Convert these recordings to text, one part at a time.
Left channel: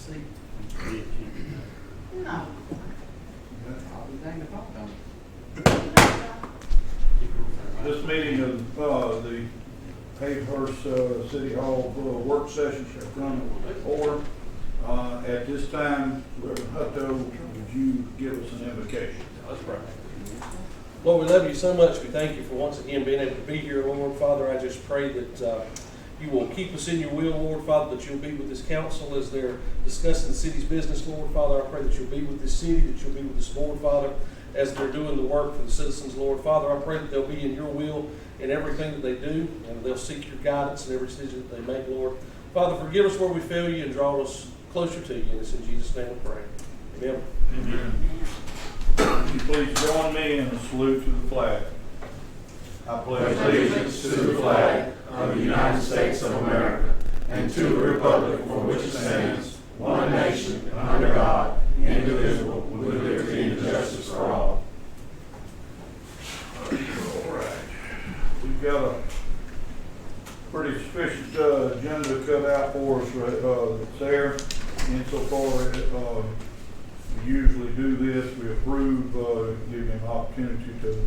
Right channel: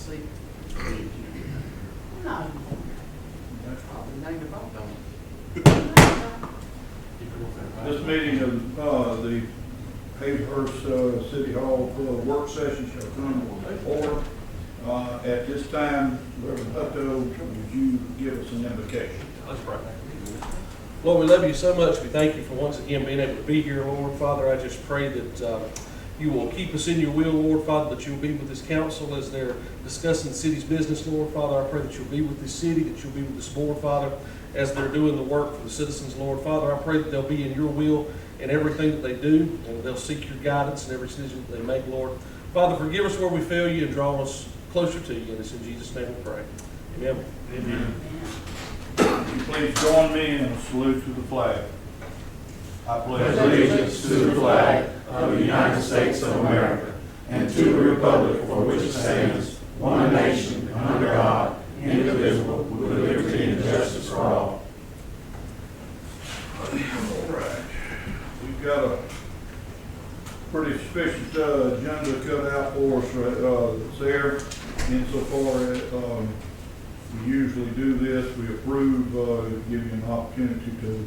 seat. No. I'll be named if I'm done. This meeting of the Haverhurst City Hall work session shall come to order. At this time, Reverend Hutto, would you give us an invocation? Let's pray. Lord, we love you so much. We thank you for once again being able to be here, Lord. Father, I just pray that you will keep us in your will, Lord. Father, that you'll be with this council as they're discussing the city's business, Lord. Father, I pray that you'll be with this city, that you'll be with this board, Father, as they're doing the work for the citizens, Lord. Father, I pray that they'll be in your will in everything that they do, and they'll seek your guidance in every decision that they make, Lord. Father, forgive us where we fail you and draw us closer to you. And it's in Jesus' name we pray. Amen. Amen. Would you please join me in a salute to the flag? I pledge allegiance to the flag of the United States of America and to the republic for which it stands, one nation, under God, indivisible, with liberty and justice for all. All right. We've got a pretty sufficient agenda cut out for us that's there. Insofar as we usually do this, we approve, give you an opportunity to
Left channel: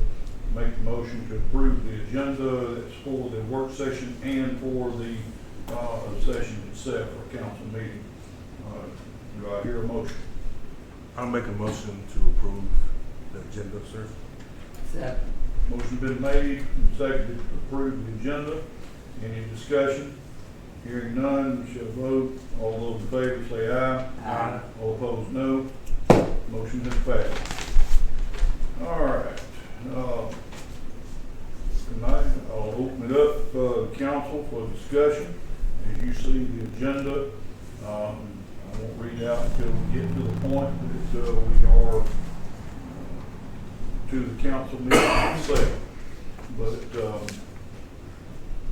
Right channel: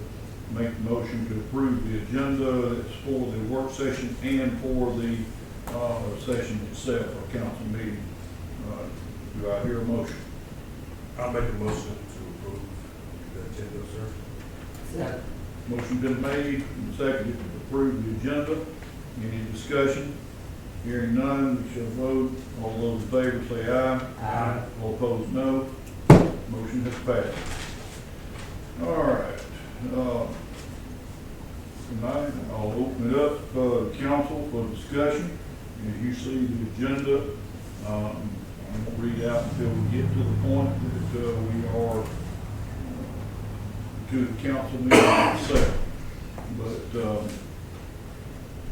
make the motion to approve the agenda. It's for the work session and for the session itself, or council meeting. Do I hear a motion? I'll make a motion to approve the agenda, sir. Motion been made and seconded to approve the agenda. Any discussion? Hearing none, we shall vote. All those in favor say aye. Aye. All opposed, no. Motion has passed. All right. Tonight, I'll open it up to council for discussion. As you see the agenda, I won't read out until we get to the point that we are to the council meeting itself. But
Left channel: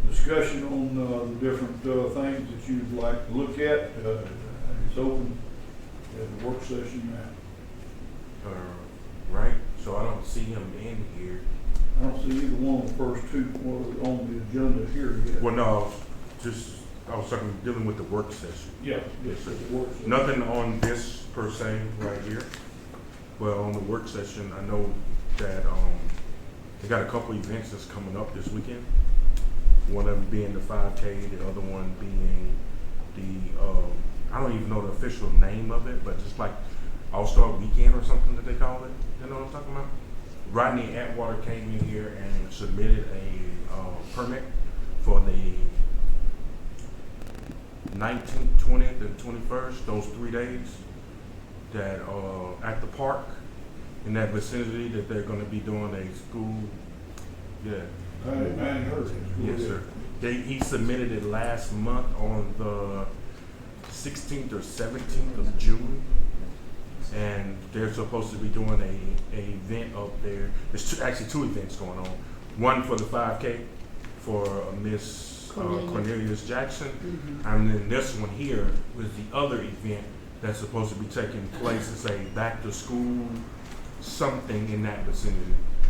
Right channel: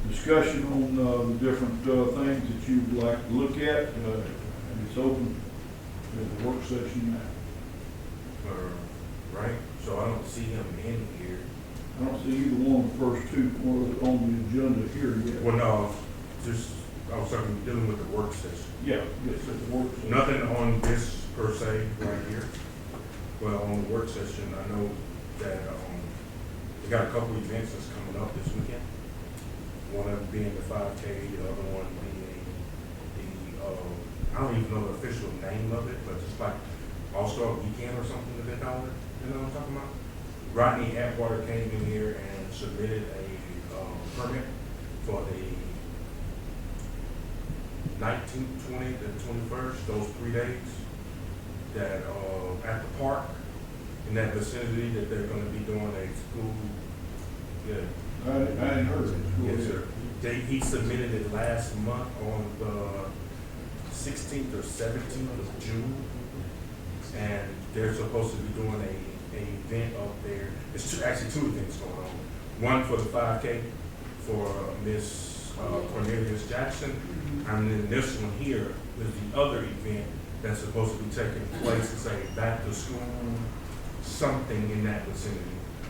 discussion on the different things that you'd like to look at, it's open to the work session now. Right, so I don't see him in here. I don't see either one of the first two on the agenda here yet. Well, no, I was talking, dealing with the work session. Yeah, yes, at the work session. Nothing on this per se right here. Well, on the work session, I know that they got a couple events that's coming up this weekend. One of them being the 5K, the other one being the, I don't even know the official name of it, but just like All-Star Weekend or something that they call it. You know what I'm talking about? Rodney Atwater came in here and submitted a permit for the 19th, 20th, and 21st, those 3 days that at the park in that vicinity that they're going to be doing a school. Yeah. I hadn't heard it. Yes, sir. He submitted it last month on the 16th or 17th of June. And they're supposed to be doing a event up there. There's actually two events going on. One for the 5K for Miss Cornelius Jackson. And then this one here is the other event that's supposed to be taking place. It's a back to school something in that vicinity.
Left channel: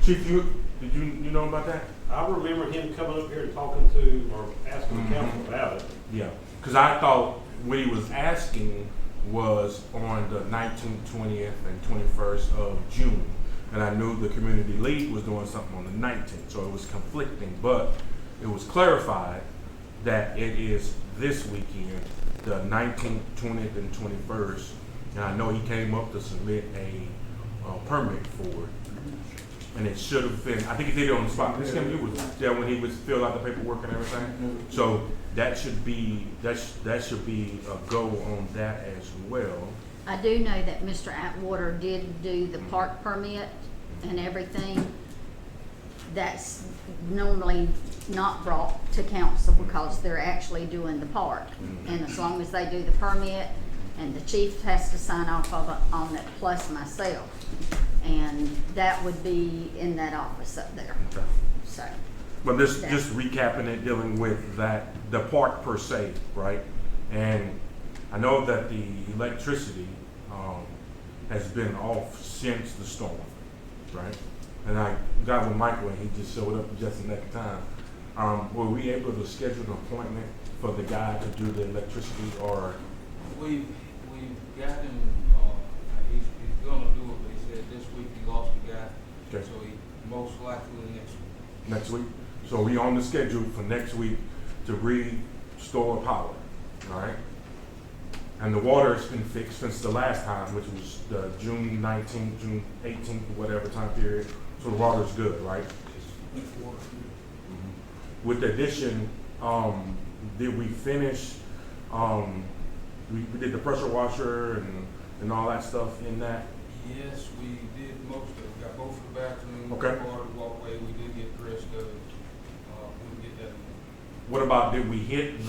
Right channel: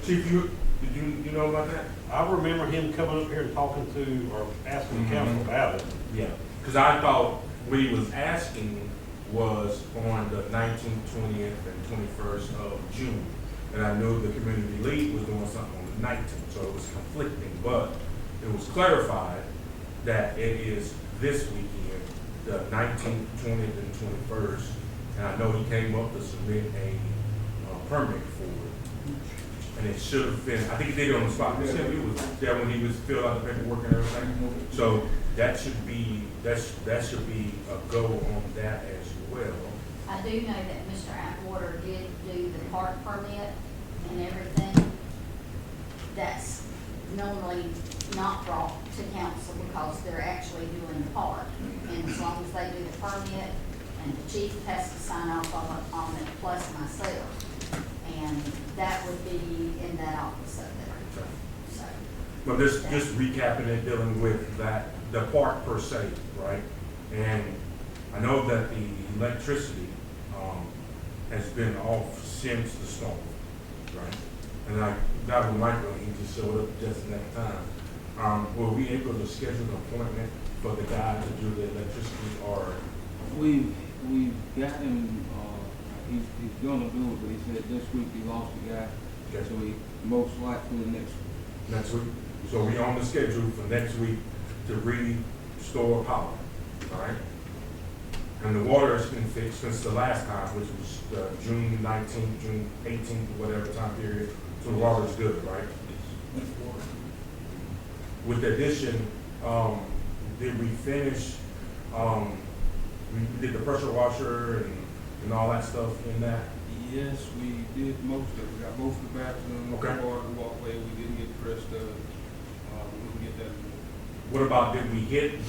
Chief, did you know about that? I remember him coming up here and talking to, or asking the council about it. Yeah, because I thought what he was asking was on the 19th, 20th, and 21st of June. And I knew the community league was doing something on the 19th, so it was conflicting. But it was clarified that it is this weekend, the 19th, 20th, and 21st. And I know he came up to submit a permit for it. And it should have been, I think he did it on the spot. Chris Kim, you was there when he was filled out the paperwork and everything. So that should be a go on that as well. I do know that Mr. Atwater did do the park permit and everything. That's normally not brought to council because they're actually doing the park. And as long as they do the permit, and the chief has to sign off on it, plus myself. And that would be in that office up there. Okay. So. But just recapping and dealing with that, the park per se, right? And I know that the electricity has been off since the storm, right? And I got with Michael and he just showed up just in that time. Were we able to schedule an appointment for the guy to do the electricity, or? We we got him, he's gonna do it, but he said this week he lost a guy, Okay. so he most likely Next week. So we on the schedule for next week to restore power, all right? And the water has been fixed since the last time, which was June 19th, June 18th, or whatever time period. So the water's good, right? With the addition, did we finish, we did the pressure washer and all that stuff in that? Yes, we did most of it. We got both the bathrooms, Okay. part of the walkway. We didn't get pressed we can get that. What about, did we hit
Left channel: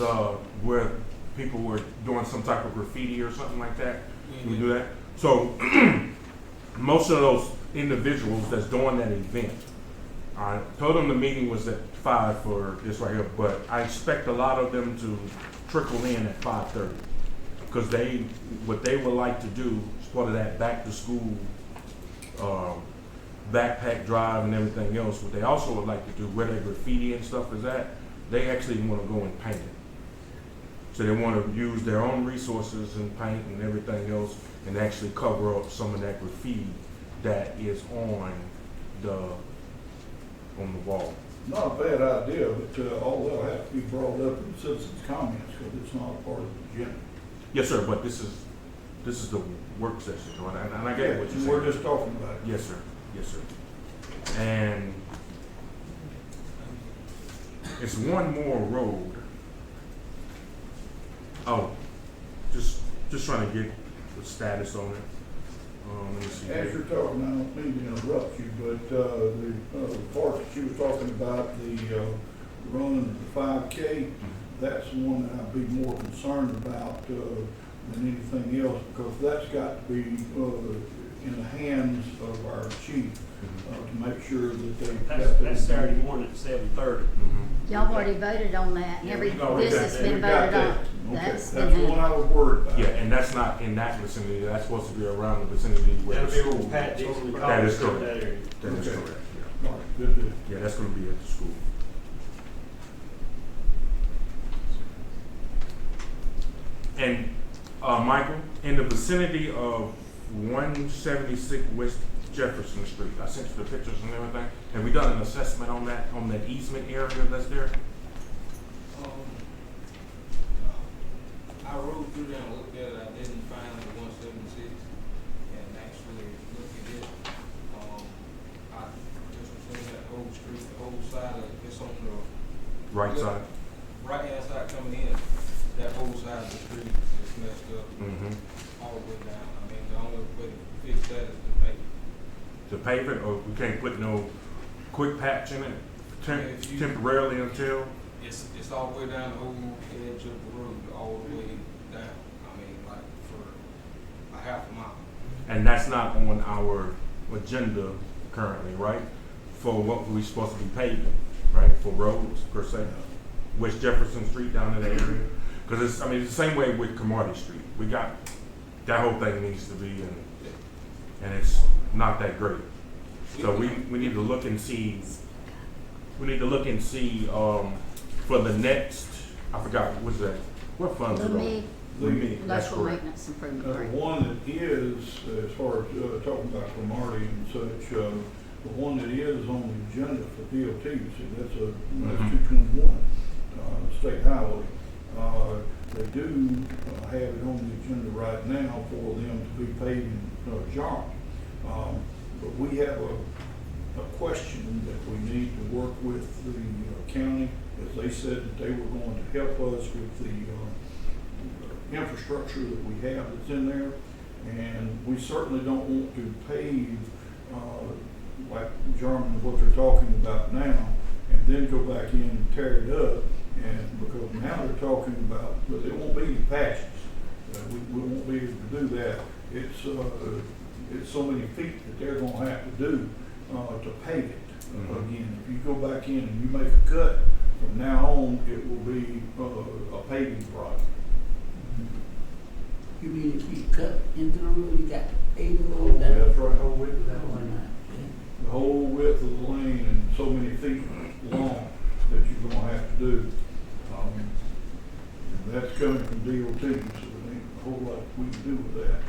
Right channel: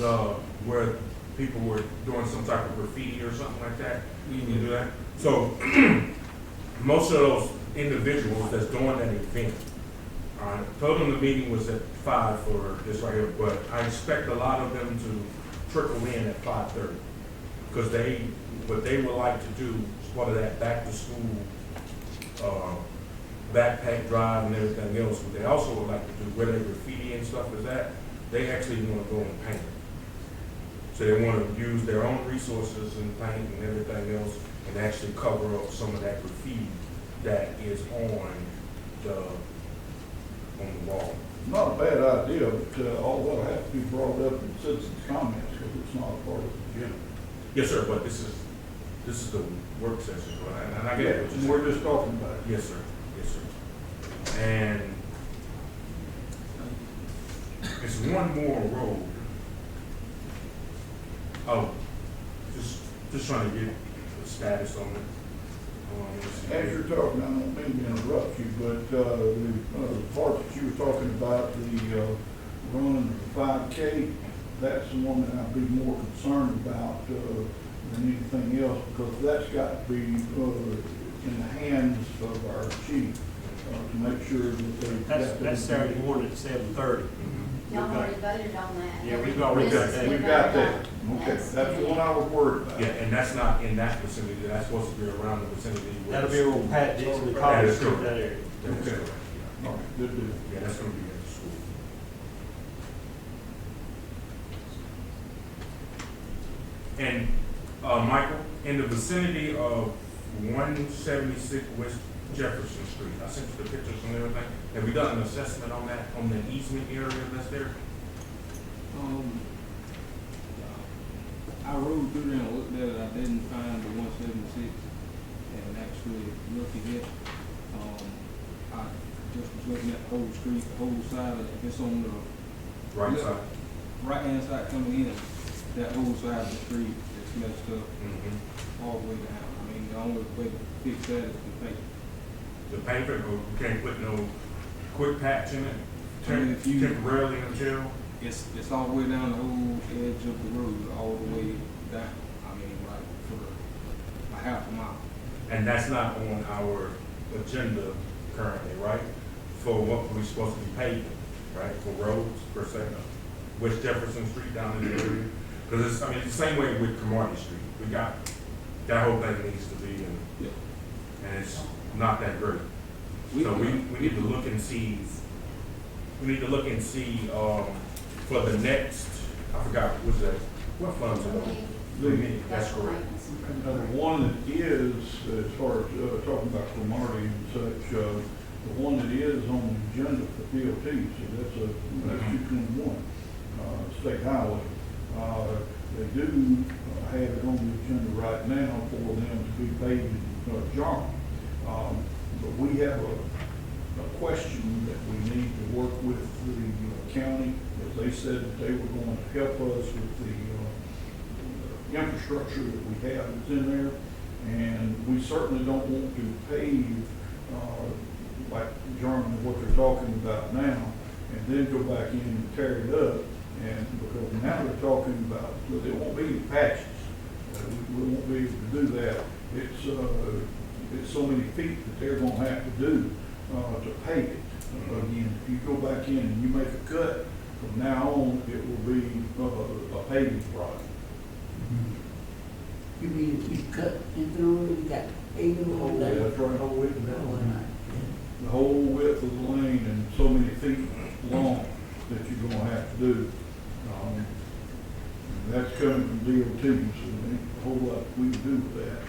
where people were doing some type of graffiti or something like that? Did we do that? So, most of those individuals that's doing that event, I told them the meeting was at 5 for this right here, but I expect a lot of them to trickle in at 5:30. Because what they would like to do is part of that back to school, backpack drive and everything else. What they also would like to do, where their graffiti and stuff is at, they actually want to go and paint it. So they want to use their own resources and paint and everything else and actually cover up some of that graffiti that is on the wall. Not a bad idea, but all that'll have to be brought up in citizens' comments, because it's not a part of the agenda. Yes, sir, but this is the work session, and I get what you're saying. We're just talking about it. Yes, sir. Yes, sir. And it's one more road. Oh, just trying to get the status on it. Let me see. As you're talking, I don't mean to interrupt you, but the part that you were talking about, the run of the 5K, that's the one that I'd be more concerned about than anything else, because that's got to be in the hands of our chief to make sure that they've got that. That's Saturday morning at 7:30. Y'all already voted on that. Yeah, Every we've already business got been We've voted got on. that. Okay, That's that's the one I was worried about. Yeah, and that's not in that vicinity. That's supposed to be around the vicinity where That'll the be school. where Pat Dixon That College is is in correct. that area. That is Okay. correct, yeah. All right, good deal. Yeah, that's gonna be at the school. And, Michael, in the vicinity of 176 West Jefferson Street, I sent you the pictures and everything. Have we done an assessment on that easement area that's there? I rode through there and looked at it. I didn't find the 176 and actually looked at it. I just was looking at the whole street, the whole side of it. It's on the Right Yeah. side? right-hand side coming in. That whole side of the street is messed up Mm-hmm. all the way down. I mean, the only way to fix that is to paint. The pavement, or we can't put no quick patch in it Yeah, if you- temporarily until? It's all the way down the whole edge of the road, all the way down. I mean, like for a half a mile. And that's not on our agenda currently, right? For what we're supposed to be paving, right, for roads per se? West Jefferson Street down in that area? Because it's, I mean, it's the same way with Cromartie Street. We got, that whole thing needs to be in, and it's not that great. So we need to look and see, for the next, I forgot, what's that, what funds are The those? MIG, Lumen, that's local correct. maintenance The improvement. one that is, as far as talking about Cromartie and such, the one that is on the agenda for DOT, see, that's 221, state highway. They do have it on the agenda right now for them to be paving Jarm. But we have a question that we need to work with the county, as they said that they were going to help us with the infrastructure that we have that's in there. And we certainly don't want to pave, like Jarman, what they're talking about now, and then go back in and tear it up. And because now they're talking about, well, there won't be any patches. We won't be able to do that. It's so many feet that they're gonna have to do, to pave it. Again, if you go back in and you make a cut, from now on, it will be, a paving project. You mean if you cut into the road, you got paving on that? That's right. Oh, wait, that one. The whole width of the lane and so many feet long that you're gonna have to do. And That's coming from DOT, so there ain't a whole lot we can do with that.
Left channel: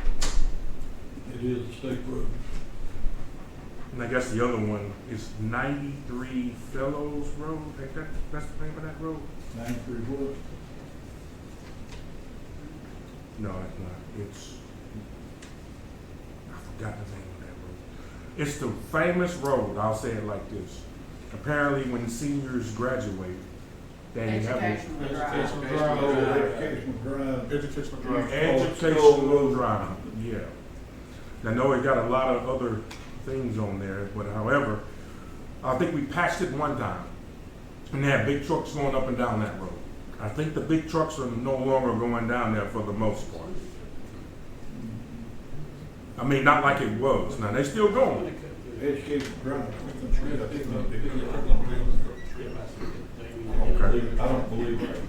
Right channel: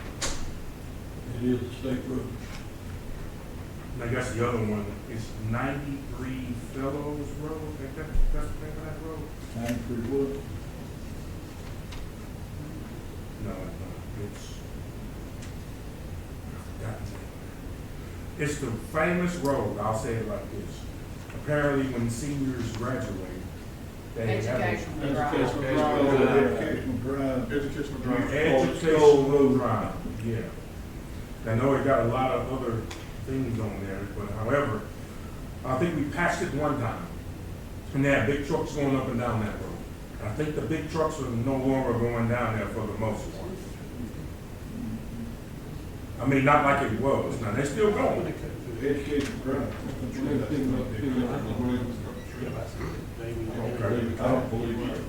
It is a state road. And I guess the other one is 93 Fellows Road, ain't that's the name of that road? 93 what? No, it's not. It's, I forgot the name of that. It's the famous road, I'll say it like this. Apparently when seniors graduate, they have a Educational drive. Educational drive. Educational drive. educational drive, yeah. I know it got a lot of other things on there, but however, I think we patched it one time. And they had big trucks going up and down that road. I think the big trucks are no longer going down there for the most part. I mean, not like it was. Now, they still going. Educational drive. I don't believe it.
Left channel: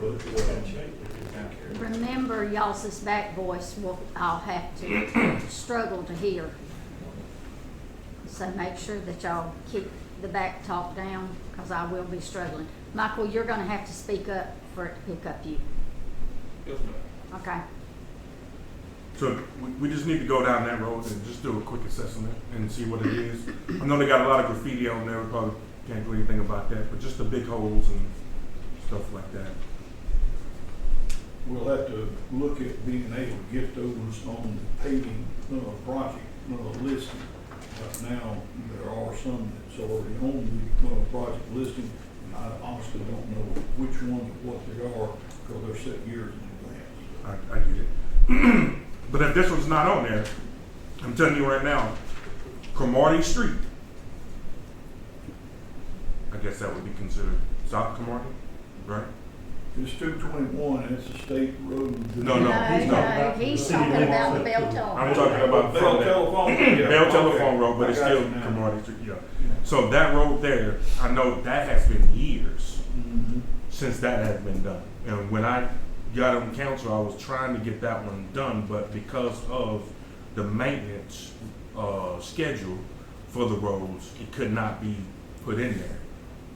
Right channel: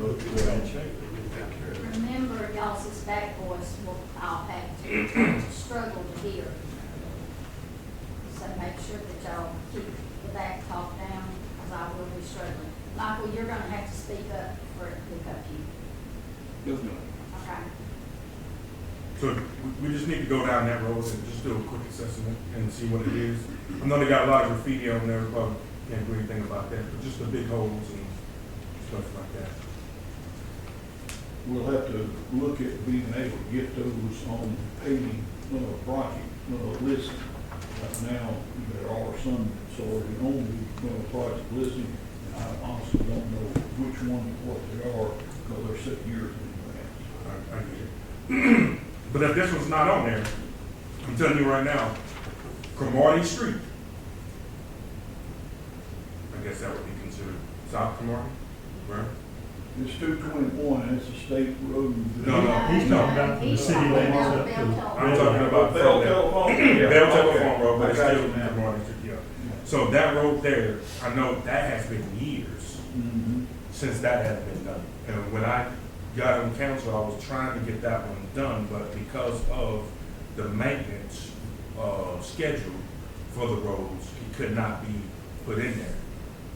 But, Remember, y'all's back voice will, I'll have to struggle to hear. So make sure that y'all keep the back talk down, because I will be struggling. Michael, you're gonna have to speak up for it to pick up you, Yes, ma'am. okay? So we just need to go down that road and just do a quick assessment and see what it is. I know they got a lot of graffiti on there. We probably can't do anything about that, but just the big holes and stuff like that. we'll have to look at being able to get those on paving, project, listing. Right now, there are some that's already on the, project listing, and I honestly don't know which ones, what they are, because they're set years in advance. I get it. But if this one's not on there, I'm telling you right now, Cromartie Street, I guess that would be considered South Cromartie, right? It's 221, and it's a state road. No, he's talking about the He's city talking limits about up Bell to- Telephone. I'm talking about Bell Telephone? Yeah, Bell okay. Telephone Road, but it's I got still you now. Cromartie Street, yeah. Yeah. So that road there, I know that has been years Mhm. since that has been done. And when I got on council, I was trying to get that one done, but because of the maintenance, schedule for the roads, it could not be put in there.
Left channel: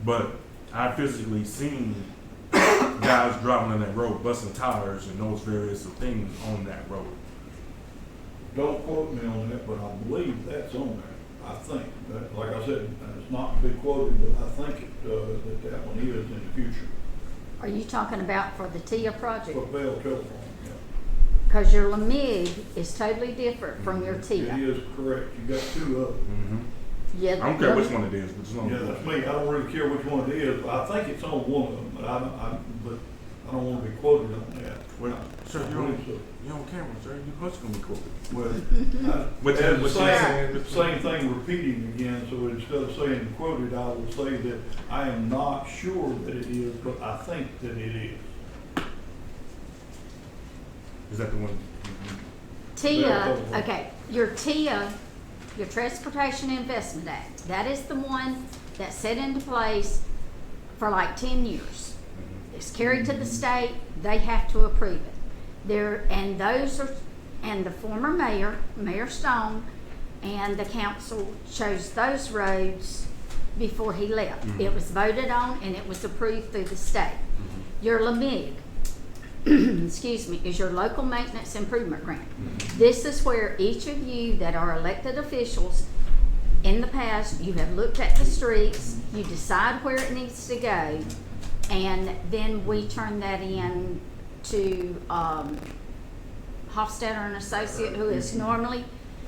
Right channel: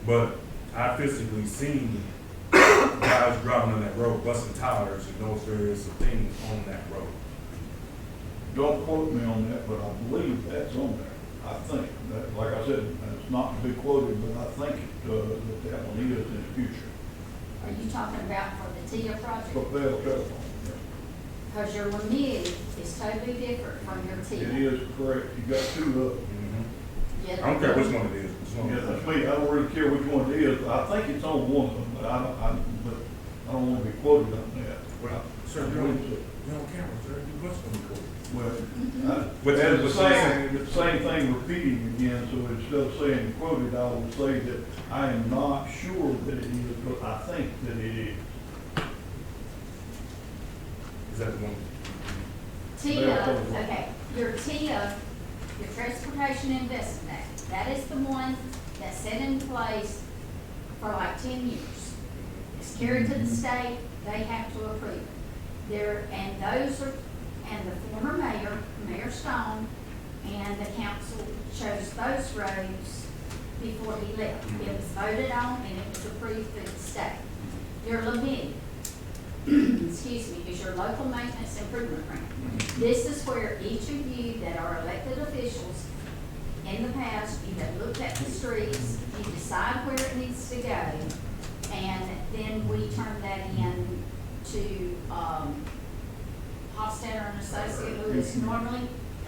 But I physically seen guys driving on that road, busting tires and those various things on that road. Don't quote me on that, but I believe that's on there. I think, that, like I said, and it's not to be quoted, but I think it, that one is in the future. Are you talking about for the TIA project? For Bell Telephone, yeah. Because your LMIG is totally different from your It TIA. is correct. You got two of them. Yeah, I don't care which one it is, but as long Yeah, as that's me. I don't really care which one it is. I think it's on one of them, but I don't want to be quoted on that. Well, sir, I you believe so. you're on camera, sir. You must gonna be cool. Well, But that's the what's saying- same thing repeating again, so instead of saying quoted, I will say that I am not sure that it is, but I think that it is. Is that the one? TIA, Telephone. okay, your TIA, your Transportation Investment Act, that is the one that's set into place for like 10 years. It's carried to the state, they have to approve it. And those are, and the former mayor, Mayor Stone, and the council chose those roads before he left. It was voted on and it was approved through the state. Your LMIG, excuse me, is your local maintenance improvement grant. This is where each of you that are elected officials, in the past, you have looked at the streets, you decide where it needs to go, and then we turn that in to, Hofstadter and Associate, who is normally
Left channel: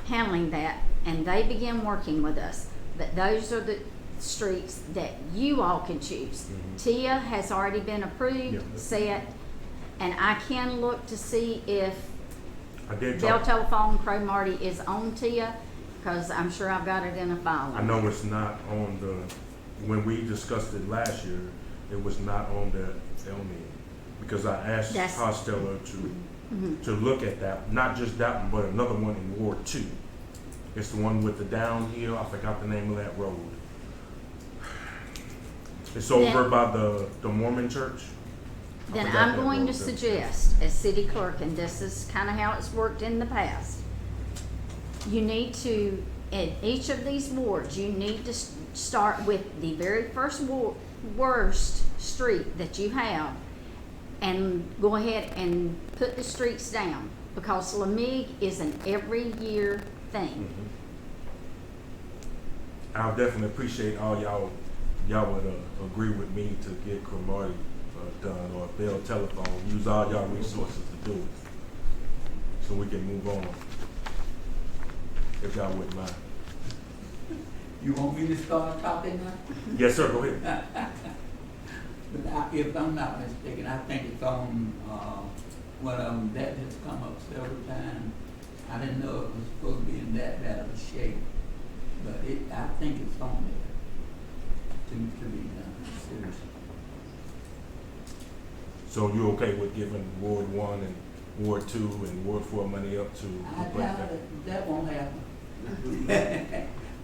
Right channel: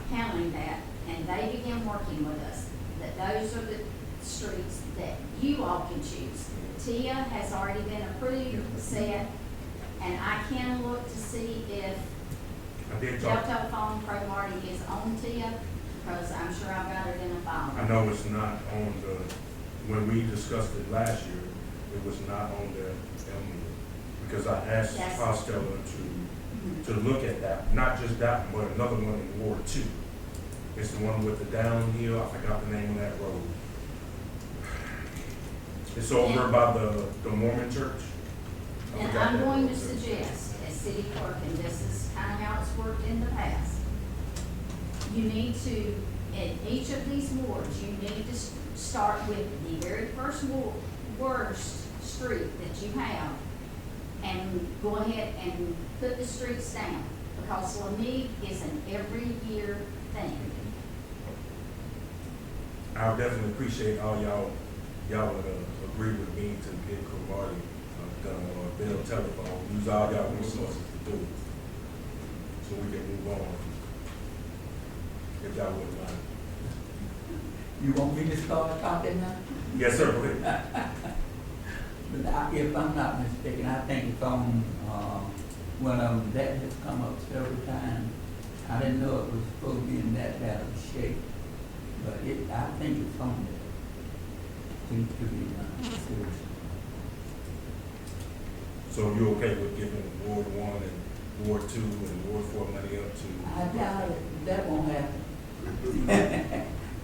handling that, and they begin working with us. That those are the streets that you all can choose. TIA has already been approved, set, and I can look to see if I did Bell talk. Telephone Cromartie is on TIA, because I'm sure I've got it in a file. I know it's not on the, when we discussed it last year, it was not on the LMIG. Because I asked That's- Costello Mhm. to look at that, not just that one, but another one in Ward 2. It's the one with the downhill, I forgot the name of that road. It's over Then- by the Mormon church. I Then forgot I'm that going to road. suggest, as city clerk, and this is kind of how it's worked in the past, you need to, in each of these wards, you need to start with the very first worst street that you have, and go ahead and put the streets down, because Lamig is an every year thing. I'll definitely appreciate all y'all would agree with me to get Cromartie done, or Bell Telephone, use all y'all resources to do it, so we can move on, if y'all wouldn't mind. You want me to start talking now? Yes, sir, go ahead. But if I'm not mistaken, I think it's on, one of them that has come up several times. I didn't know it was supposed to be in that bad of a shape, but I think it's on there. To be done, seriously. So you okay with giving Ward 1 and Ward 2 and Ward 4 money up to? I doubt it, that won't happen.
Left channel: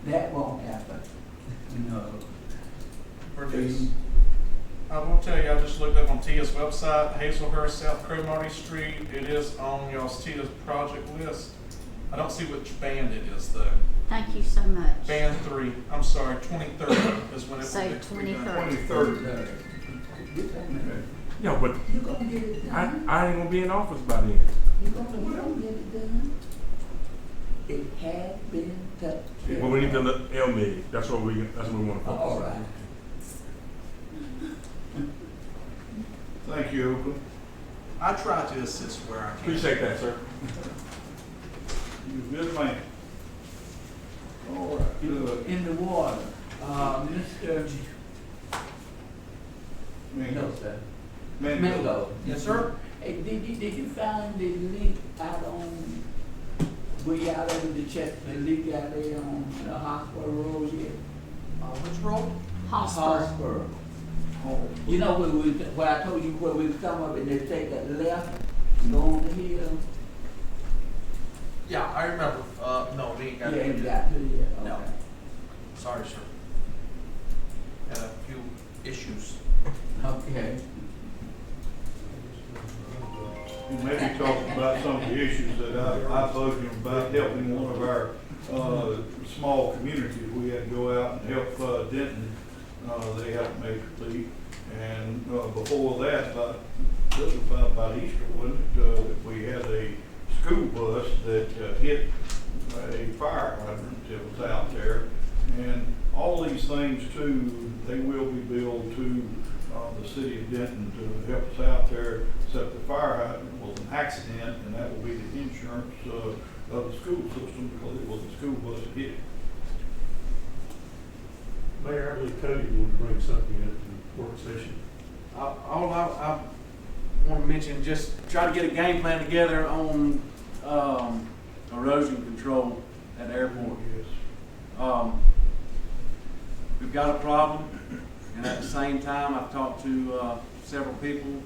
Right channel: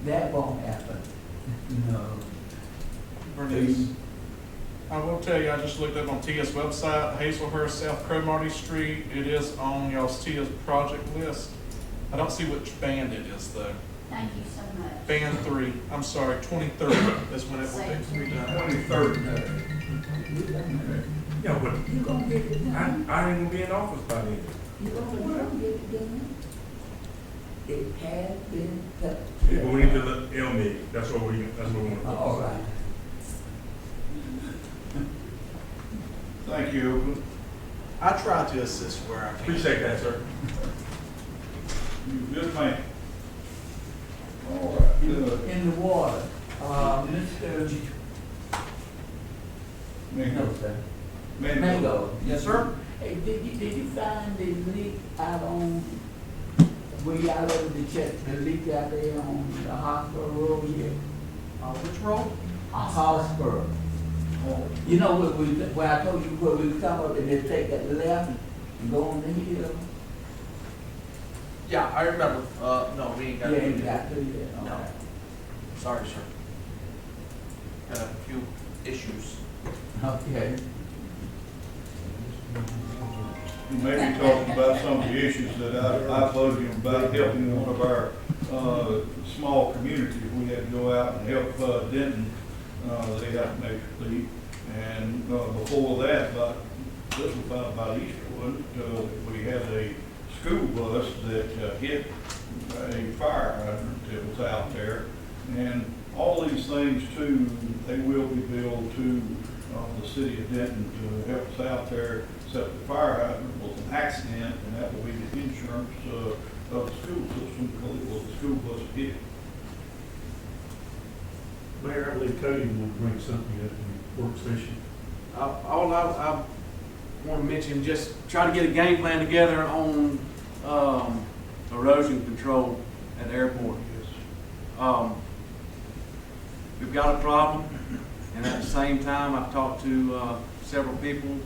That won't happen, no. Bernice, I will tell you, I just looked up on TIA's website, Hazelhurst, South Cromartie Street. It is on y'all's TIA's project list. I don't see which band it is though. Thank you so much. Band 3, I'm sorry, 23rd is when it Say will be. 23rd. Yeah, but You gonna get it done? I ain't gonna be in office by then. You gonna get it done? It has been touched. Yeah, but we need to look LMIG, that's what we want to focus All on. right. Thank you, Oakland. I try to assist where I can. Appreciate that, sir. You a good man. All right, good. In the water, Mr. Mingo. sir. Mingo. Mango. Yes, sir. Hey, did you find the leak out on, where y'all over to check the leak out there on the Hospital Road here? Which road? Hospital. You know where I told you where we come up and just take that left and go on the hill? Yeah, I remember. No, we ain't got Yeah, to you do got to, yeah. No. Okay. Sorry, sir. Had a few issues. Okay. You may be talking about some of the issues that I voted him about helping one of our, small communities. We had to go out and help, Denton. They had a major leak. And, before that, this was about Easter, wasn't it? We had a school bus that, hit a fire hydrant that was out there. And all these things too, they will be billed to, the city of Denton to help us out there, except the fire hydrant was an accident, and that will be the insurance, of the school system, because it was a school bus that hit it. Mayor, I believe Cody will bring something at the work session. All I want to mention, just try to get a game plan together on erosion control at the airport. Yes. We've got a problem, and at the same time, I've talked to several people.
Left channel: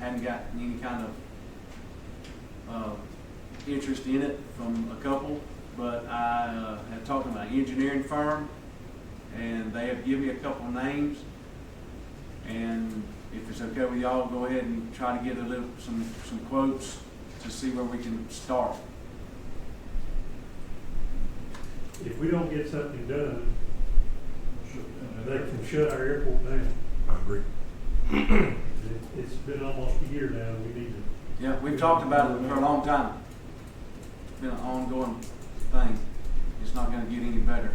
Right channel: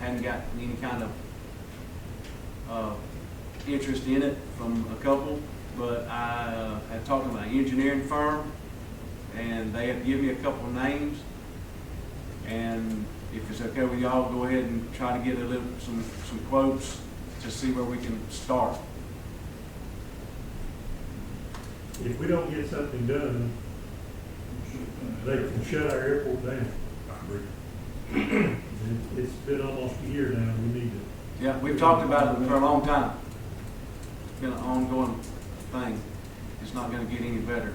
I hadn't got any kind of interest in it from a couple, but I had talked to my engineering firm, and they have given me a couple of names. And if it's okay with y'all, go ahead and try to get some quotes to see where we can start. If we don't get something done, they can shut our airport down. I agree. It's been almost a year now, we need to. Yeah, we've talked about it for a long time. It's been an ongoing thing. It's not gonna get any better.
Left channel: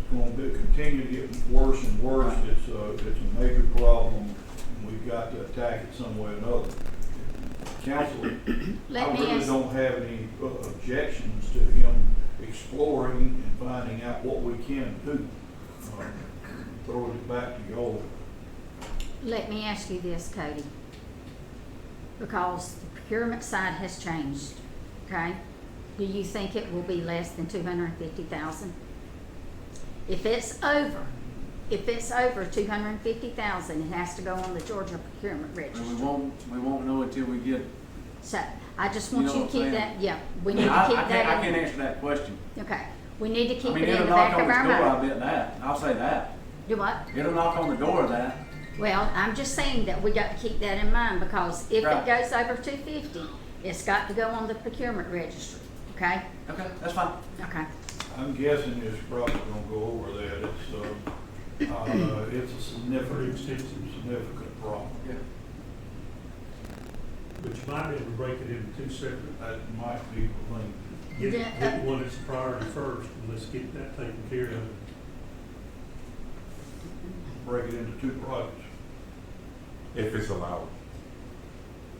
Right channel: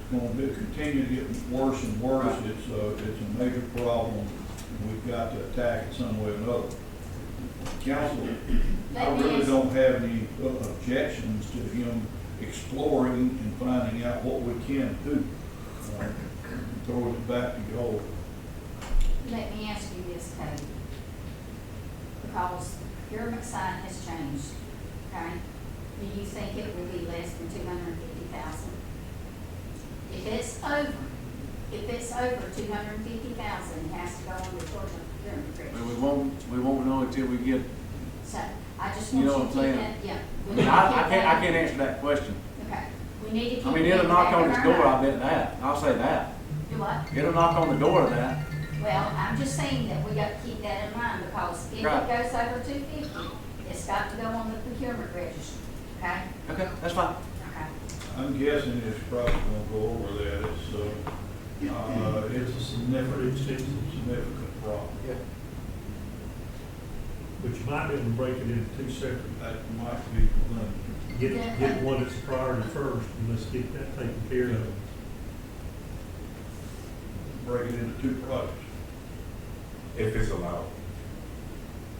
It's going to continue to get worse and worse. Right. It's a major problem, and we've got to attack it some way or another. Council, I Let me really ask- don't have any objections to him exploring and finding out what we can do. Throw it back to y'all. Let me ask you this, Cody, because the procurement side has changed, okay? Do you think it will be less than 250,000? If it's over 250,000, it has to go on the Georgia procurement And register. we won't know until we get, So, I just You want know you what to I'm keep saying? that, yeah, we I need mean, to keep that. I can't answer that question. Okay, we need to keep I it mean, in the it'll knock back of on our its door, I mind. bet that. I'll say that. Do what? It'll knock on the door of that. Well, I'm just saying that we got to keep that in mind, because if Right. it goes over 250, it's got to go on the procurement register, okay? Okay, that's fine. Okay. I'm guessing it's probably gonna go over that. It's a significant problem. Yeah. But you might be able to break it into two separate, That might be the thing. get the one that's a priority first, and let's get that taken care of. Break it into two projects. If it's allowed.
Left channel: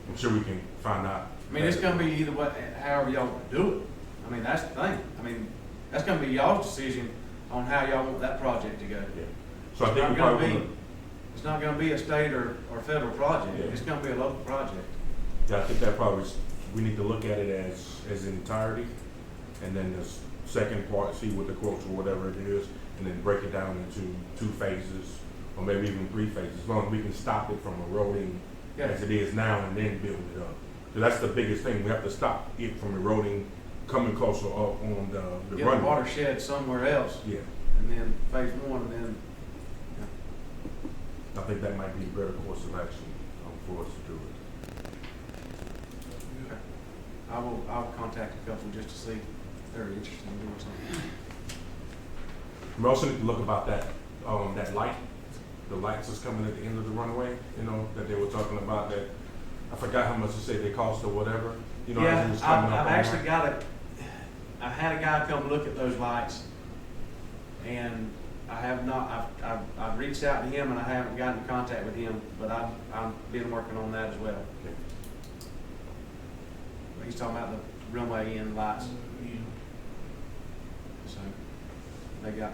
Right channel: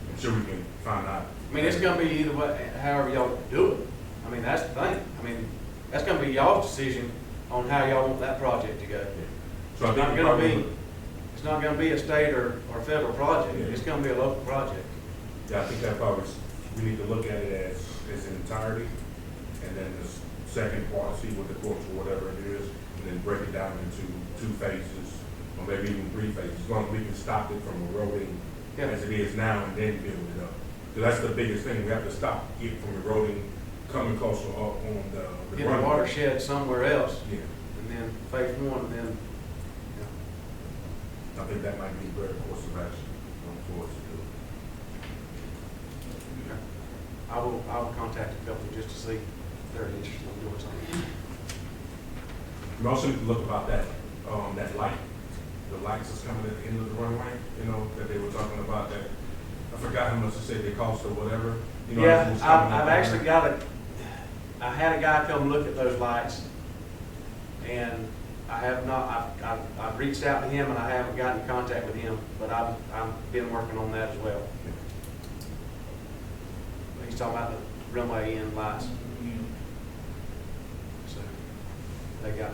I'm sure we can find out. I mean, it's gonna be either way, however y'all do it. I mean, that's the thing. I mean, that's gonna be y'all's decision on how y'all want that project to go. So I It's think not we gonna probably, be, it's not gonna be a state or federal project. Yeah. It's gonna be a local project. I think that probably, we need to look at it as entirety, and then the second part, see what the quotes or whatever it is, and then break it down into 2 phases, or maybe even 3 phases, as long as we can stop it from eroding Yeah. as it is now and then build it up. So that's the biggest thing, we have to stop it from eroding, coming closer up on the Get a runway. watershed somewhere else, Yeah, and then phase one, and then, I think that might be a better course of action for us to do it. I'll contact a couple just to see if they're interested in doing something. We also need to look about that light, the lights that's coming at the end of the runway, you know, that they were talking about that. I forgot how much they said they cost or whatever, you know. as it Yeah, was coming I've up. actually I had a guy come look at those lights, and I have not, I've reached out to him and I haven't gotten in contact with him, but I've been working on that as well. He's talking about the runway end lights, so they got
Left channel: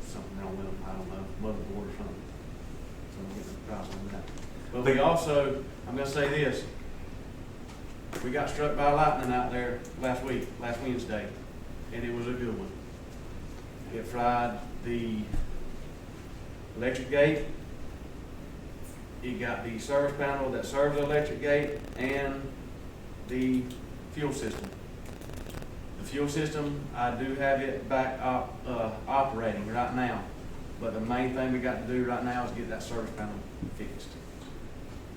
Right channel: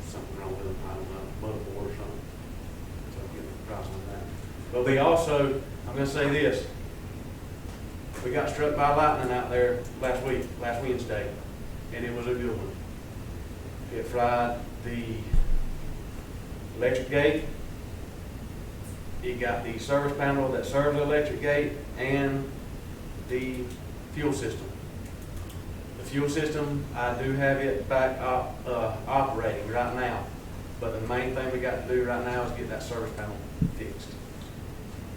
something wrong with them, I don't know, motherboard or something. So I'm getting a price on that. But we also, I'm gonna say this, we got struck by lightning out there last Wednesday, and it was a good one. It fried the electric gate, it got the service panel that serves the electric gate, and the fuel system. The fuel system, I do have it back operating right now, but the main thing we got to do right now is get that service panel fixed.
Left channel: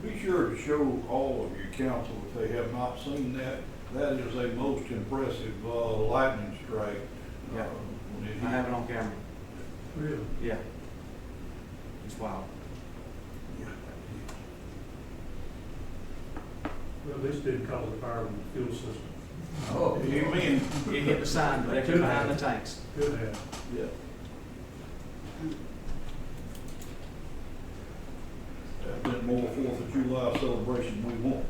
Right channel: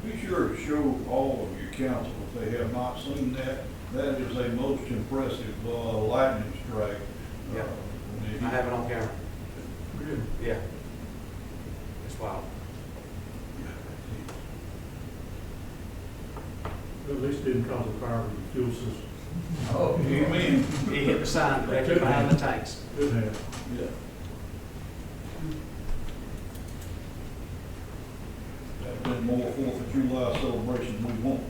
Be sure to show all of your council, if they have not seen that, that is a most impressive, lightning strike. Yeah. When it I hit. have it on camera. Really? Yeah. It's wild. But at least it didn't cause a fire in the fuel system. Oh, you win. He hit the sign directly behind the tanks. Could have. Yeah. That's been more 4th of July celebration we want.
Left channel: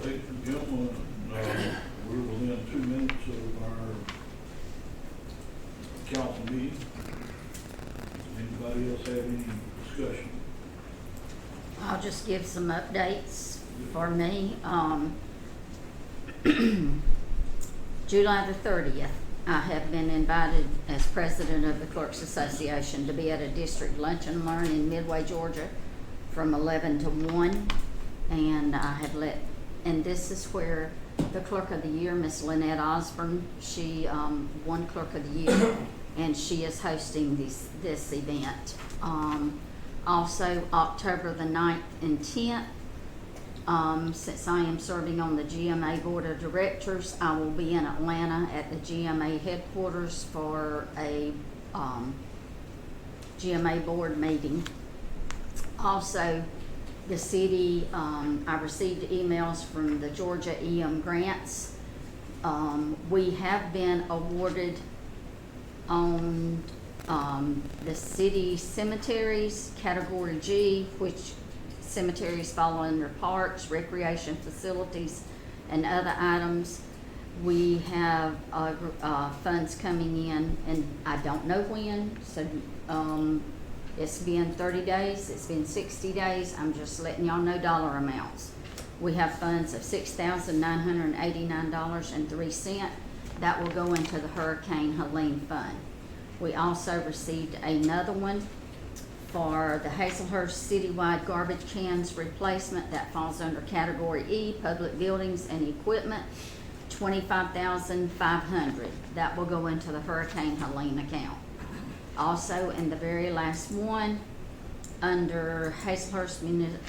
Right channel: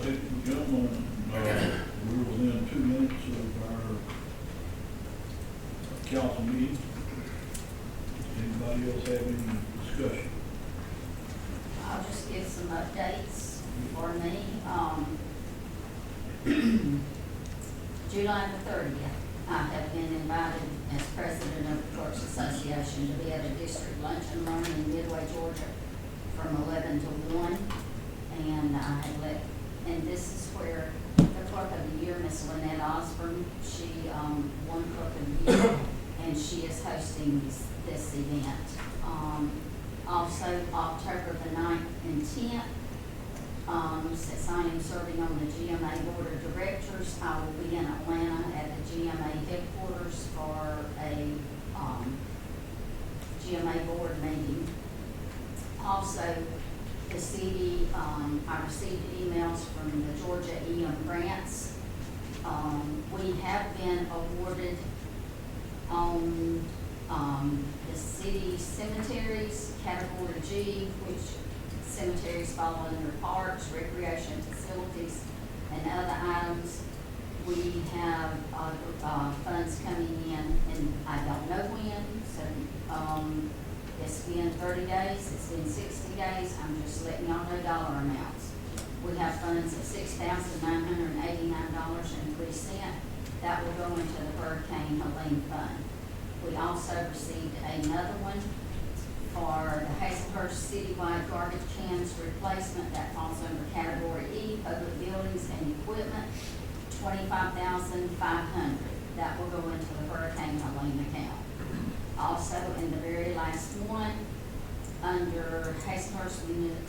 Ladies and gentlemen, we're within 2 minutes of our council meeting. Anybody else have any discussion? I'll just give some updates for me. July the 30th, I have been invited as president of the Clerks Association to be at a district lunch and learn in Midway, Georgia from 11 to 1. And I had and this is where the Clerk of the Year, Miss Lynette Osborne, she won Clerk of the Year, and she is hosting this event. Also, October the 9th and 10th, since I am serving on the GMA Board of Directors, I will be in Atlanta at the GMA headquarters for a GMA board meeting. Also, the city, I received emails from the Georgia EM grants. We have been awarded on the city cemeteries, Category G, which cemeteries fall under parks, recreation facilities, and other items. We have funds coming in, and I don't know when, so it's been 30 days, it's been 60 days, I'm just letting y'all know dollar amounts. We have funds of $6,989.03. That will go into the Hurricane Helene Fund. We also received another one for the Hazelhurst citywide garbage cans replacement. That falls under Category E, Public Buildings and Equipment, $25,500. That will go into the Hurricane Helene account. Also, in the very last one, under Hazelhurst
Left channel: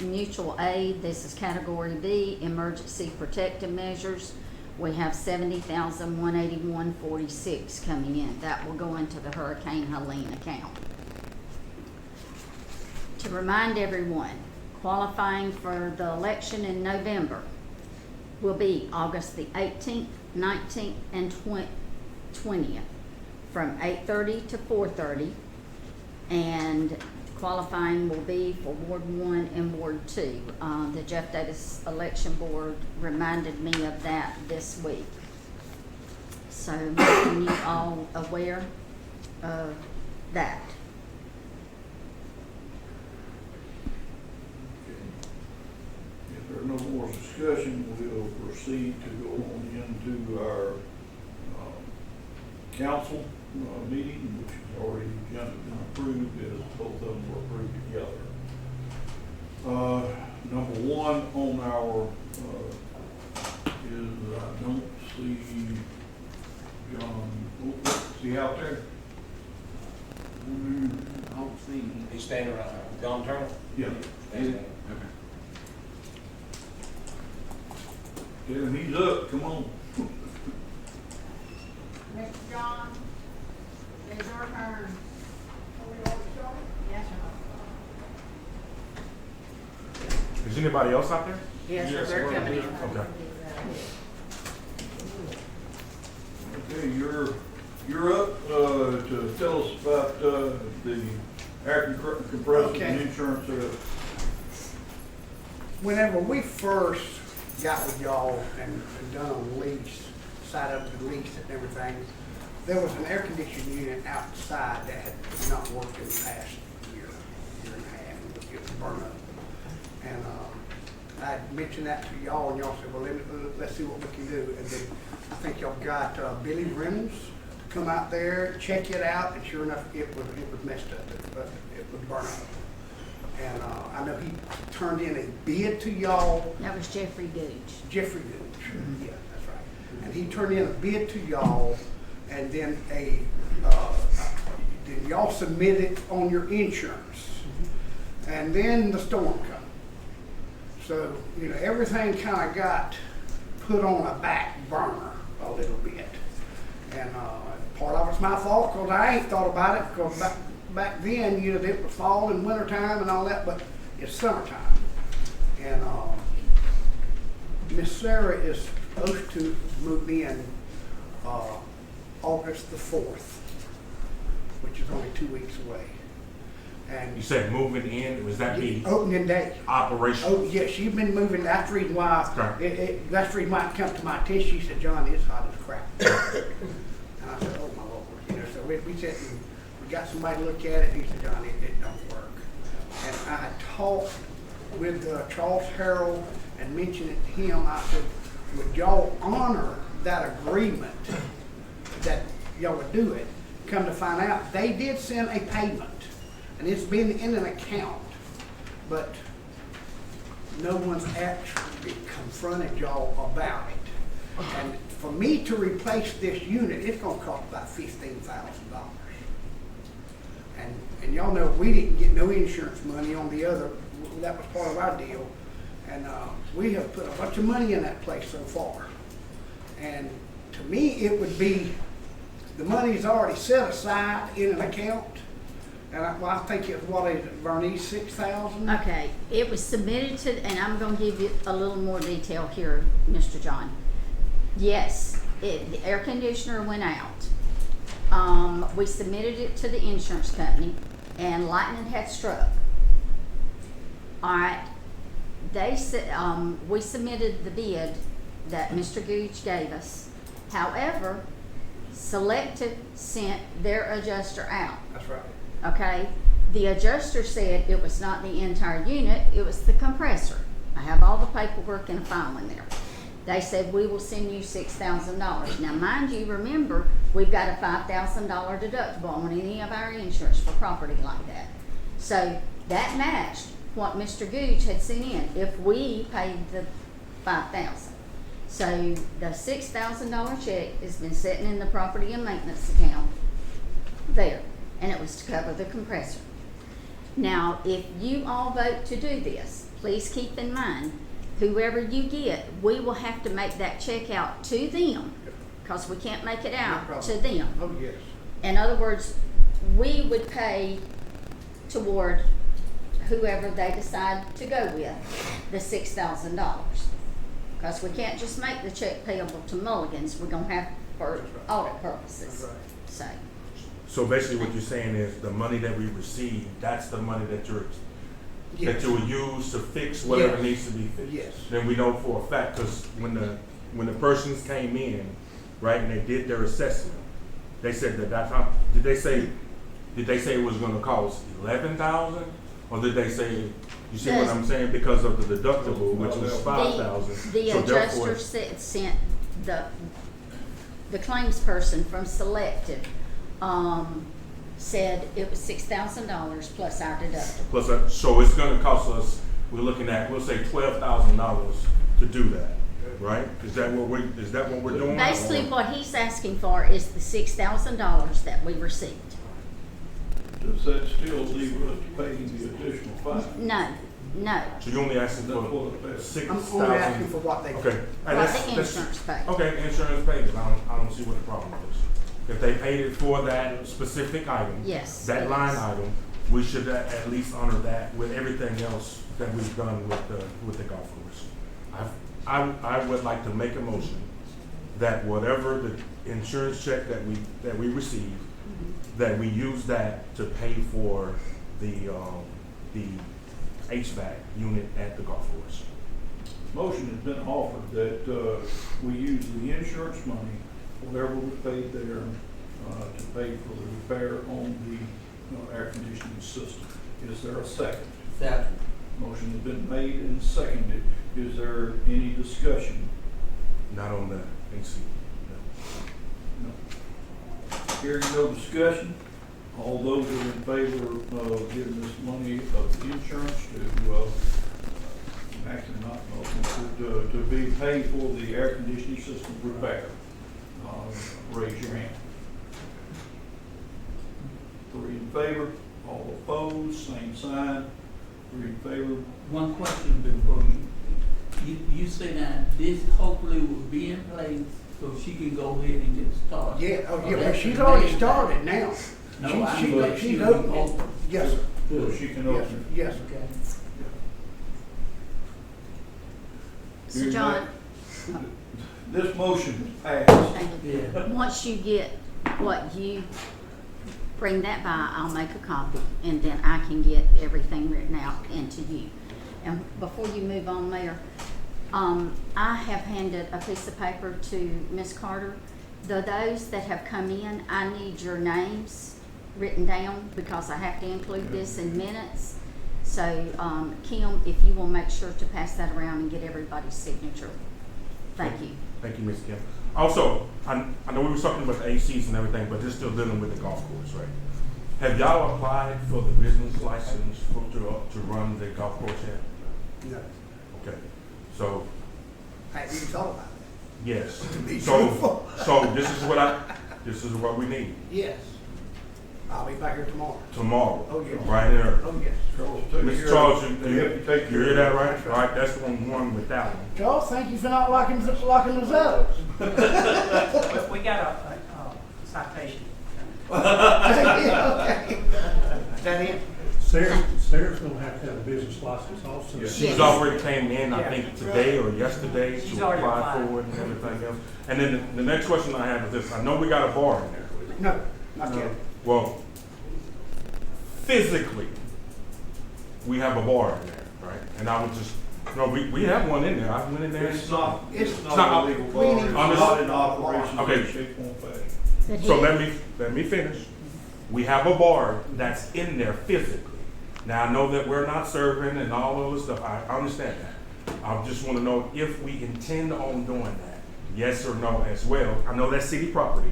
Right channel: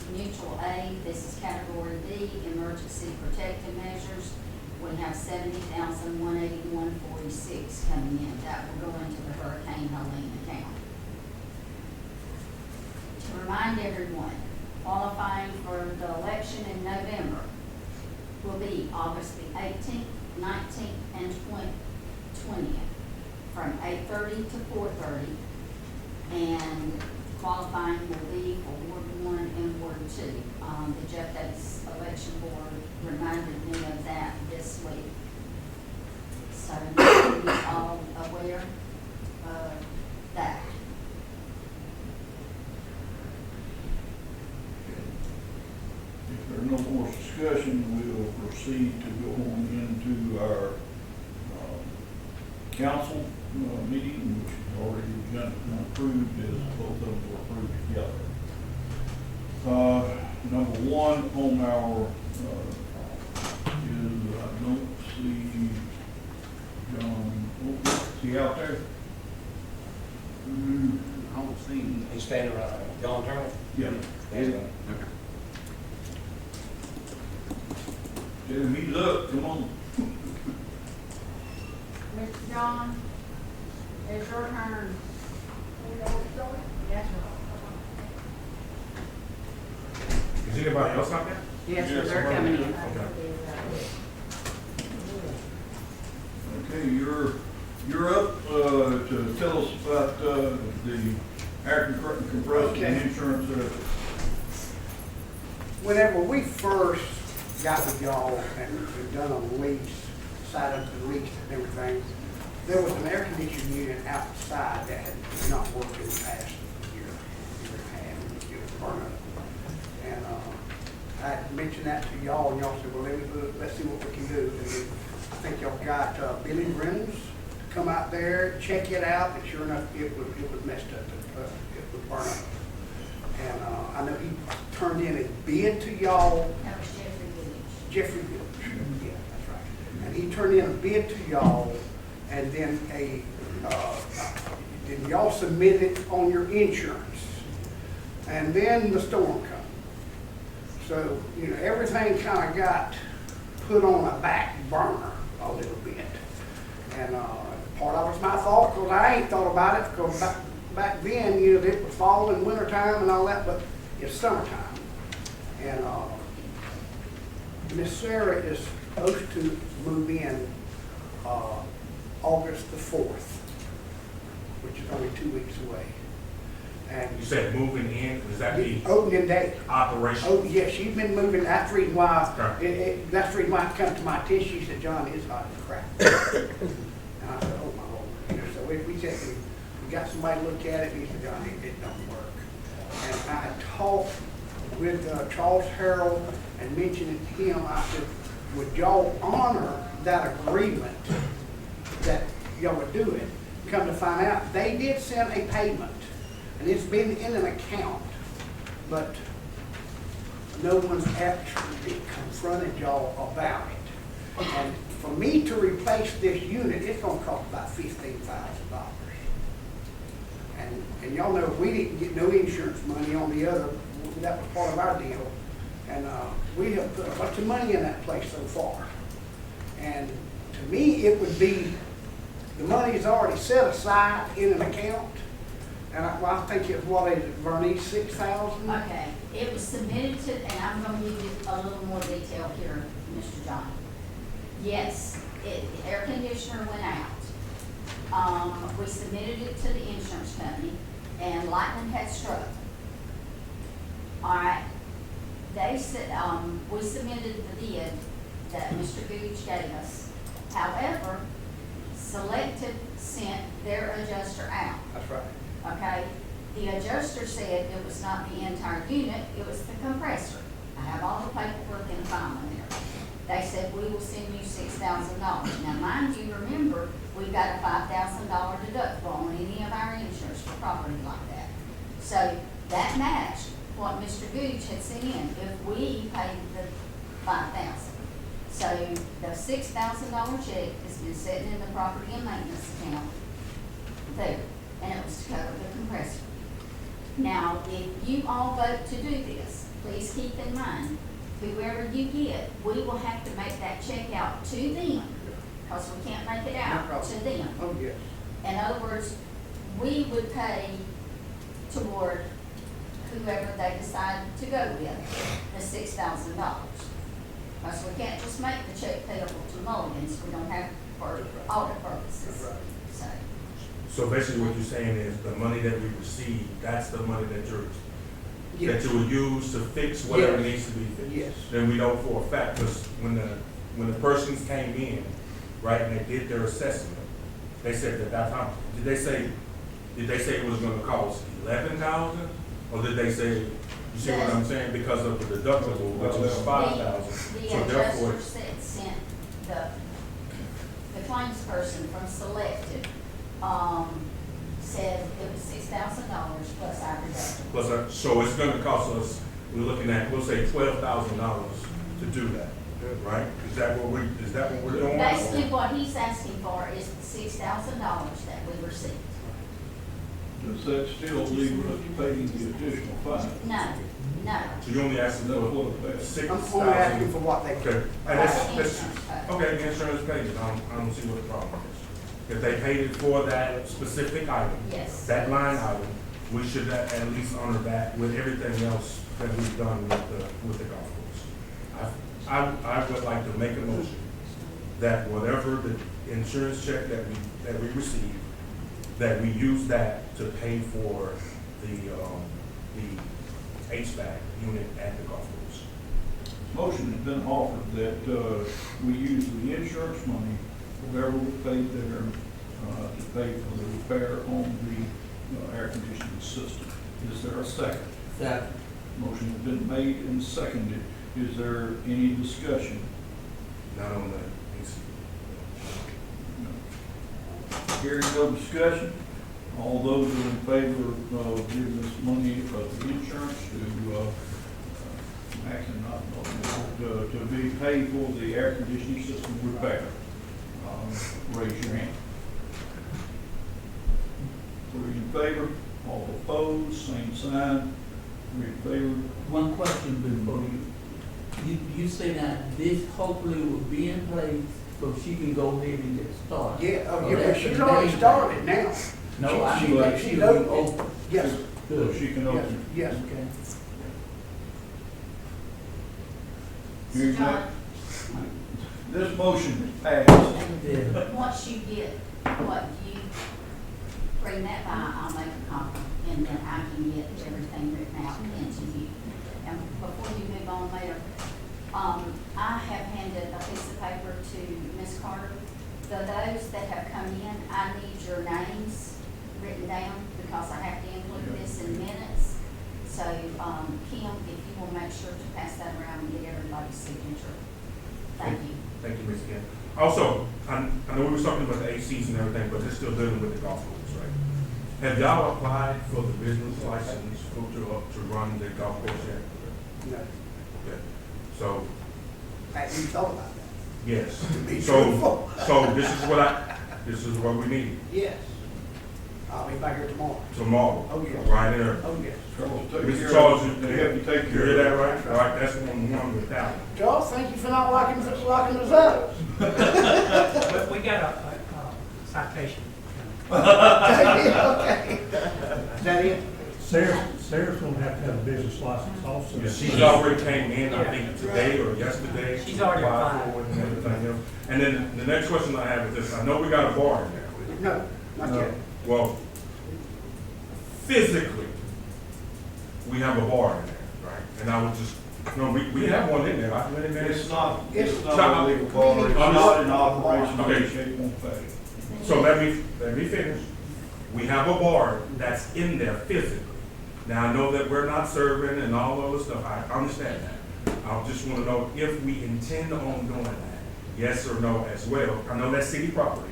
Mutual Aid, this is Category B, Emergency Protective Measures. we have $70,181.46 coming in. That will go into the Hurricane Helene account. To remind everyone, qualifying for the election in November will be August the 18th, 19th, and 20th, from 8:30 to 4:30. And qualifying will be for Ward 1 and Ward 2. The Jeff Davis Election Board reminded me of that this week. So making you all aware of that. If there's no more discussion, we'll proceed to go on into our council meeting, which is already been approved, as both of them were approved together. Number one on our is, I don't see John, is he out there? I don't see him. He's standing right now. John Turner? Yeah. Okay. Tell him he's up, come on. Mr. John, it's your turn. Is anybody else out there? Yes, sir, they're coming in. Okay. Okay, you're up to tell us about the air compressor and insurance. Whenever we first got with y'all and done a lease, side of the lease and everything, there was an air conditioning unit outside that had not worked in the past year and a half, it was burned up. And I mentioned that to y'all, and y'all said, well, let's see what we can do. And then I think y'all got Billy Reynolds to come out there, check it out, and sure enough, it was messed up. It was burned up. And I know he turned in a bid to y'all. That was Jeffrey Gooch. Jeffrey Gooch, yeah, that's right. And he turned in a bid to y'all, and then then y'all submit it on your insurance. And then the storm come. So, everything kind of got put on a back burner a little bit. And part of it's my fault, because I ain't thought about it, because back then, it was fall and winter time and all that, but it's summertime. And Miss Sarah is supposed to move in August the 4th, which is only 2 weeks away. And You said moving in, was that the opening day. operation? Oh, yeah, she's been moving. That's the reason why, Okay. that's the reason why it come to my attention. She said, John, it's hot as crap. And I said, oh my Lord. So we sat and we got somebody to look at it. He said, John, it don't work. And I talked with Charles Harrell and mentioned it to him. I said, would y'all honor that agreement that y'all would do it? Come to find out, they did send a payment. And it's been in an account, but no one's actually confronted y'all about it. And for me to replace this unit, it's gonna cost about $15,000. And y'all know we didn't get no insurance money on the other, that was part of our deal. And we have put a bunch of money in that place so far. And to me, it would be, the money is already set aside in an account. And I think it's, what is it, Bernice, 6,000? Okay, it was submitted to, and I'm gonna give you a little more detail here, Mr. John. Yes, the air conditioner went out. We submitted it to the insurance company, and lightning had struck. All right, they said, we submitted the bid that Mr. Gooch gave us. However, Selective sent their adjuster out. That's right. Okay, the adjuster said it was not the entire unit, it was the compressor. I have all the paperwork and file in there. They said, we will send you $6,000. Now, mind you, remember, we've got a $5,000 deductible on any of our insurance for property like that. So that matched what Mr. Gooch had sent in if we paid the $5,000. So the $6,000 check has been sitting in the property and maintenance account there. And it was to cover the compressor. Now, if you all vote to do this, please keep in mind whoever you get, we will have to make that check out to them, because we can't make it No out problem. to them. Oh, yes. In other words, we would pay toward whoever they decide to go with, the $6,000. Because we can't just make the check payable to Mulligan's, we're gonna have for audit purposes, Right. so. So basically what you're saying is the money that we receive, that's the money that that Yes. you will use to fix whatever Yes. needs to be fixed. Yes. And we know for a fact, because when the persons came in, right, and they did their assessment, they said that how, did they say it was gonna cost 11,000? Or did they say, you see what I'm saying, because of the deductible, which was 5,000? The So therefore, adjuster sent the claims person from Selected, said it was $6,000 plus our deductible. plus, so it's gonna cost us, we're looking at, we'll say $12,000 to do that, right? Is that what we're doing? Basically, what he's asking for is the $6,000 that we received. Does that still leave us paying the additional fine? No, no. So you're only asking That's for what it says. I'm only asking 6,000? for what they. Okay, and What that's, the insurance pays. okay, the insurance pays it, I don't see what the problem is. If they paid it for that specific item. Yes. That line item, we should at least honor that with everything else that we've done with the golf course. I would like to make a motion that whatever the insurance check that we receive, that we use that to pay for the HVAC unit at the golf course. Motion has been offered that, we use the insurance money, whatever we paid there, to pay for the repair on the, air conditioning system. Is there a second? Second. Motion has been made and seconded. Is there any discussion? Not on the AC. No. Hearing no discussion, all those who are in favor of giving this money of the insurance to, actually not, to be paid for the air conditioning system repair, raise your hand. 3 in favor, all opposed, same sign. 3 in favor. One question before you say that this hopefully will be in place so she can go ahead and get started. Yeah, oh, yeah, Oh, but that's she's the already main- started now. No, I She's she's open. open. Yes, So she can open it. yes. Okay. So John, This motion is passed. Yeah. once you get what you bring that by, I'll make a copy, and then I can get everything written out into you. And before you move on, Mayor, I have handed a piece of paper to Ms. Carter. Those that have come in, I need your names written down because I have to include this in minutes. So, Kim, if you will make sure to pass that around and get everybody's signature. Thank you. Thank you, Ms. Kim. Also, I know we were talking about the ACs and everything, but they're still dealing with the golf course, right? Have y'all applied for the business license to run the golf course yet? No, Okay, so, I hadn't even thought about that. yes. To be So truthful. this is what we need Yes. I'll be back here tomorrow. tomorrow, Oh, yes. right there. Oh, yes. Charles, take Mr. care Charles, of it. They help you take you care hear of that it. right? All right, that's one with that one. Charles, thank you for not locking us up. We got a citation. Okay. Is that it? Sarah's gonna have to have a business license also. Yes. She's already came in, I think today or yesterday. She's to already apply applied. for it and everything else. And then the next question I have is this, I know we got a bar in there. No, not yet. Well, physically, we have a bar in there, right? And I would just, no, we have one in there, I went in there. It's not It's a legal bar, it's not in operation in Okay. any shape or fashion. But So he- let me finish. We have a bar that's in there physically. Now, I know that we're not serving and all those stuff, I understand that. I just wanna know if we intend on doing that, yes or no as well. I know that's city property,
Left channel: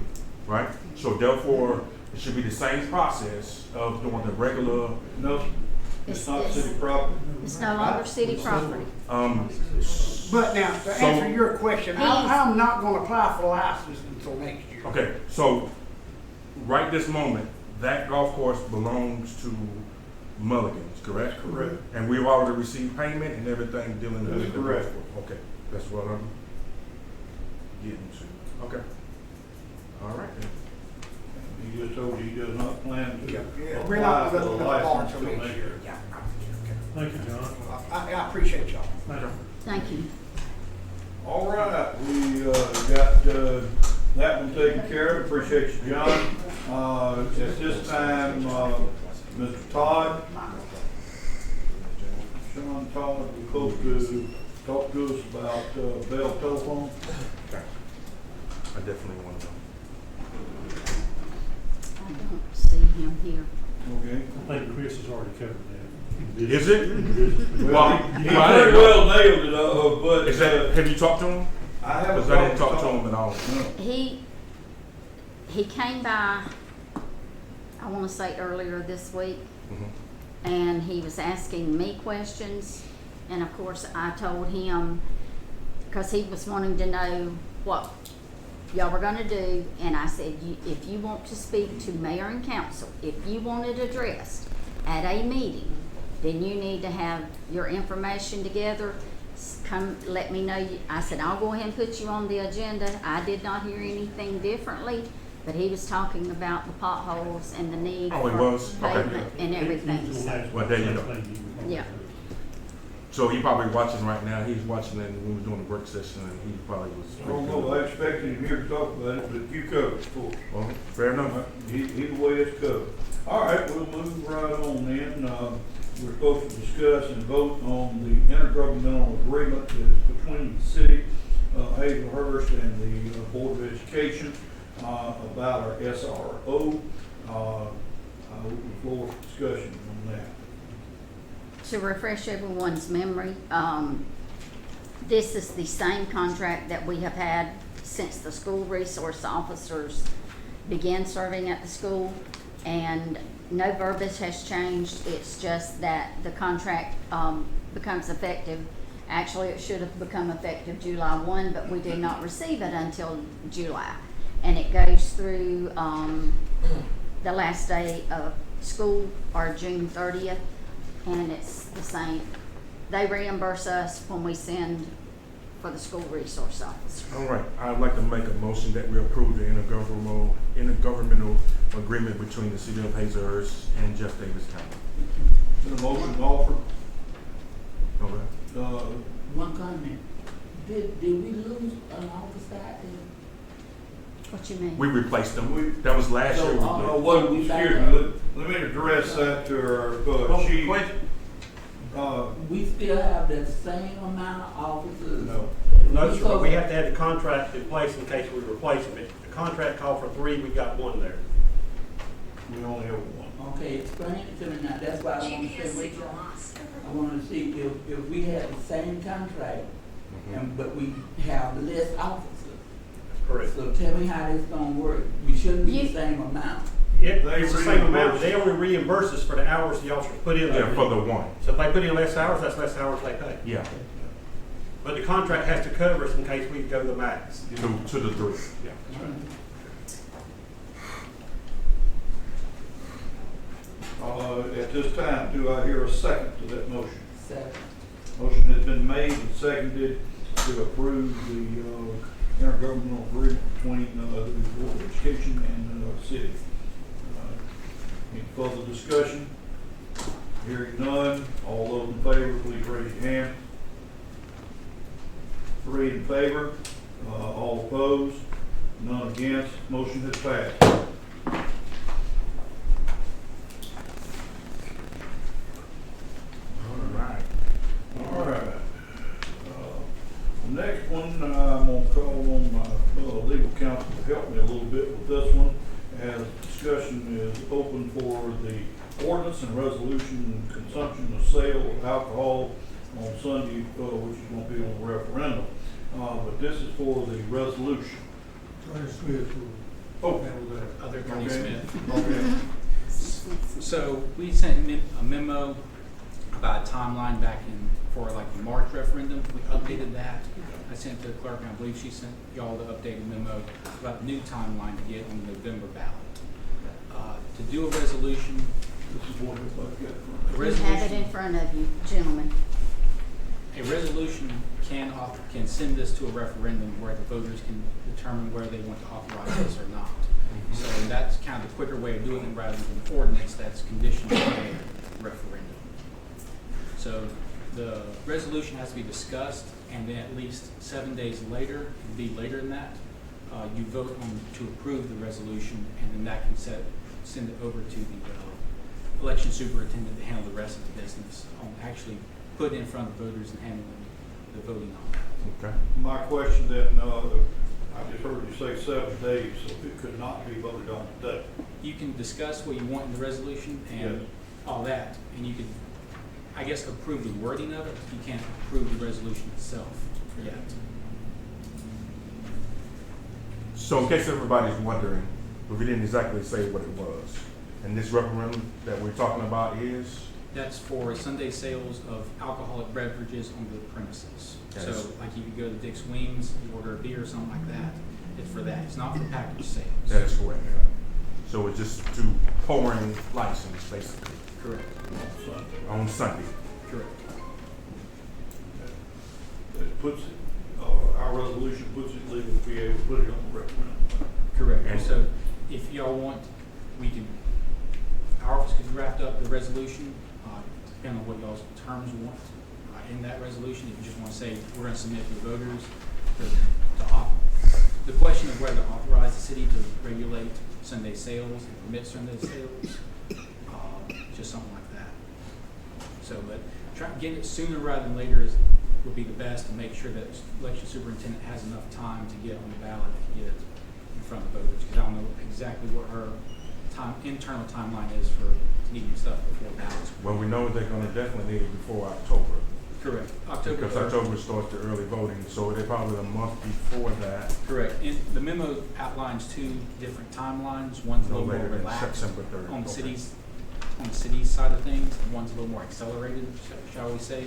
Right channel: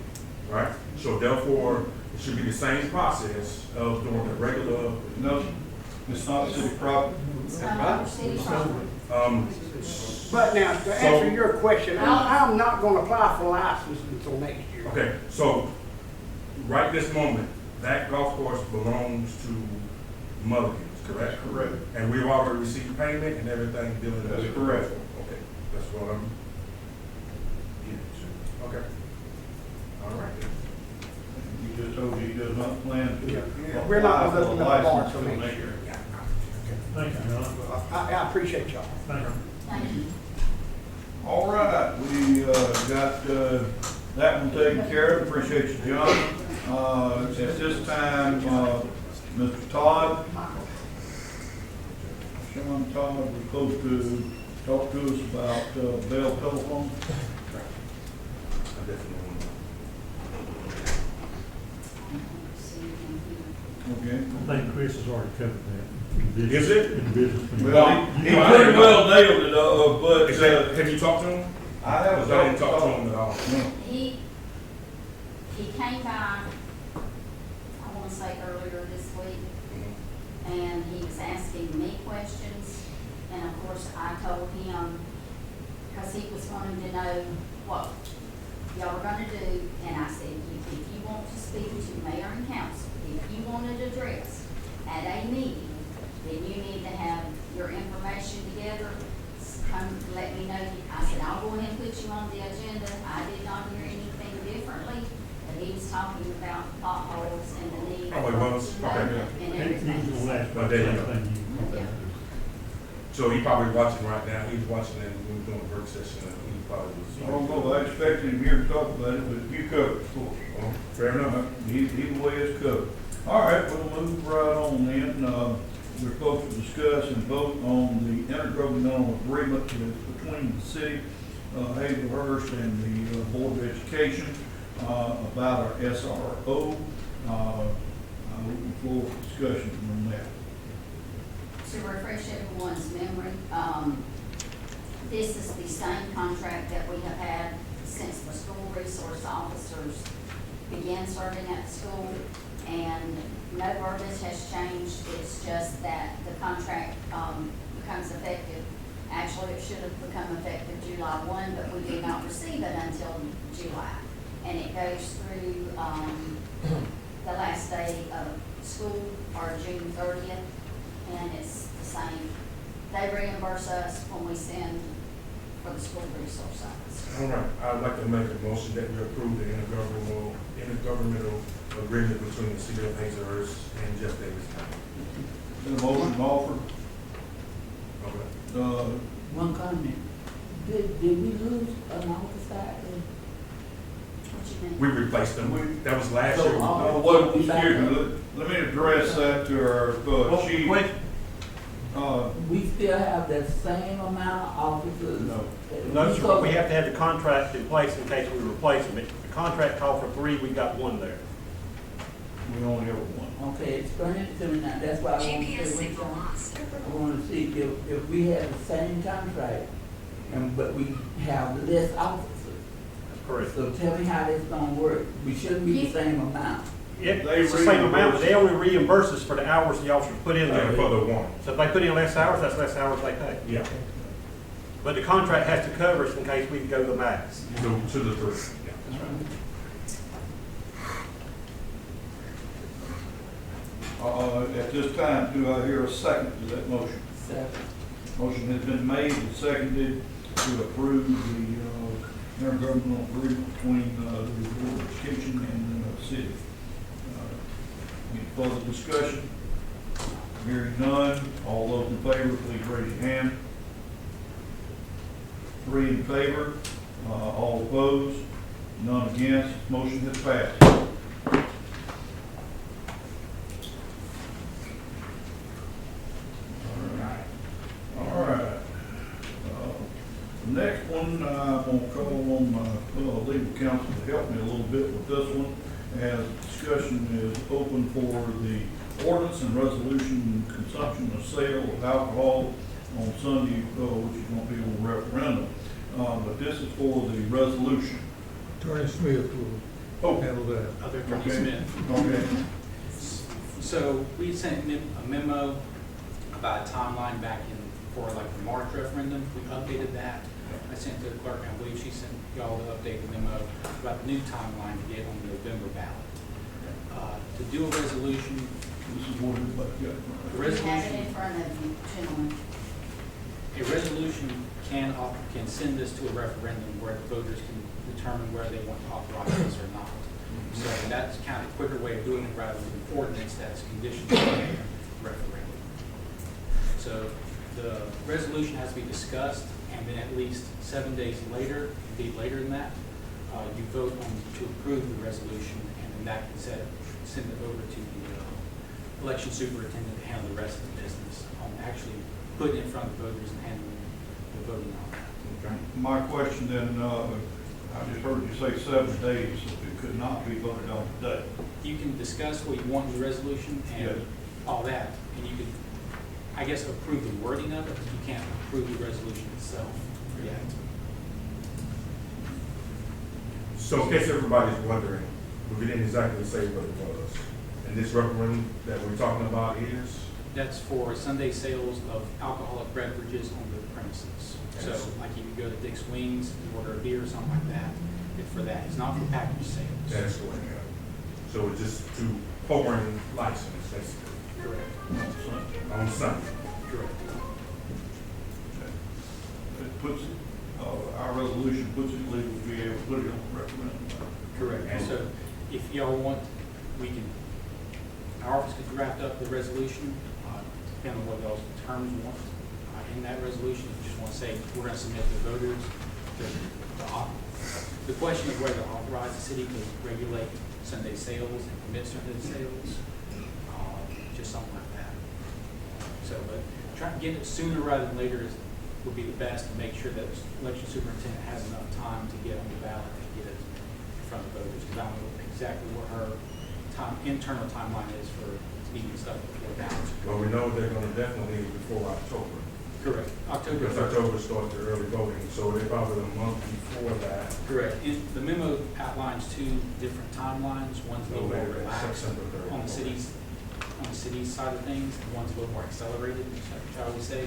right? So therefore, it should be the same process of doing the regular, No, it's not city property. It's no longer city property. But now, to answer your question, I'm not gonna apply for a license until next year. okay, so right this moment, that golf course belongs to Mulligan's. correct? Correct. And we've already received payment and everything dealing with. That's correct. Okay, that's what I'm getting to. Okay. All right then. He just told you he does not plan to Yeah, we're apply not for a looking at the license bar for till me. next year. Yeah. Thank you, John. I appreciate y'all. Thank you. Thank you. All right, we, got, that one taken care of, appreciate you, John. At this time, Mr. Todd, Sean Todd, was supposed to talk to us about, Bell Telephone. I definitely want to know. I don't see him here. Okay. I think Chris has already covered that. Is it? Business. Well, he pretty well nailed it, but, Is that, have you talked to him? I haven't I didn't talk to him at all. No. He came by, I wanna say earlier this week, Mhm. and he was asking me questions, and of course I told him, cause he was wanting to know what y'all were gonna do, and I said, if you want to speak to mayor and council, if you want it addressed at a meeting, then you need to have your information together, come, let me know. I said, I'll go ahead and put you on the agenda. I did not hear anything differently, but he was talking about the potholes and the need Oh, he for was? Okay. pavement and He's the everything. last Well, one. there you go. Thank you. Yeah. So he probably watching right now. He was watching it when we was doing the work session, and he probably was. I don't know, I expected him here to talk about it, but you covered it for us. Oh, fair enough. Either way, it's covered. All right, we'll move right on then. We're supposed to discuss and vote on the intergovernmental agreement that is between the city, Hazelhurst and the Board of Education, about our SRO. I open the floor for discussion on that. To refresh everyone's memory, this is the same contract that we have had since the school resource officers began serving at the school, and no verbiage has changed. It's just that the contract becomes effective. Actually, it should have become effective July 1, but we do not receive it until July. And it goes through the last day of school, or June 30th, and it's the same. They reimburse us when we send for the school resource officer. All right, I'd like to make a motion that we approve the intergovernmental agreement between the city of Hazelhurst and Jeff Davis County. Been a motion offered. Okay. One comment, did we lose an officer out there? What you mean? We replaced them. That was last year. No, what, excuse me, let me address that to our, chief. We still have the same amount of officers? No. No, sir, but we have to have the contract in place in case we replace them. If the contract called for 3, we got 1 there. We only have one. Okay, explain it to me now, that's why I want to say what y'all, I want to see if we have the same contract, and, but we have less officers. Correct. So tell me how this gonna work, we shouldn't be the You- same amount. It's the same amount, reimburse. they only reimburse us for the hours the officers put in there. Yeah, for the one. So if they put in less hours, that's less hours they pay. Yeah, But the contract has to cover us in case we go to the max. to the 3. Yeah. At this time, do I hear a second to that motion? Second. Motion has been made and seconded to approve the intergovernmental agreement between the Board of Education and the city. Any further discussion? Hearing none, all those in favor, please raise your hand. 3 in favor, all opposed, none against, motion has passed. All right. The next one, I'm gonna call on my legal counsel to help me a little bit with this one, as discussion is open for the ordinance and resolution consumption of sale of alcohol on Sunday, which is gonna be on referendum. But this is for the resolution. Attorney Smith will handle that. Other Attorney Okay. Smith. Okay. So we sent a memo about a timeline back in for like the March referendum. We updated that. I sent to the clerk, and I believe she sent y'all the updated memo about the new timeline to get on the November ballot. To do a resolution, This is what everybody got in front of them. You have it Resolution, in front of you, gentlemen. a resolution can send this to a referendum where the voters can determine whether they want to authorize this or not. So that's kind of a quicker way of doing it rather than an ordinance that's conditional on a referendum. So the resolution has to be discussed, and then at least 7 days later, indeed later than that, you vote on to approve the resolution, and then that can send it over to the election superintendent to handle the rest of the business on actually putting it in front of voters and handling the voting on that. Okay. My question then, I just heard you say 7 days, so it could not be voted on today. You can discuss what you want in the resolution and Yes. all that, and you could, I guess, approve the wording of it. You can't approve the resolution itself yet. So in case everybody's wondering, we didn't exactly say what it was. And this referendum that we're talking about is? That's for Sunday sales of alcoholic beverages on the premises. So Yes. like if you go to Dick's Wings, you order a beer or something like that, it's for that. It's not for package sales. That's correct. So it's just to pouring license, basically, Correct. On Sunday. on Sunday. Correct. It puts it, our resolution puts it legal to be able to put it on the referendum. Correct. And- So if y'all want, we can, our office could draft up the resolution, depending on what y'all's terms want in that resolution. If you just want to say, we're going to submit to voters, the question is whether to authorize the city to regulate Sunday sales and permit Sunday sales, just something like that. So, but trying to get it sooner rather than later would be the best, to make sure that election superintendent has enough time to get on the ballot and get it in front of voters. Because I don't know exactly what her internal timeline is for needing stuff before ballots. Well, we know they're gonna definitely need it before October. Correct. October. Because October starts the early voting, so they probably a month before that. Correct. And the memo outlines two different timelines. One's a No little more later than relaxed September 3rd. on the city's side of things, and one's a little more accelerated, shall we say,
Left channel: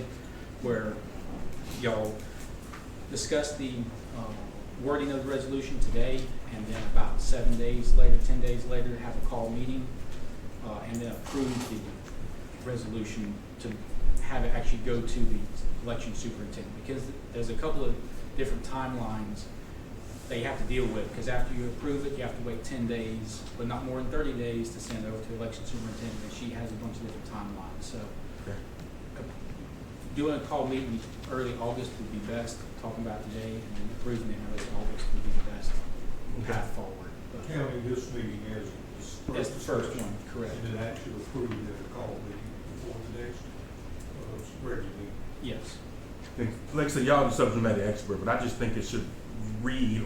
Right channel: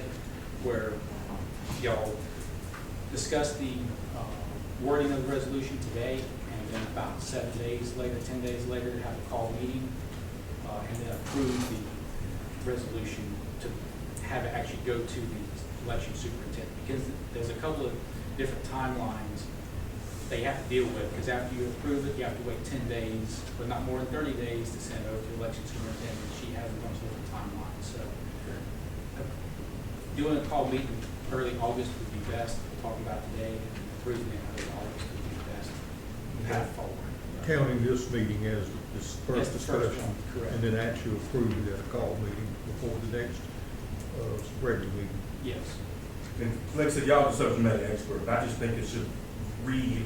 where y'all discuss the wording of the resolution today, and then about 7 days later, 10 days later, have a call meeting, and then approve the resolution to have it actually go to the election superintendent. Because there's a couple of different timelines they have to deal with, because after you approve it, you have to wait 10 days, but not more than 30 days to send it over to the election superintendent, and she has a bunch of different timelines. So doing a call meeting early August would be best, talking about today, and approving it early August would be the best path forward. Counting this meeting as this That's first the first discussion, one, correct. and then actually approving it at a call meeting before the next, regular meeting. Yes. And like I said, y'all are subject matter expert, but I just think it should read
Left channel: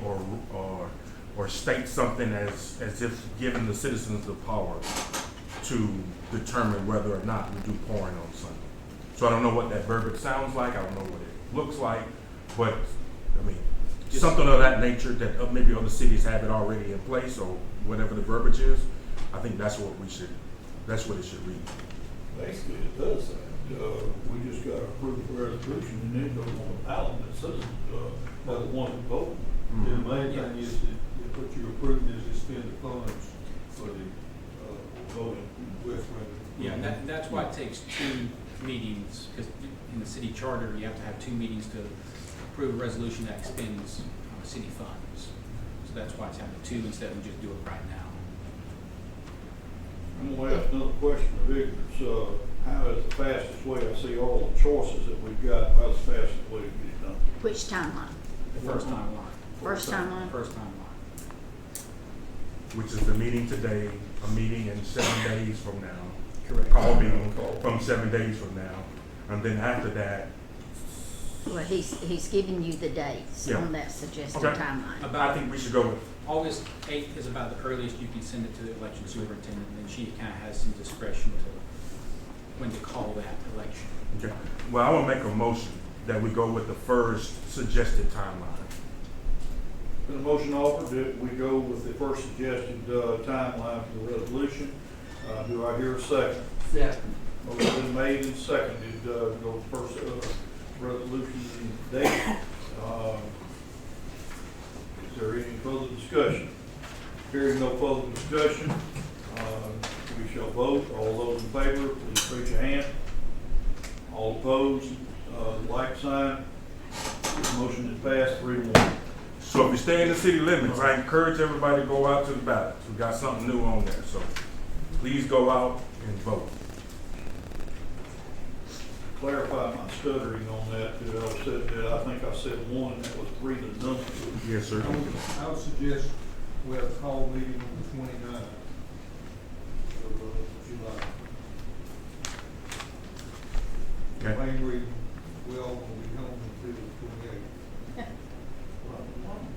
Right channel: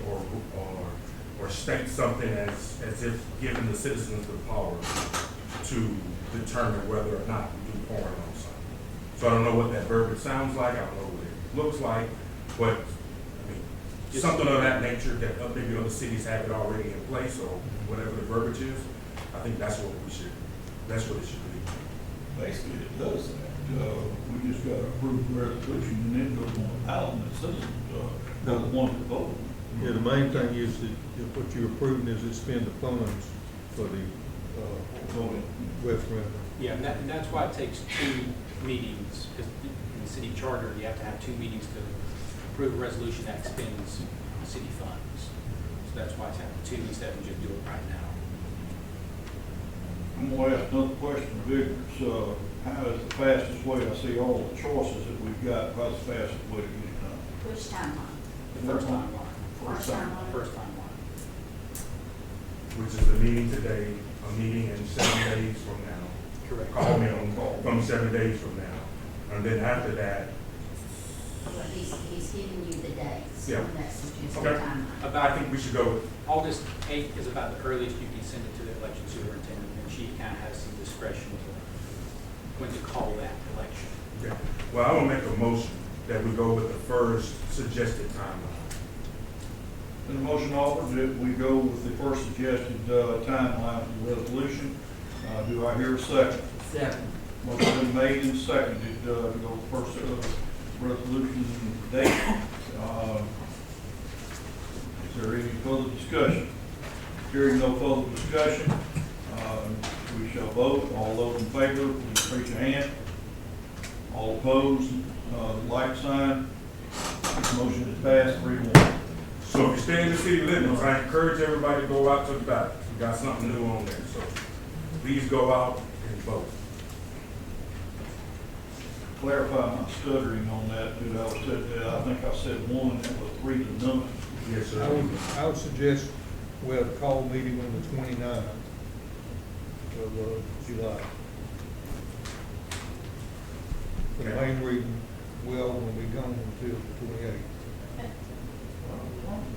or state something as if giving the citizens the power to determine whether or not to do pouring on Sunday. So I don't know what that verbiage sounds like, I don't know what it looks like, but, I mean, something of that nature that maybe other cities have it already in place, or whatever the verbiage is, I think that's what it should read. Basically, it does that. We just gotta approve the resolution and then go on the ballot, and the citizens, the ones that vote. Yeah, the main thing is that, what you're approving is to spend the funds for the, voting referendum. Yeah, and that's why it takes 2 meetings, because in the city charter, you have to have 2 meetings to approve a resolution that expends city funds. So that's why it's happening 2 instead of just do it right now. I'm gonna ask another question of ignorance. How is the fastest way, I see all the choices that we've got, how's the fastest way to get it done? Which timeline? The first timeline. First timeline? First timeline. Which is the meeting today, a meeting in 7 days from now. Correct. Call meeting from 7 days from now. And then after that, Well, he's giving you the dates Yeah. on that suggested Okay. timeline. I think we should go, August 8th is about the earliest you can send it to the election superintendent, and she kind of has some discretion to when to call that election. okay. Well, I want to make a motion that we go with the first suggested timeline. Been a motion offered that we go with the first suggested, timeline for the resolution. Do I hear a second? Second. Motion been made and seconded, to go with first, resolution date. Is there any further discussion? Hearing no further discussion, We shall vote. All those in favor, please raise your hand. All opposed, like sign. This motion is passed 3-1. So if you stay in the city limits, I encourage everybody to go out to the ballot. We got something new on there, so please go out and vote. Clarify my stuttering on that, because I said that, I think I said 1, that was 3 to none. Yes, sir. I would suggest we have a call meeting on the 29th of July. The Okay. main reason, well, will be gone until the 28th.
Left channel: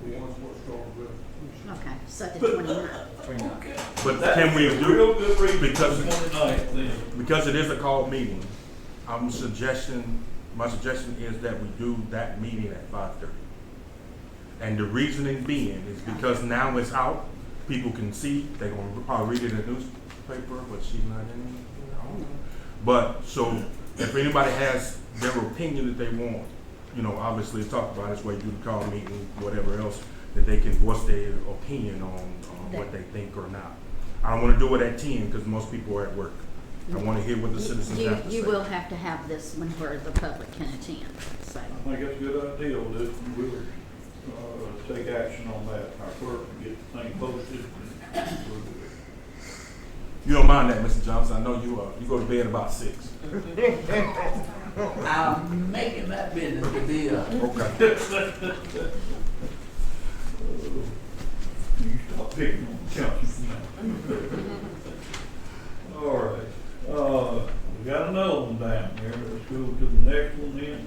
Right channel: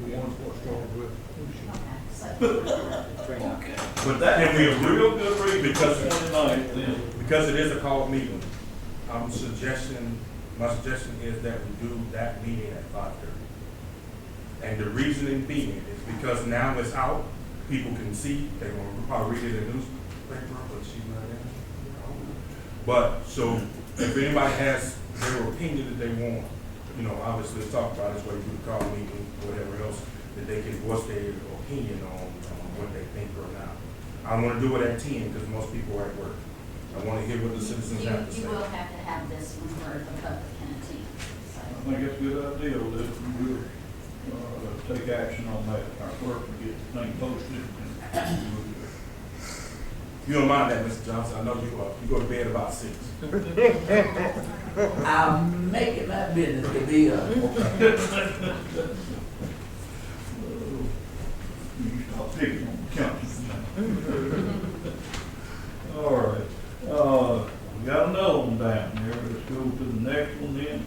Once we'll start with. Okay, so the 29th. But That can we is a agree? real good reason Because, for 29th then. because it is a called meeting, my suggestion is that we do that meeting at 5:30. And the reasoning being is because now it's out, people can see, they're gonna probably read it in the newspaper, but she's not in. But, so, if anybody has their opinion that they want, you know, obviously talk about this way, do the call meeting, whatever else, that they can, what's their opinion on what they think or not. I don't wanna do it at 10, because most people are at work. I wanna hear what the citizens have to say. You will have to have this one where the public can attend, so. I think that's a good idea, that we would, take action on that. Our clerk would get the thing posted and we'll do it. You don't mind that, Mr. Johnson, I know you go to bed about 6. I'm making my business to be Okay. You stop picking on the council now. All right, we got another one down there, let's go to the next one then.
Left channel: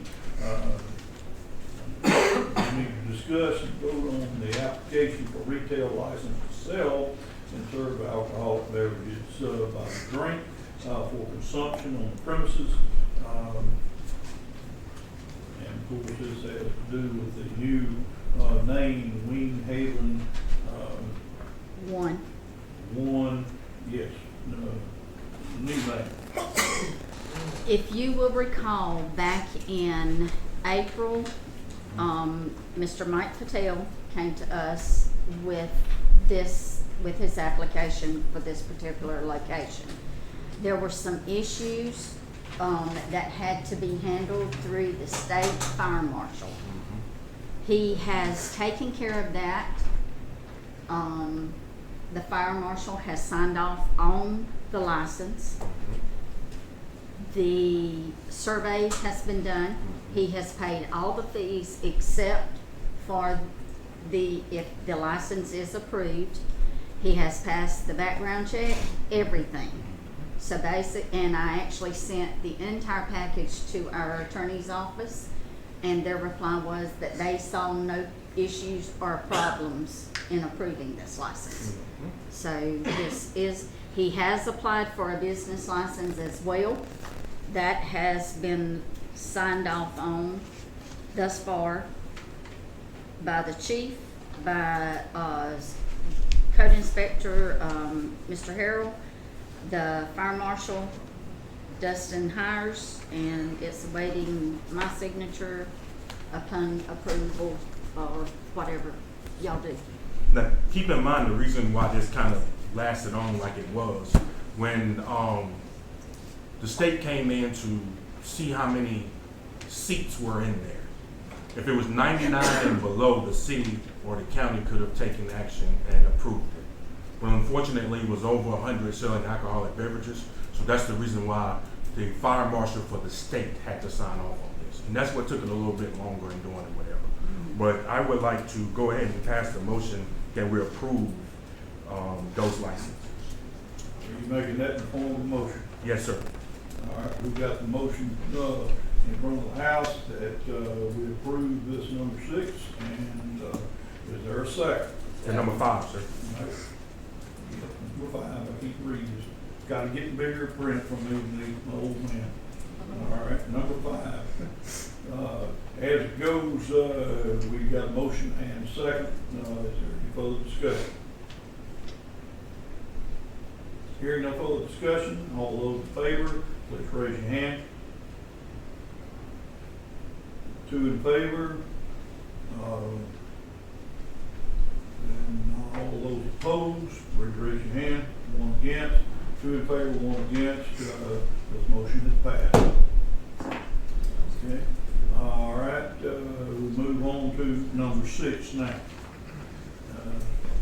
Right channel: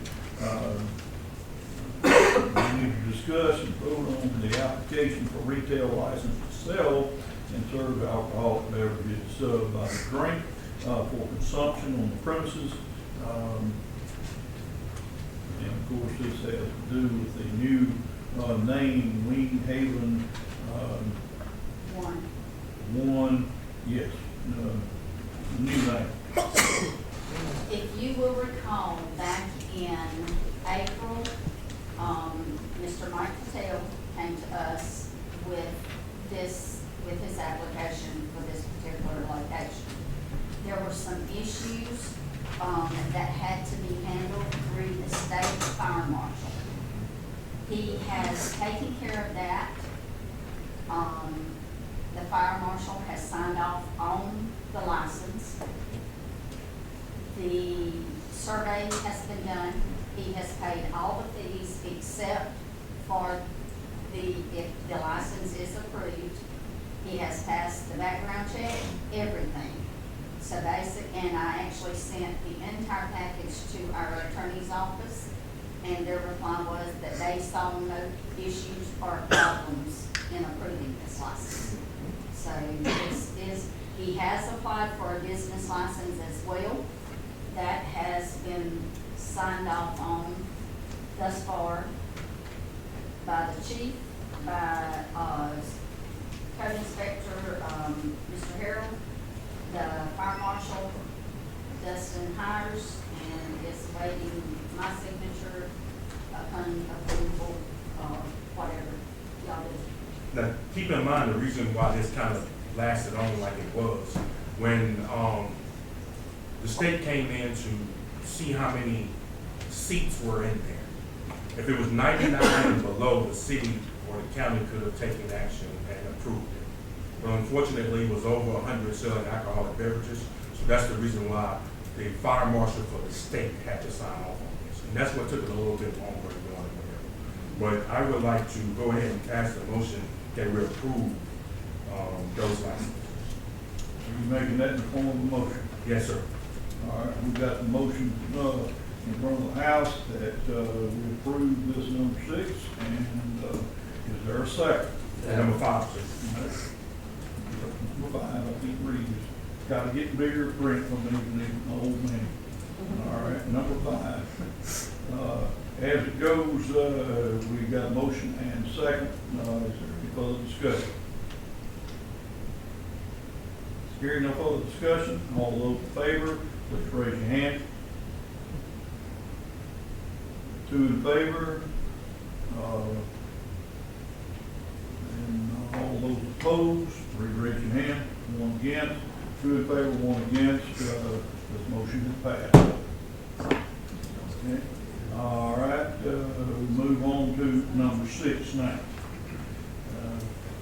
We need to discuss and vote on the application for retail license to sell and serve alcoholic beverages by the drink for consumption on the premises. And of course, this has to do with the new name, Wing Haven, one, yes, new name. If you will recall, back in April, Mr. Mike Patel came to us with his application for this particular location. There were some issues, that had to be handled through the state fire marshal. He has taken care of that. The fire marshal has signed off on the license. The survey has been done. He has paid all the fees except for if the license is approved. He has passed the background check, everything. So and I actually sent the entire package to our attorney's office, and their reply was that they saw no issues or problems in approving this license. So he has applied for a business license as well. That has been signed off on thus far by the chief, by code inspector, Mr. Harrell, the fire marshal, Dustin Hires, and it's awaiting my signature upon approval or whatever y'all do. Now, keep in mind the reason why this kind of lasted on like it was. When the state came in to see how many seats were in there. If it was 99 and below, the city or the county could have taken action and approved it. Well, unfortunately, it was over 100 selling alcoholic beverages, so that's the reason why the fire marshal for the state had to sign off on this. And that's what took it a little bit longer in doing it, whatever. But I would like to go ahead and pass the motion that we approve those licenses. Are you making that in the form of a motion? Yes, sir. All right, we've got the motion in front of the house that we approve this number 6, and is there a second? And number 5, sir. Number 5, I keep reading, it's gotta get bigger print from me, my old man. All right, number 5. As it goes, we got a motion and a second. Is there any further discussion? Hearing no further discussion, all those in favor, please raise your hand. 2 in favor. And all those opposed, please raise your hand. One against, two in favor, one against, this motion is passed. Okay, all right, we move on to number 6 now.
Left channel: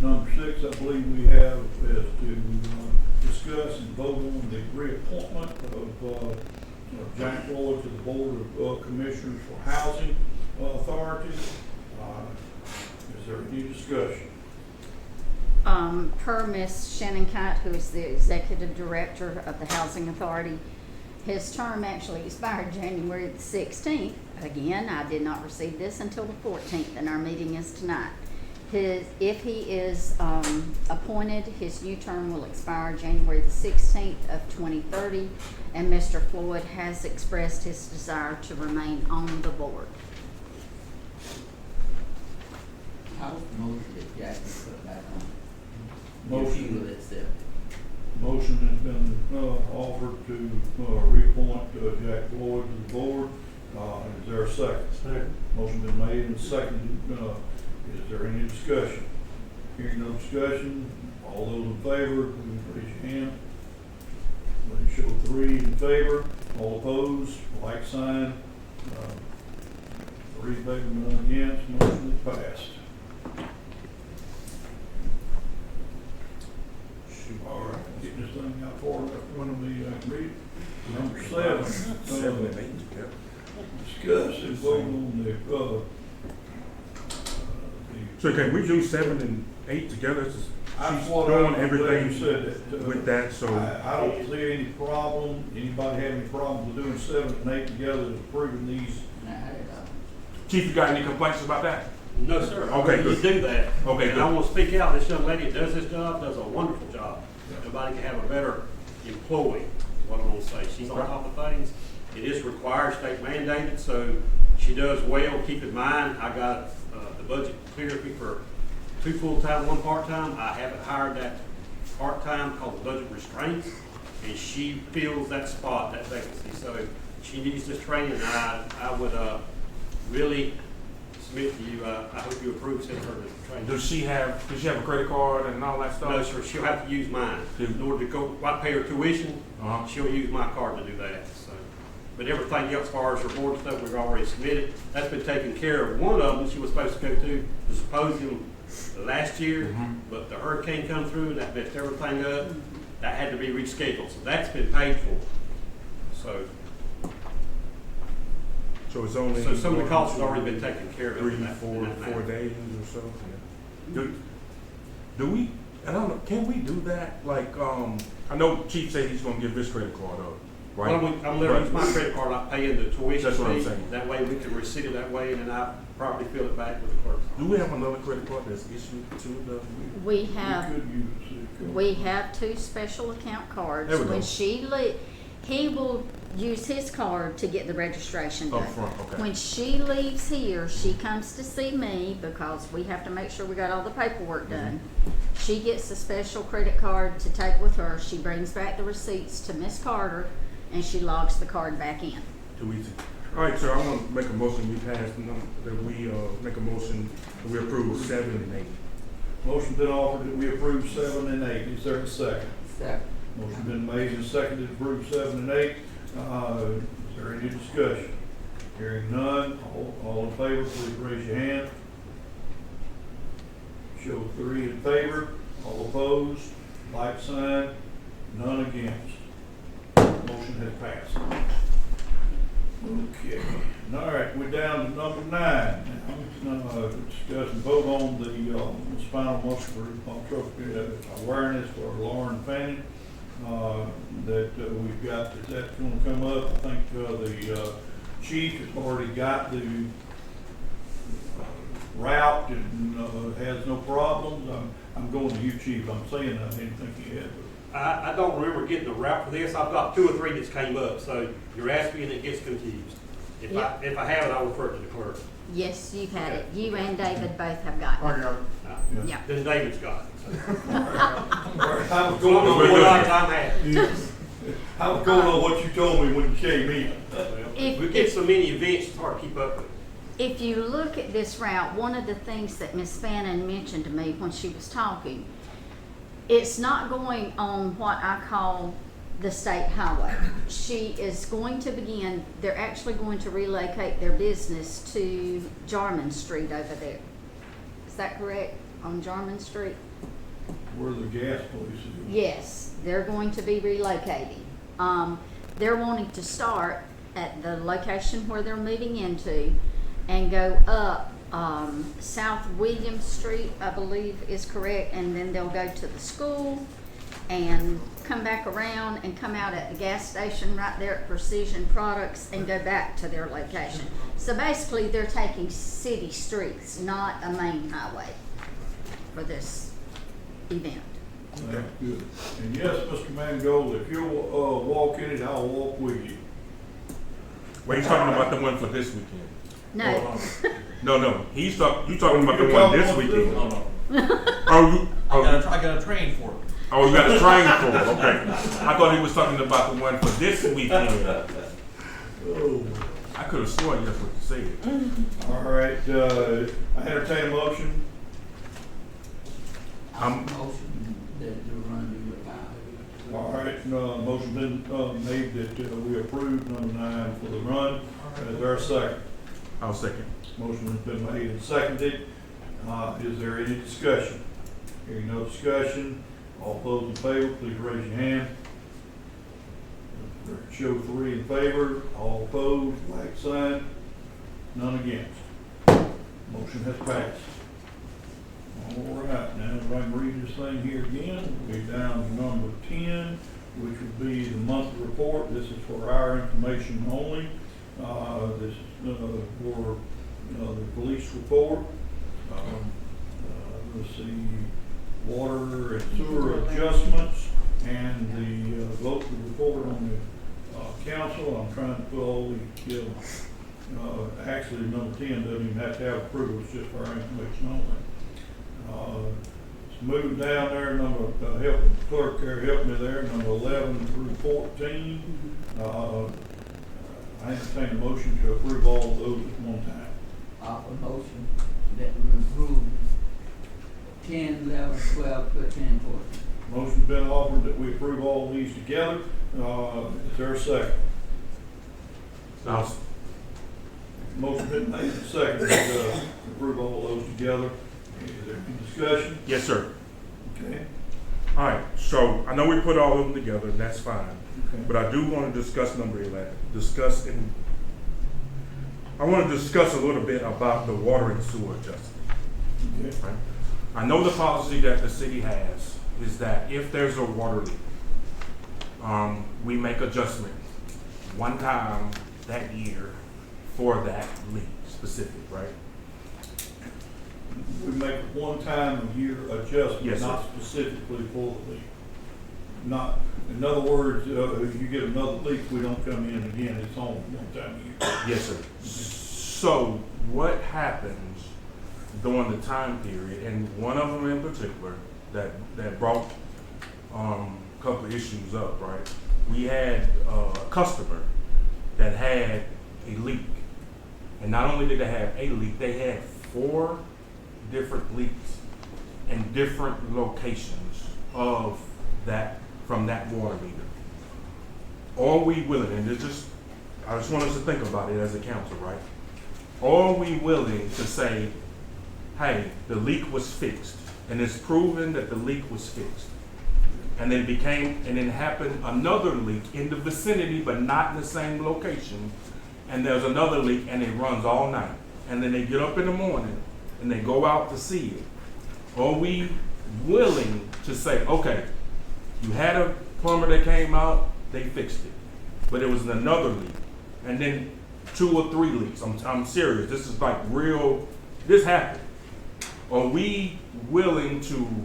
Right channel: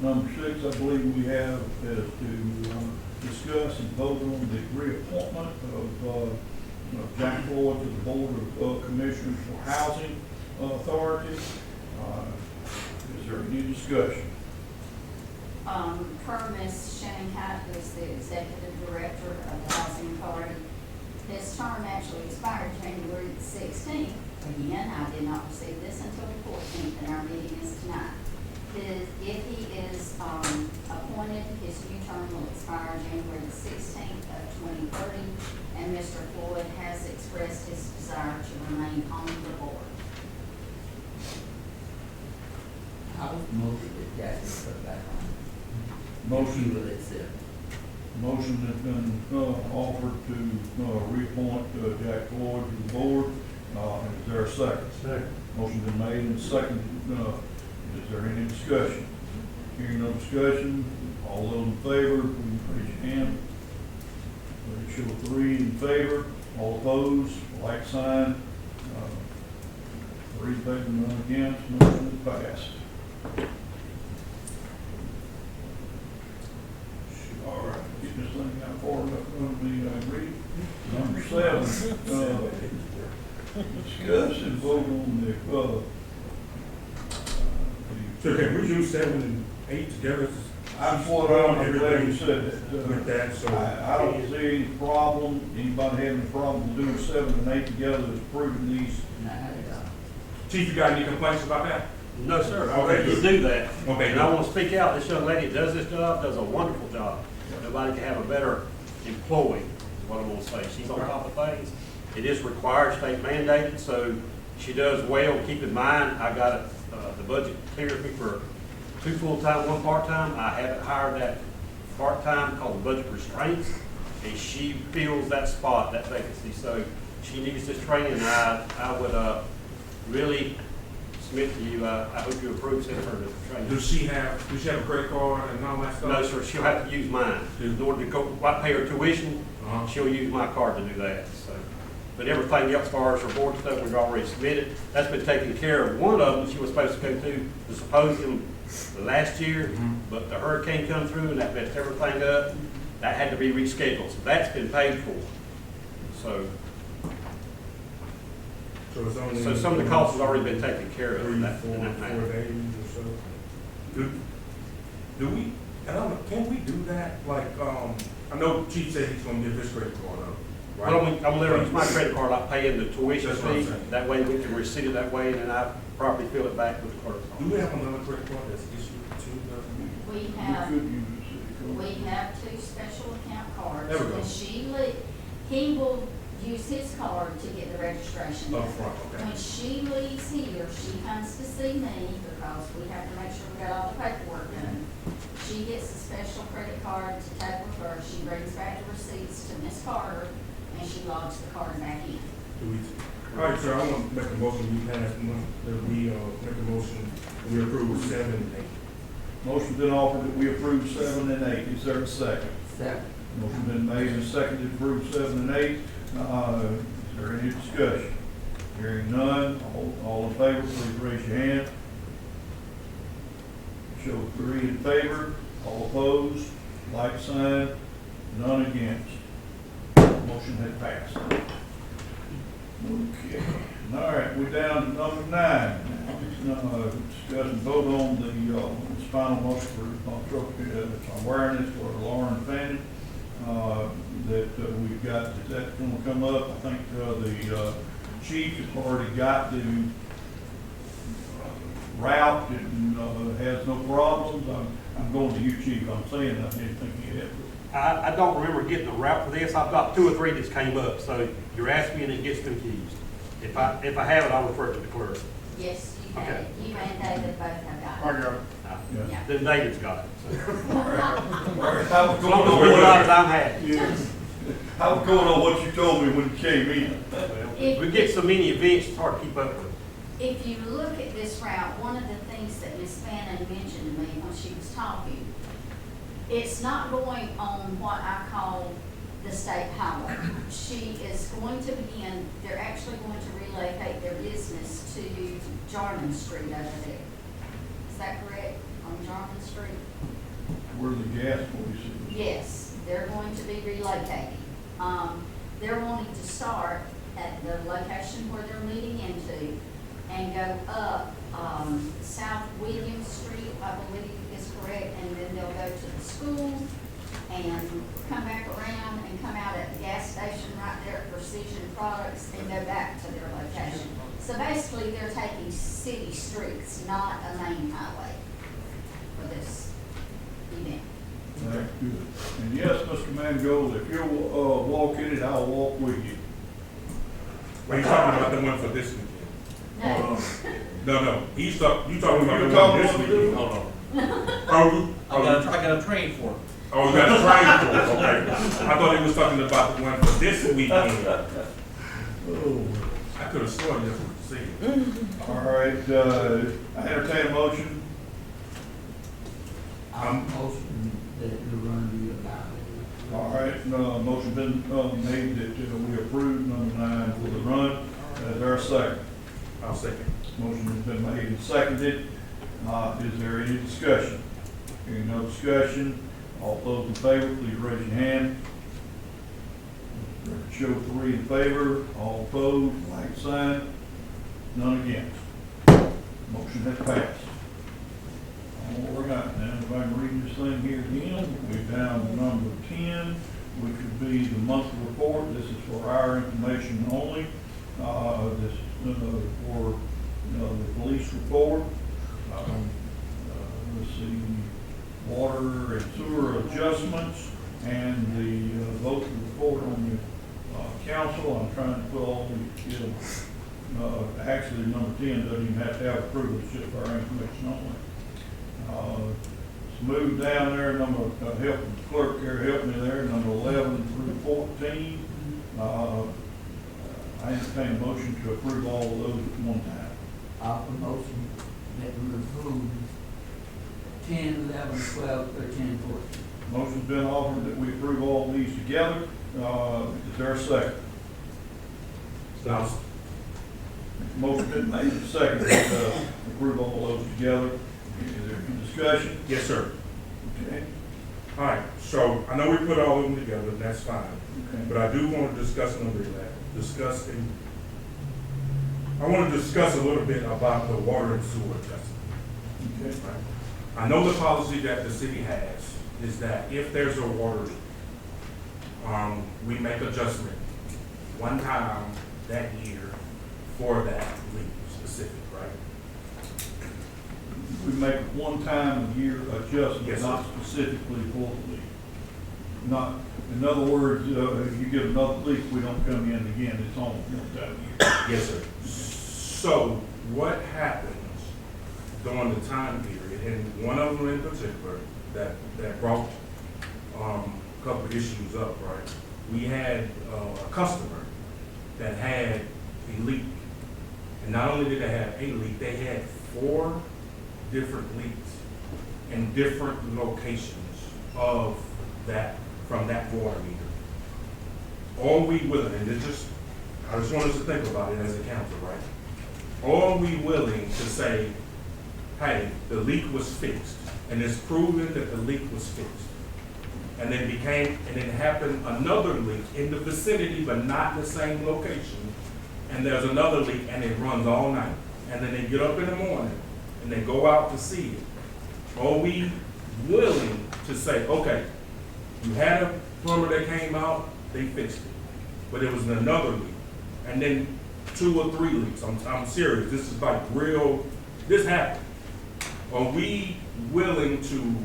Number 6, I believe we have is to discuss and vote on the reappointment of Jack Floyd to the Board of Commissioners for Housing Authority. Is there any discussion? Per Ms. Shannon Kite, who is the Executive Director of the Housing Authority, his term actually expired January the 16th. Again, I did not receive this until the 14th, and our meeting is tonight. If he is appointed, his new term will expire January the 16th of 2030, and Mr. Floyd has expressed his desire to remain on the board. I'll move that Jack is put back on. Motion. He will accept. Motion has been offered to reappoint Jack Floyd to the board. Is there a second? Second. Motion been made and seconded. Is there any discussion? Hearing no discussion, all those in favor, please raise your hand. Please show 3 in favor, all opposed, like sign. 3 in favor, none against, motion is passed. All right, get this thing out far enough in front of me, I can read it. Number 7, discuss and vote on the So can we do 7 and 8 together? I'm glad you said that. With that, so. I don't see any problem, anybody having a problem with doing 7 and 8 together is approving these. Chief, you got any complaints about that? No, sir. Okay, You good. do that. Okay, And I good. want to speak out, this young lady does this job, does a wonderful job. Nobody can have a better employee, is what I'm gonna say. She's on top of things. It is required, state mandated, so she does well. Keep in mind, I got, the budget clears me for 2 full-time, 1 part-time. I haven't hired that part-time called the budget restraints, and she fills that spot, that vacancy. So she needs this training, I would, really submit to you, I hope you approve sending her the training. Does she have a credit card and all that stuff? No, sir, she'll have to use mine. In order to go, I pay her tuition, Uh-huh. she'll use my card to do that, so. But everything else, as far as her board stuff, we've already submitted. That's been taken care of. One of them she was supposed to go to the symposium last year, but the hurricane come through and that messed everything up. That had to be rescheduled, so that's been paid for. So So it's only. so some of the costs has already been taken care of. 3, in that- 4 in that matter. days or so. Do we, I don't know, can we do that? Like, I know Chief said he's gonna give his credit card up, right? Well, I'm literally use my credit card, like paying the tuition That's what I'm fee. saying. That way we can receipt it that way, and then I properly fill it back with the clerk. Do we have another credit card that's issued to the? We have, could use the city card. we have 2 special account cards. There we go. When he will use his card to get the registration done. Up front, okay. When she leaves here, she comes to see me because we have to make sure we got all the paperwork done. She gets a special credit card to take with her. She brings back the receipts to Miss Carter, and she logs the card back in. Do we, all right, sir, I'm gonna make a motion, we pass, that we, make a motion, that we approve 7 and 8. Motion been offered that we approve 7 and 8. Is there a second? Second. Motion been made and seconded to approve 7 and 8. Is there any discussion? Hearing none, all in favor, please raise your hand. Show 3 in favor, all opposed, like sign, none against. Motion has passed. Okay, all right, we're down to number 9 now. Discuss and vote on the spinal muscular atrophy awareness for Lauren Fanning. That we've got, that's gonna come up. I think the chief has already got the route and has no problems. I'm going to you, chief. I'm saying I didn't think he had. I don't remember getting a route for this. I've got 2 or 3 that's came up, so you're asking me and it gets confused. If I have it, I'll refer it to the clerk. Yes, you've had Okay. it. You and David both have got it. Yeah. Yeah. Then David's got it. All right, I was Going going on on what what I'm had. I was going on what you told me when you came in. We get so many events, it's hard to keep up with them. If you look at this route, one of the things that Ms. Fannin mentioned to me when she was talking, it's not going on what I call the state highway. She is going to begin, they're actually going to relocate their business to Jarman Street over there. Is that correct, on Jarman Street? Where the gas place is. Yes, they're going to be relocating. They're wanting to start at the location where they're moving into and go up, South William Street, I believe is correct, and then they'll go to the school and come back around and come out at the gas station right there at Precision Products and go back to their location. So basically, they're taking city streets, not a main highway for this event. That's good. And yes, Mr. Mangold, if you'll, walk in it, I'll walk with you. Well, he's talking about the one for this weekend. No, No, you talking about the You're one talking this about weekend. this I got a train for it. Oh, you got a train for it, okay. I thought he was talking about the one for this weekend. Oh. I could have sworn you just what you said. All right, I entertain a motion. Motion that the run be allowed. All right, motion been, made that, we approve number 9 for the run. Is there a second? I'll second. Motion has been made and seconded. Is there any discussion? Hearing no discussion, all those in favor, please raise your hand. Record show 3 in favor, all opposed, like sign, none against. Motion has passed. All right, now if I can read this thing here again, we're down to number 10, which would be the monthly report. This is for our information only. This is for the police report. Let's see, water and sewer adjustments, and the vote to report on the council. I'm trying to put all these, actually number 10 doesn't even have to have approval, it's just for our information only. Let's move down there, help the clerk there, help me there, number 11 through 14. I entertain a motion to approve all of those at one time. Offer motion that we approve 10, 11, 12, 13, and 14. Motion's been offered that we approve all these together. Is there a second? So, Motion been made and seconded to approve all those together. Is there any discussion? yes, sir. Okay. All right, so I know we put all of them together, that's fine. Okay. But I do want to discuss number 11. I want to discuss a little bit about the water and sewer adjustment. Okay. Right? I know the policy that the city has is that if there's a water leak, we make adjustment one time that year for that leak specific, right? We make a one-time-a-year adjustment, Yes, sir. not specifically for the leak. Not, in other words, if you get another leak, we don't come in again, it's on one time a year. Yes, sir. So what happens during the time period, and one of them in particular that brought a couple of issues up, right? We had a customer that had a leak, and not only did they have a leak, they had 4 different leaks in different locations of that, from that water meter. Are we willing, and I just want us to think about it as a council, right? Are we willing to say, hey, the leak was fixed, and it's proven that the leak was fixed, and it happened another leak in the vicinity, but not in the same location, and there's another leak, and it runs all night, and then they get up in the morning, and they go out to see it. Are we willing to say, okay, you had a plumber that came out, they fixed it, but it was another leak, and then 2 or 3 leaks. I'm serious. This is like real. This happened. Are we willing to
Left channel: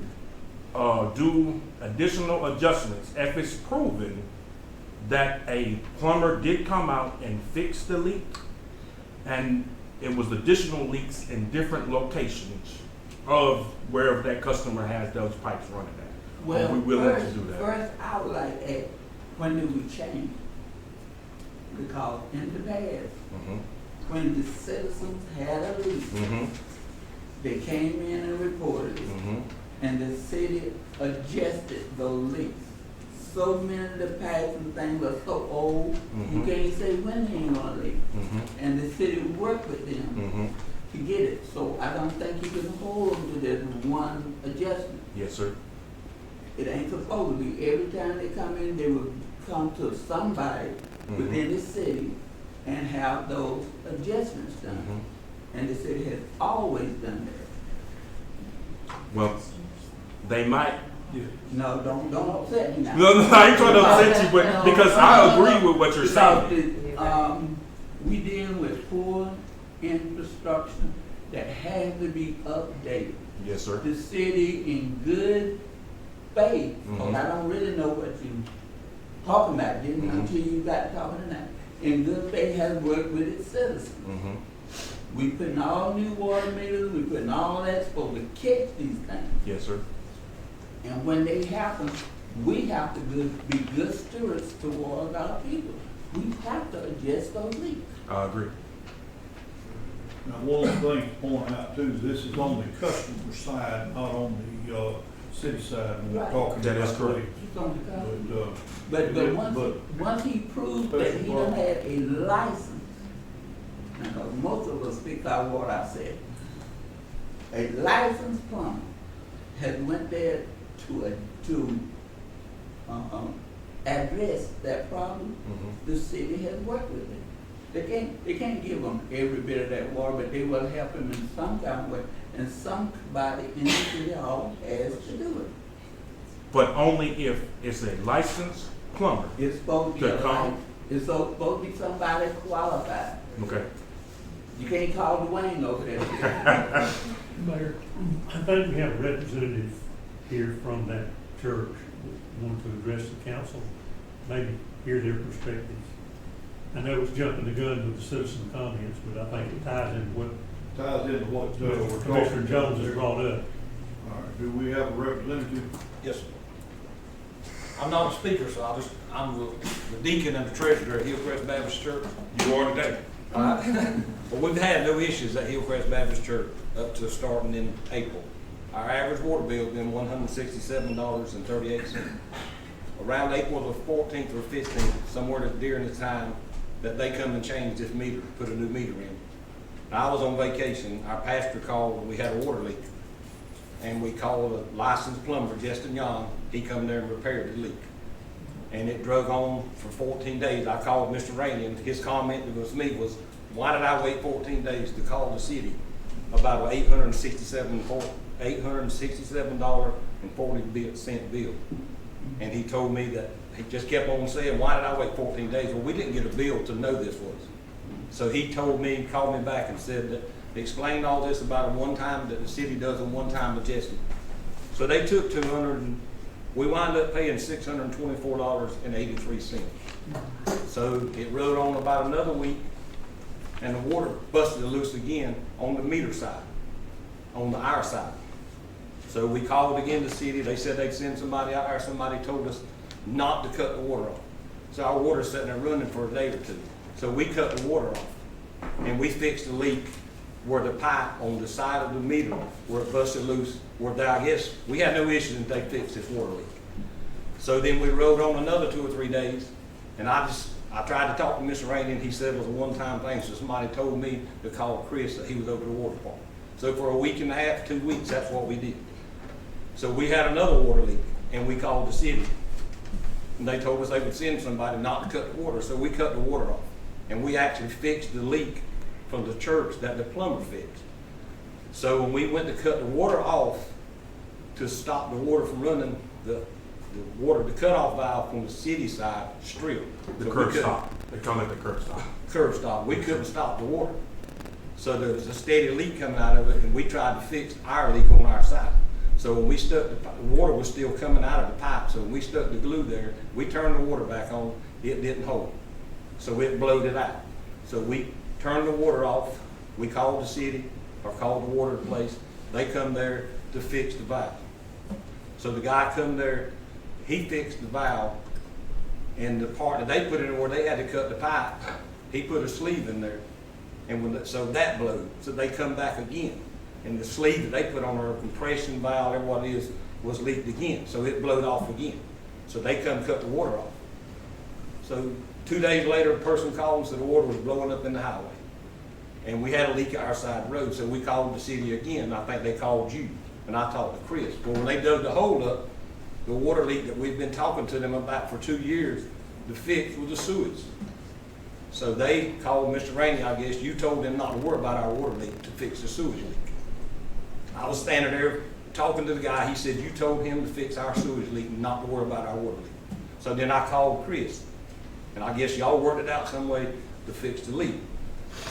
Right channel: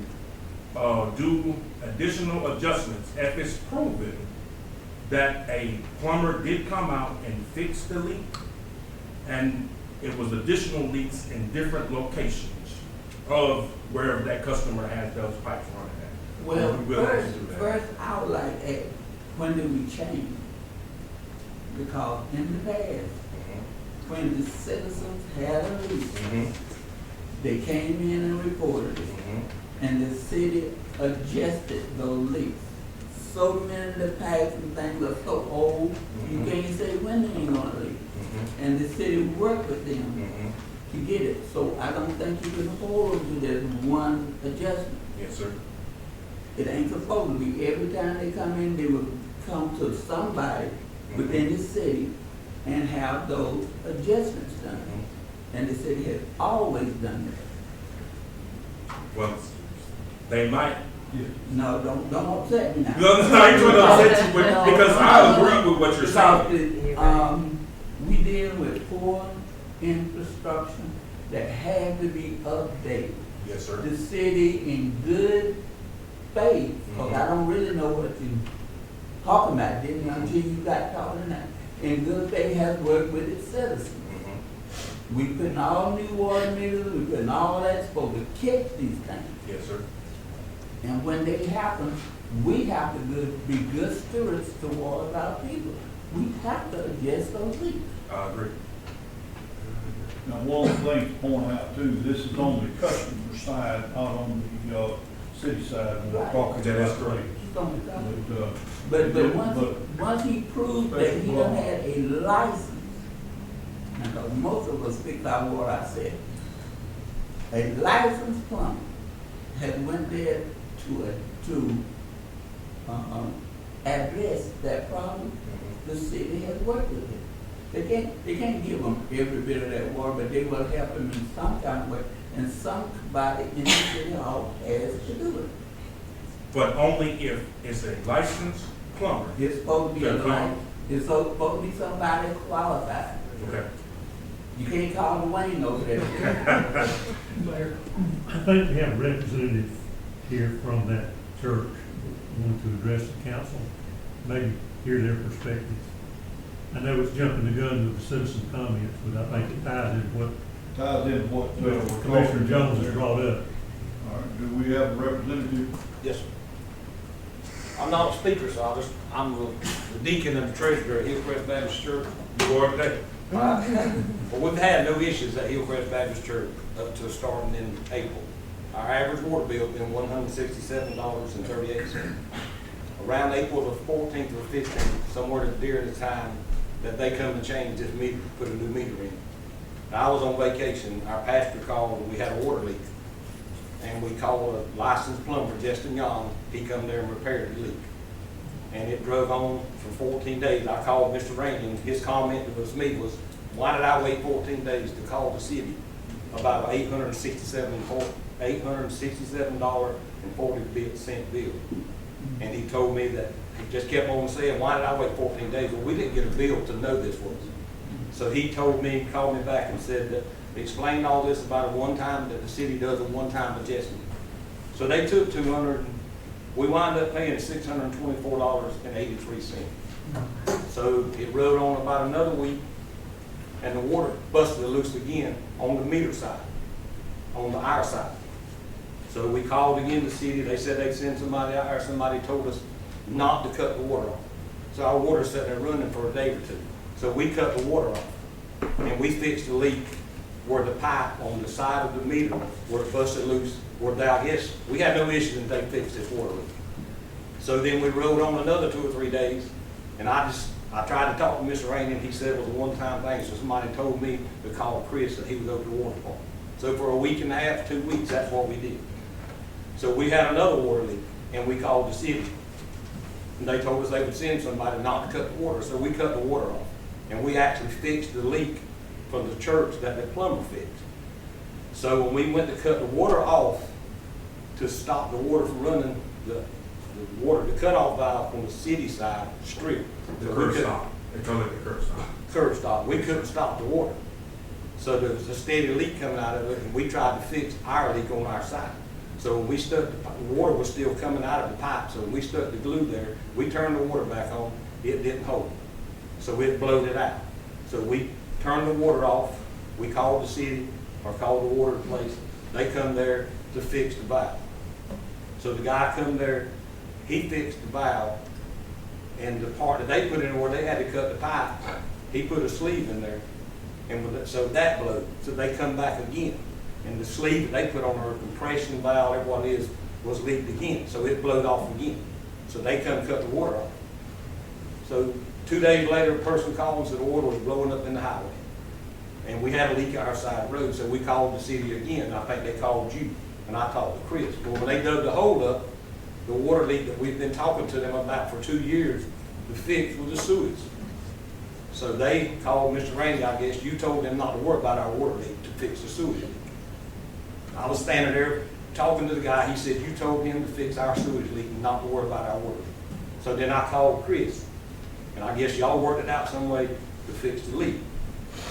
do additional adjustments if it's proven that a plumber did come out and fix the leak, and it was additional leaks in different locations of wherever that customer has those pipes running at? Well, Are we willing to do that? first, I would like to ask, when do we change? Because in the past, when the citizens had a leak, Mm-hmm. they came in and reported it, Mm-hmm. and the city adjusted those leaks. So many of the pipes and things are so old, you Mhm. can't say when they ain't gonna leak. Mm-hmm. And the city worked with them Mm-hmm. to get it, so I don't think you can hold them to this one adjustment. Yes, sir. It ain't supposed to be, every time they come in, they will come to somebody within the city and have those adjustments done. Mhm. And the city has always done that. Well, they might. No, don't upset me now. No, I ain't trying to upset you, but because I agree with what you're saying. Because, we deal with poor infrastructure that has to be updated. Yes, sir. The city in good faith, 'cause Mhm. I don't really know what you talking about, didn't until you got talking tonight. In good faith has worked with its citizens. Mm-hmm. We putting all new water meters, we putting all that supposed to catch these things. Yes, sir. And when they happen, we have to be good stewards towards our people. We have to adjust those leaks. I agree. Now, one thing to point out too, this is on the customer side, not on the, city side, when we're Right. talking That is about correct. leaks. It's on the cover. But, But once he proves that he Special don't law. have a license, and most of us speak out what I said, a licensed plumber has went there to address that problem. Mm-hmm. The city has worked with it. They can't give them every bit of that water, but they will help them in some kind of way. And somebody in the city hall has to do it. But only if it's a licensed plumber. It's supposed to be That come? it's supposed to be somebody qualified. Okay. You can't call Dwayne over there. Mayor, I think we have a representative here from that church who want to address the council, maybe hear their perspectives. I know it's jumping the gun with the citizen comments, but I think it ties into what ties into what, we're talking Commissioner about. Jones has brought up. All right, do we have a representative? Yes, sir. I'm not a speaker, so I'm the deacon and the treasurer at Hillcrest Baptist Church. You are today. But we've had no issues at Hillcrest Baptist Church up to starting in April. Our average water bill's been $167.38. Around April the 14th or 15th, somewhere during the time that they come and change this meter, put a new meter in. And I was on vacation, our pastor called, and we had a water leak. And we called a licensed plumber, Justin Young. He come there and repaired the leak. And it drug on for 14 days. I called Mr. Rainey, and his comment to me was, why did I wait 14 days to call the city about an $867.40 bill? And he told me that, he just kept on saying, why did I wait 14 days? Well, we didn't get a bill to know this was. So he told me, called me back and said that, explained all this about a one-time, that the city does a one-time adjustment. So they took we wound up paying $624.83. So it rode on about another week, and the water busted loose again on the meter side, on our side. So we called again the city. They said they'd send somebody out there. Somebody told us not to cut the water off. So our water's sitting there running for a day or two. So we cut the water off, and we fixed the leak where the pipe on the side of the meter where it busted loose, where I guess we had no issue until they fixed this water leak. So then we rode on another 2 or 3 days, and I tried to talk to Mr. Rainey, and he said it was a one-time thing. So somebody told me to call Chris that he was over the water department. So for a week and a half, 2 weeks, that's what we did. So we had another water leak, and we called the city. And they told us they would send somebody not to cut the water, so we cut the water off. And we actually fixed the leak from the church that the plumber fixed. So when we went to cut the water off to stop the water from running, the cutoff valve from the city side stripped. The curb stop. They're calling it the curb stop. Curb stop. We couldn't stop the water. So there was a steady leak coming out of it, and we tried to fix our leak on our side. So when we stuck, the water was still coming out of the pipe, so when we stuck the glue there, we turned the water back on, it didn't hold. So it blowed it out. So we turned the water off, we called the city, or called the water place, they come there to fix the valve. So the guy come there, he fixed the valve, and the part that they put in where they had to cut the pipe, he put a sleeve in there, and so that blew. So they come back again. And the sleeve that they put on our compression valve, whatever what it is, was leaked again. So it blowed off again. So they come cut the water off. So 2 days later, a person called and said the water was blowing up in the highway. And we had a leak at our side of the road, so we called the city again. I think they called you, and I talked to Chris. Well, when they dug the hole up, the water leak that we've been talking to them about for 2 years, the fix was the sewage. So they called Mr. Rainey, I guess. You told them not to worry about our water leak, to fix the sewage. I was standing there talking to the guy. He said, you told him to fix our sewage leak and not to worry about our water leak. So then I called Chris, and I guess y'all worked it out some way to fix the leak.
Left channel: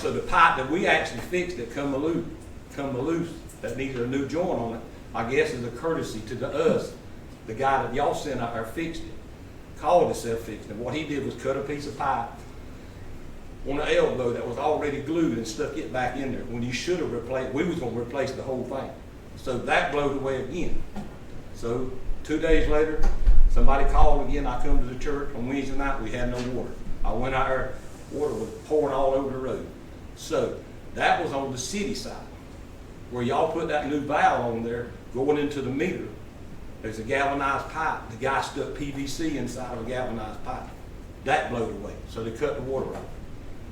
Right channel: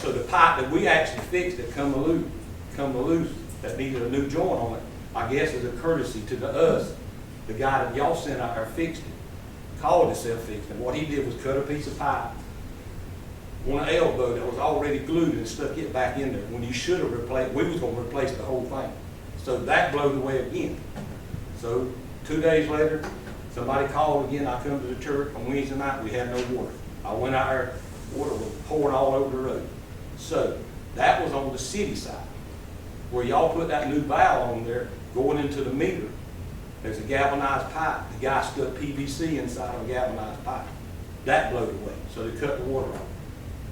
So the pipe that we actually fixed that come loose, that needed a new joint on it, I guess is a courtesy to us. The guy that y'all sent out there fixed it, called himself fixed it. What he did was cut a piece of pipe on an elbow that was already glued and stuck it back in there. When you should have replaced, we was gonna replace the whole thing. So that blowed away again. So 2 days later, somebody called again. I come to the church on Wednesday night, we had no water. I went out there, water was pouring all over the road. So that was on the city side. Where y'all put that new valve on there, going into the meter, there's a galvanized pipe. The guy stuck PVC inside of a galvanized pipe. That blowed away, so they cut the water off.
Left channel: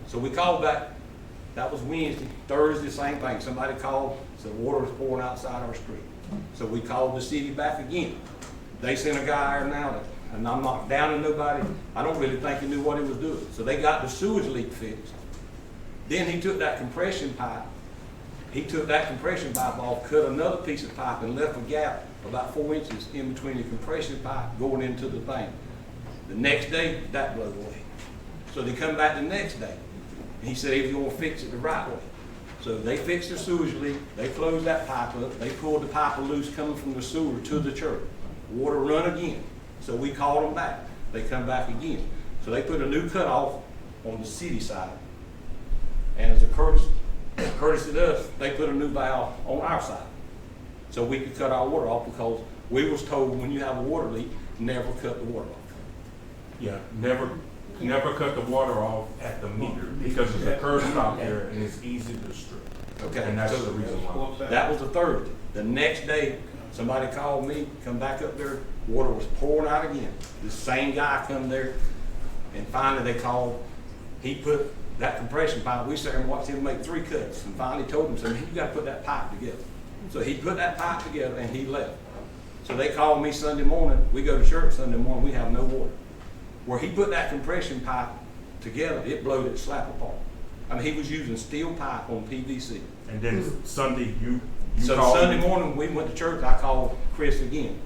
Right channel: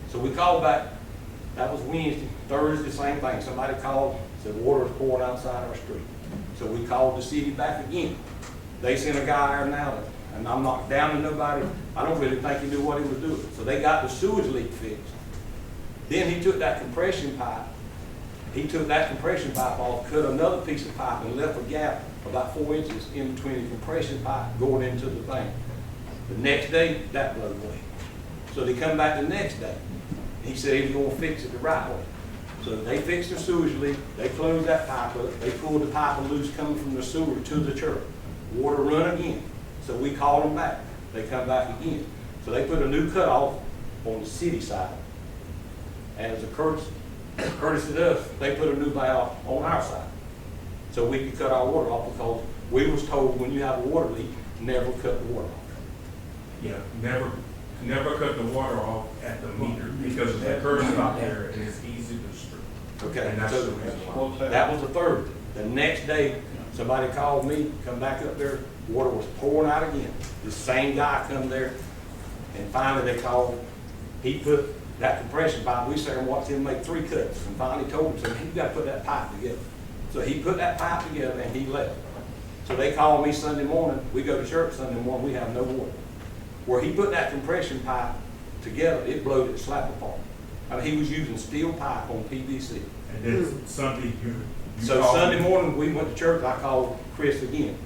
So we called back, that was Wednesday. Thursday, same thing. Somebody called, said water was pouring outside our street. So we called the city back again. They sent a guy there now, and I'm not down to nobody. I don't really think he knew what he was doing. So they got the sewage leak fixed. Then he took that compression pipe. He took that compression pipe off, cut another piece of pipe, and left a gap about 4 inches in between the compression pipe going into the thing. The next day, that blew away. So they come back the next day, and he said he was going to fix it the right way. So they fixed the sewage leak. They closed that pipe up. They pulled the pipe loose coming from the sewer to the church. Water run again. So we called them back. They come back again. So they put a new cutoff on the city side. And as a courtesy to us, they put a new valve on our side. So we could cut our water off because we was told when you have a water leak, never cut the water off. Yeah, never cut the water off at the meter because there's a curb stop there and it's easy to strip. Okay, And that's so the reason why. that was the third. The next day, somebody called me, come back up there, water was pouring out again. The same guy come there, and finally they called. He put that compression pipe, we sat and watched him make 3 cuts, and finally told him, said, man, you gotta put that pipe together. So he put that pipe together and he left. So they called me Sunday morning, we go to church Sunday morning, we have no water. Where he put that compression pipe together, it blowed it slap apart. I mean, he was using steel pipe on PVC. And then Sunday, you So called Sunday me. morning, we went to church, I called Chris again.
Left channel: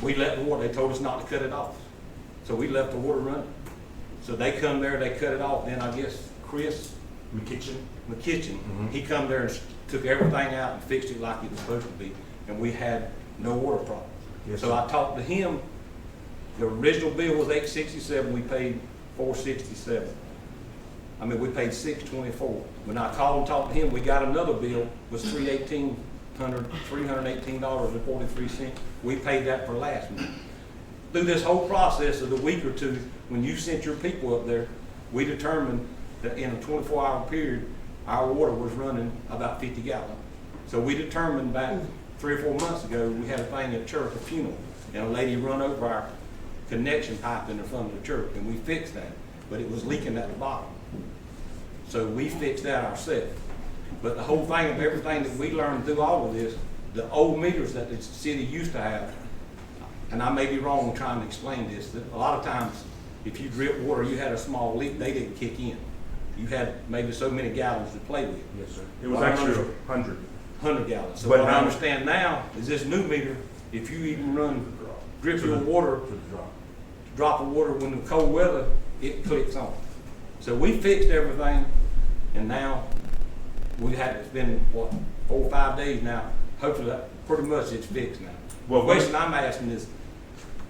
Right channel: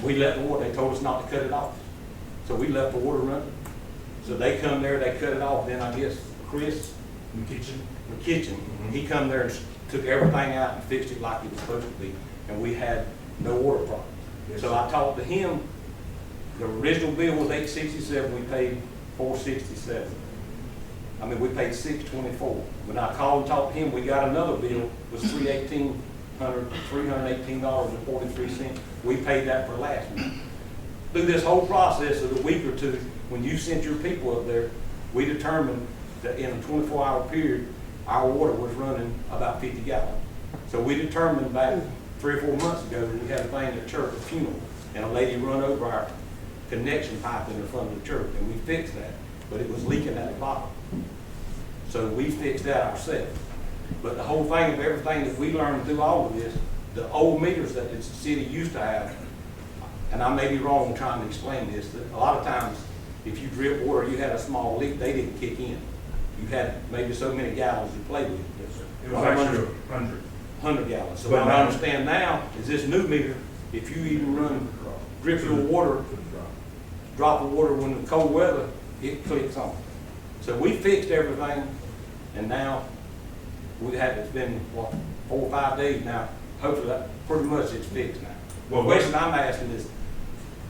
We left the water, they told us not to cut it off. So we left the water running. So they come there, they cut it off, then I guess Chris McKitchen, he come there and took everything out and fixed it like it was supposed to be, and we had no water problem. Yes, So sir. I talked to him, the original bill was $867, we paid $467. I mean, we paid $624. When I called and talked to him, we got another bill, was $318.43. We paid that for last month. Through this whole process of a week or two, when you sent your people up there, we determined that in a 24-hour period, our water was running about 50 gallons. So we determined back 3 or 4 months ago, we had a thing at church, a funeral, and a lady run over our connection pipe in the front of the church, and we fixed that, but it was leaking at the bottom. So we fixed that ourselves. But the whole thing of everything that we learned through all of this, the old meters that the city used to have, and I may be wrong trying to explain this, that a lot of times, if you drip water, you had a small leak, they didn't kick in. You had maybe so many gallons to play with. Yes, sir. It was actually 100. 100 gallons. So But what I now- understand now is this new meter, if you even drip your water, drop of water when the cold weather, it clicks on. So we fixed everything, and now it's been, what, 4 or 5 days now. Hopefully that pretty much it's fixed now. Well, The question I'm asking is,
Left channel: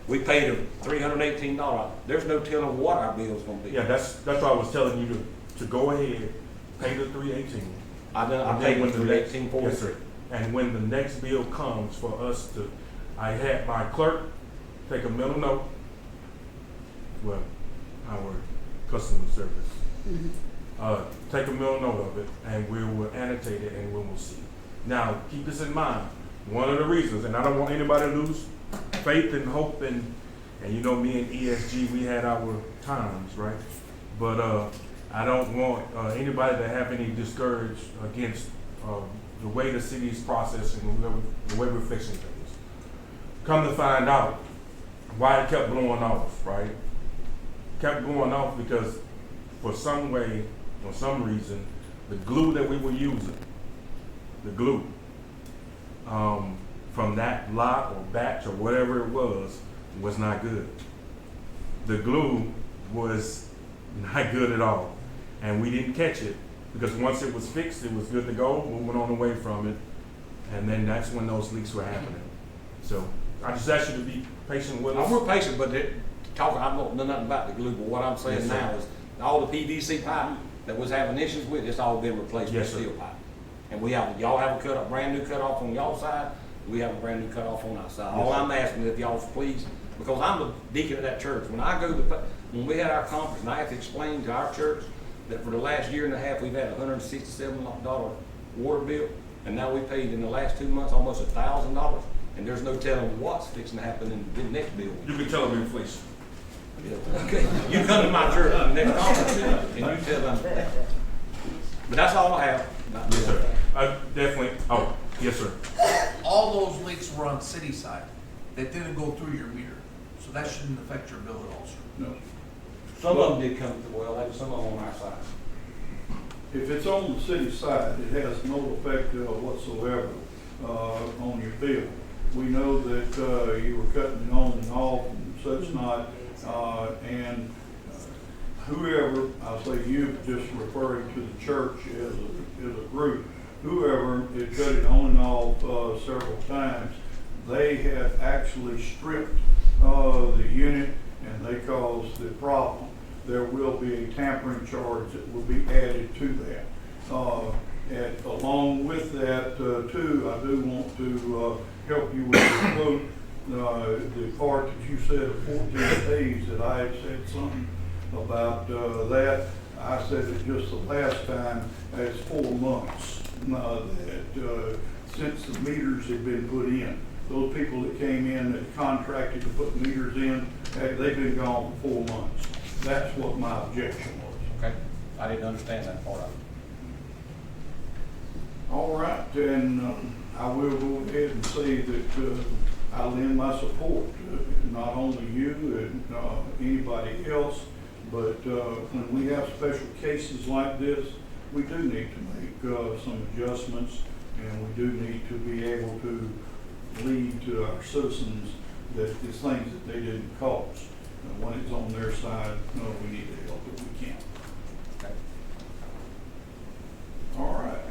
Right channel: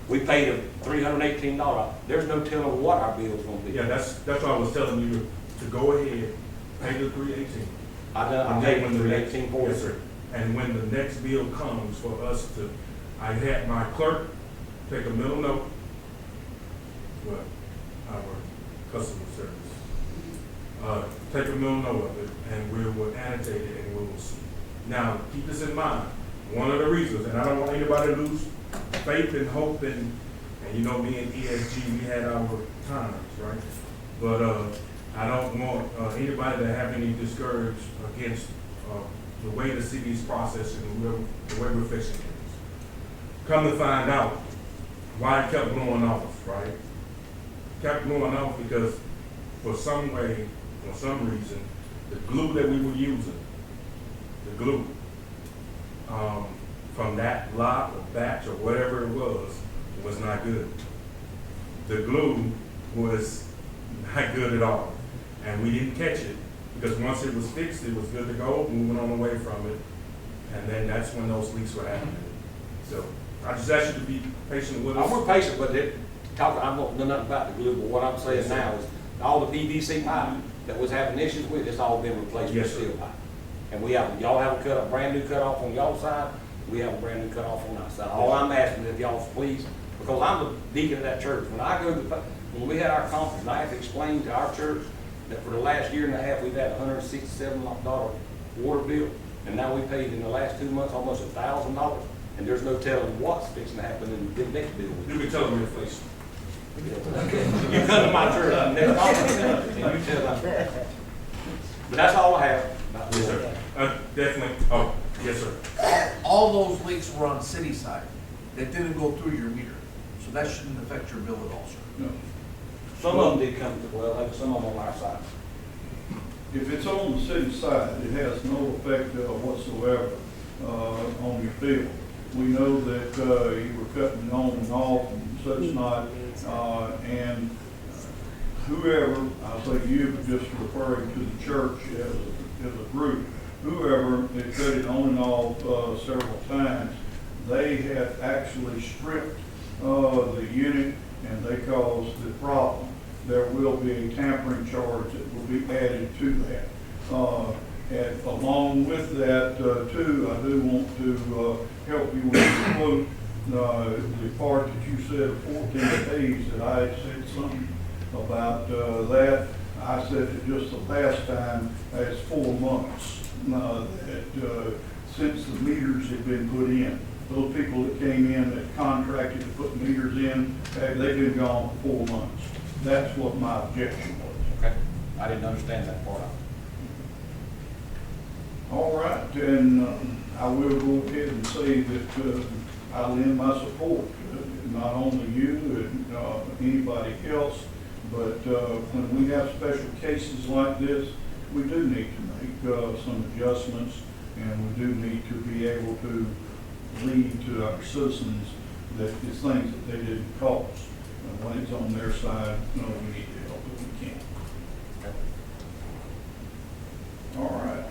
we paid $318. There's no telling what our bill's gonna be. Yeah, that's why I was telling you to go ahead, pay the $318. I And paid then when the the next- $18.43. Yes, sir. And when the next bill comes for us to, I had my clerk take a mental note, our customer service, take a mental note of it, and we will annotate it, and we will see. Now, keep this in mind, one of the reasons, and I don't want anybody to lose faith and hope, and you know, me and ESG, we had our times, right? But I don't want anybody to have any discouraged against the way the city is processing, the way we're fixing things. Come to find out why it kept blowing off, right? Kept blowing off because for some way, for some reason, the glue that we were using, the glue, from that lot or batch or whatever it was not good. The glue was not good at all. And we didn't catch it because once it was fixed, it was good to go, moving on away from it. And then that's when those leaks were happening. So I just ask you to be patient with us. We're patient, but I don't know nothing about the glue, but what I'm saying Yes, sir. now is all the PVC pipe that was having issues with, it's all been replaced with Yes, sir. steel pipe. And y'all have a brand new cutoff on y'all side, we have a brand new cutoff on our side. All I'm asking is if y'all please, because I'm the deacon of that church, when we had our conference, and I had to explain to our church that for the last year and a half, we've had a $167 water bill, and now we paid in the last 2 months almost $1,000, and there's no telling what's fixing to happen in the next bill. You can tell them inflation. You come to my church next conference, and you tell them. But that's all I have. Yes, sir. Definitely, oh, yes, sir. All those leaks were on the city side that didn't go through your meter, so that shouldn't affect your bill at all, sir. No. Some of them did come to the well, and some of them on our side. If it's on the city side, it has no effect whatsoever on your bill. We know that you were cutting on and off and such not, and whoever, I'll say you, just referring to the church as a group, whoever had cut it on and off several times, they had actually stripped the unit and they caused the problem. There will be a tampering charge that will be added to that. And along with that, too, I do want to help you with the quote, the part that you said of 14 days, that I had said something about that. I said it just the last time, it's 4 months that since the meters had been put in. Those people that came in that contracted to put meters in, they've been gone for 4 months. That's what my objection was. Okay, I didn't understand that part of it. All right, and I will go ahead and say that I lend my support, not only you and anybody else, but when we have special cases like this, we do need to make some adjustments, and we do need to be able to lead to our citizens that it's things that they didn't cause. And when it's on their side, no, we need to help if we can. All right.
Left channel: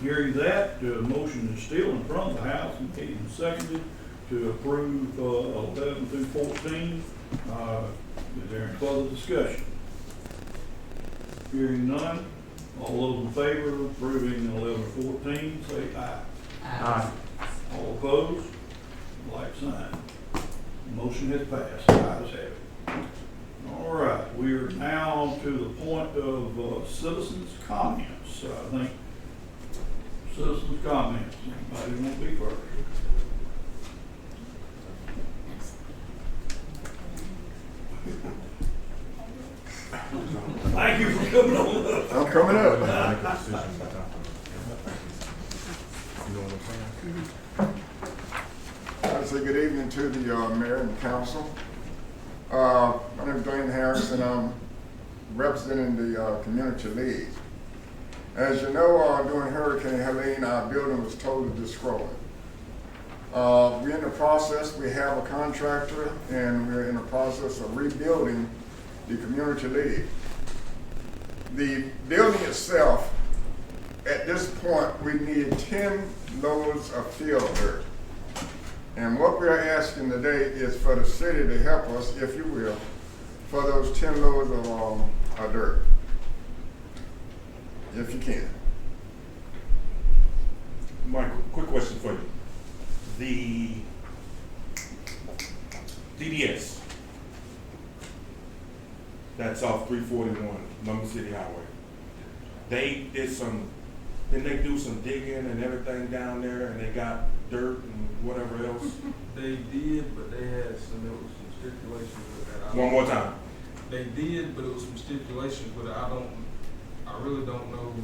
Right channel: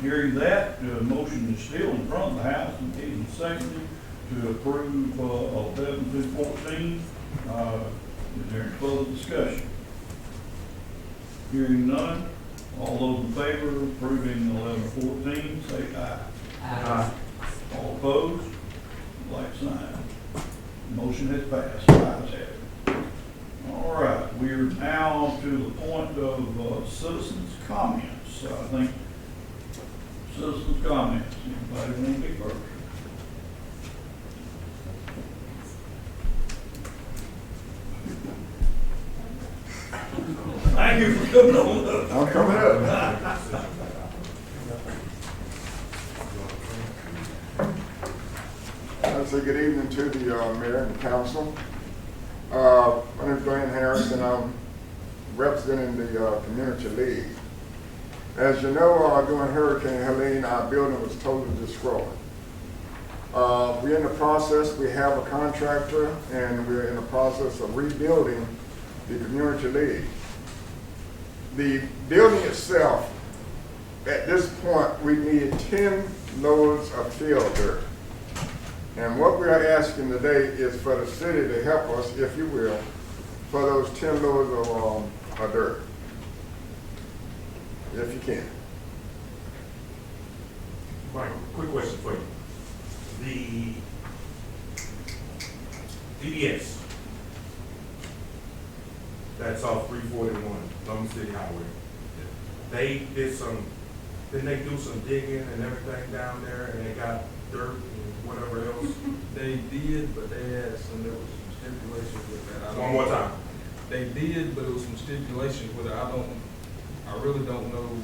Hearing that, the motion is still in front of the House and made and seconded to approve 11 through 14. Is there any further discussion? Hearing none, all those in favor of approving 11 or 14, say aye. Aye. All opposed, like sign. Motion has passed, ayes have it. All right, we are now to the point of citizens' comments. I think citizens' comments. Anybody want to be first? Thank you for coming on up. I'm coming up. I say good evening to the mayor and the council. My name is Dwayne Harris, and I'm representing the Community League. As you know, during Hurricane Helene, our building was totally destroyed. We're in the process, we have a contractor, and we're in the process of rebuilding the Community League. The building itself, at this point, we need 10 loads of field dirt. And what we are asking today is for the city to help us, if you will, for those 10 loads of dirt, if you can. Michael, quick question for you. The DBS, that's off 341, London City Highway. They did some, didn't they do some digging and everything down there, and they got dirt and whatever else? They did, but there was some stipulations with that. One more time. They did, but it was some stipulations with it. I really don't know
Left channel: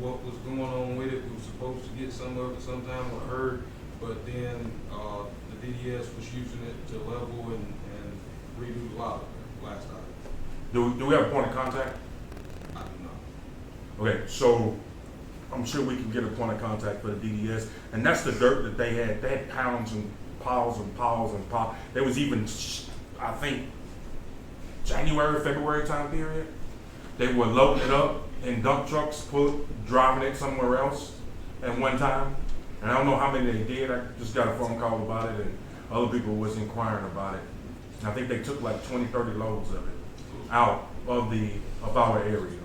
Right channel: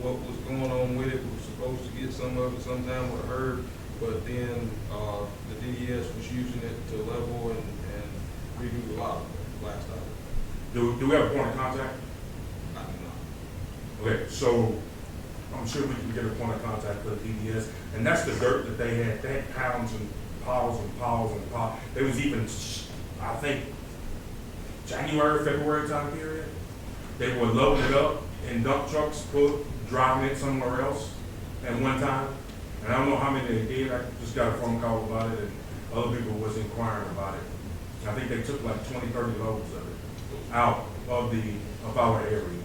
what was going on with it. We were supposed to get some of it sometime with HERD, but then, the DDS was using it to level and redo a lot of blast out. Do we have a point of contact? I do not. Okay, so I'm sure we can get a point of contact for the DDS, and that's the dirt that they had pounds and piles and piles and piles. There was even, I think, January, February time period, they were loading it up in dump trucks, driving it somewhere else at one time. And I don't know how many they did, I just got a phone call about it, and other people was inquiring about it. And I think they took like 20, 30 loads of it out of our area.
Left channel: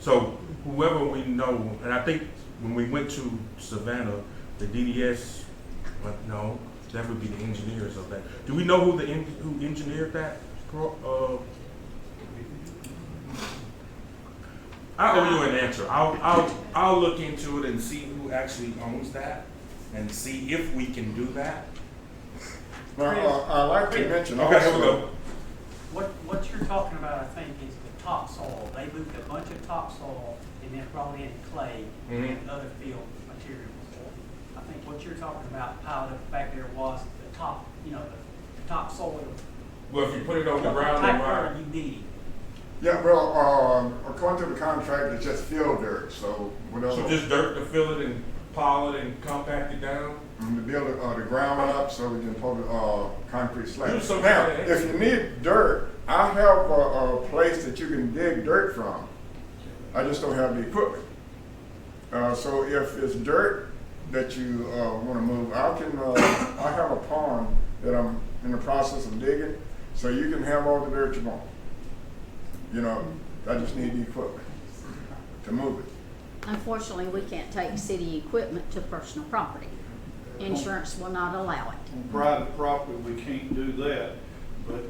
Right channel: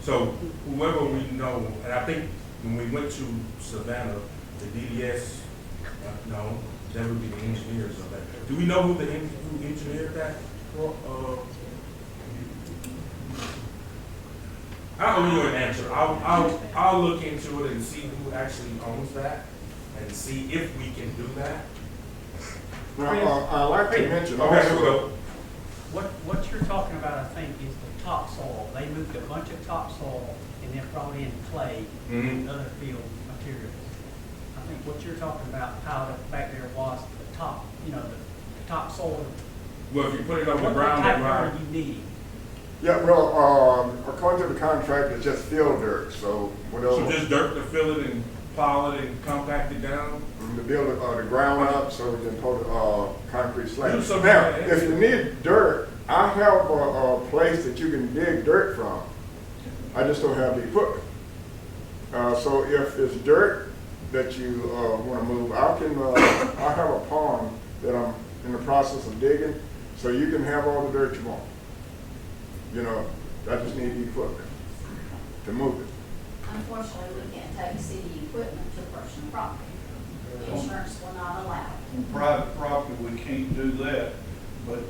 So whoever we know, and I think when we went to Savannah, the DDS, no, that would be the engineers of that. Do we know who engineered that? I owe you an answer. I'll look into it and see who actually owns that and see if we can do that. Now, I'd like to mention Okay, here we also, go. What you're talking about, I think, is the topsoil. They moved a bunch of topsoil and then brought in clay and other field materials. I think what you're talking about piled up back there was the top, the topsoil. Well, if you put it on the What ground, type then of right. dirt you need? yeah, well, according to the contract, it's just field dirt, so whatever. So just dirt to fill it and pile it and compact it down? To build the ground up so we can put concrete slab. Do something Now, like that. if you need dirt, I have a place that you can dig dirt from. I just don't have the equipment. So if it's dirt that you want to move, I have a pond that I'm in the process of digging, so you can have all the dirt you want. I just need the equipment to move it. Unfortunately, we can't take city equipment to personal property. Insurance will not allow it. On private property, we can't do that, but,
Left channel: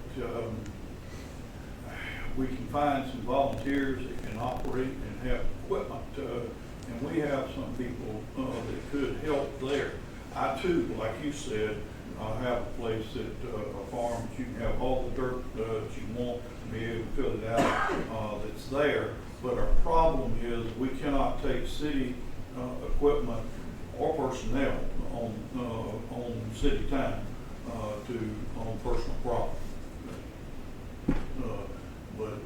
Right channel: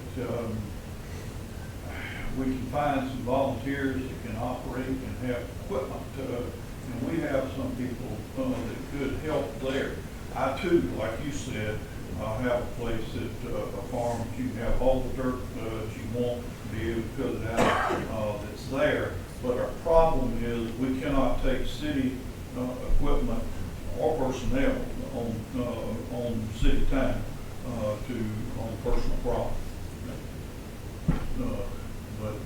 we can find some volunteers that can operate and have equipment, and we have some people, that could help there. I too, like you said, have a place that, a farm, that you can have all the dirt, that you want, be able to fill it out, that's there. But our problem is we cannot take city, equipment or personnel on city time, on personal property. But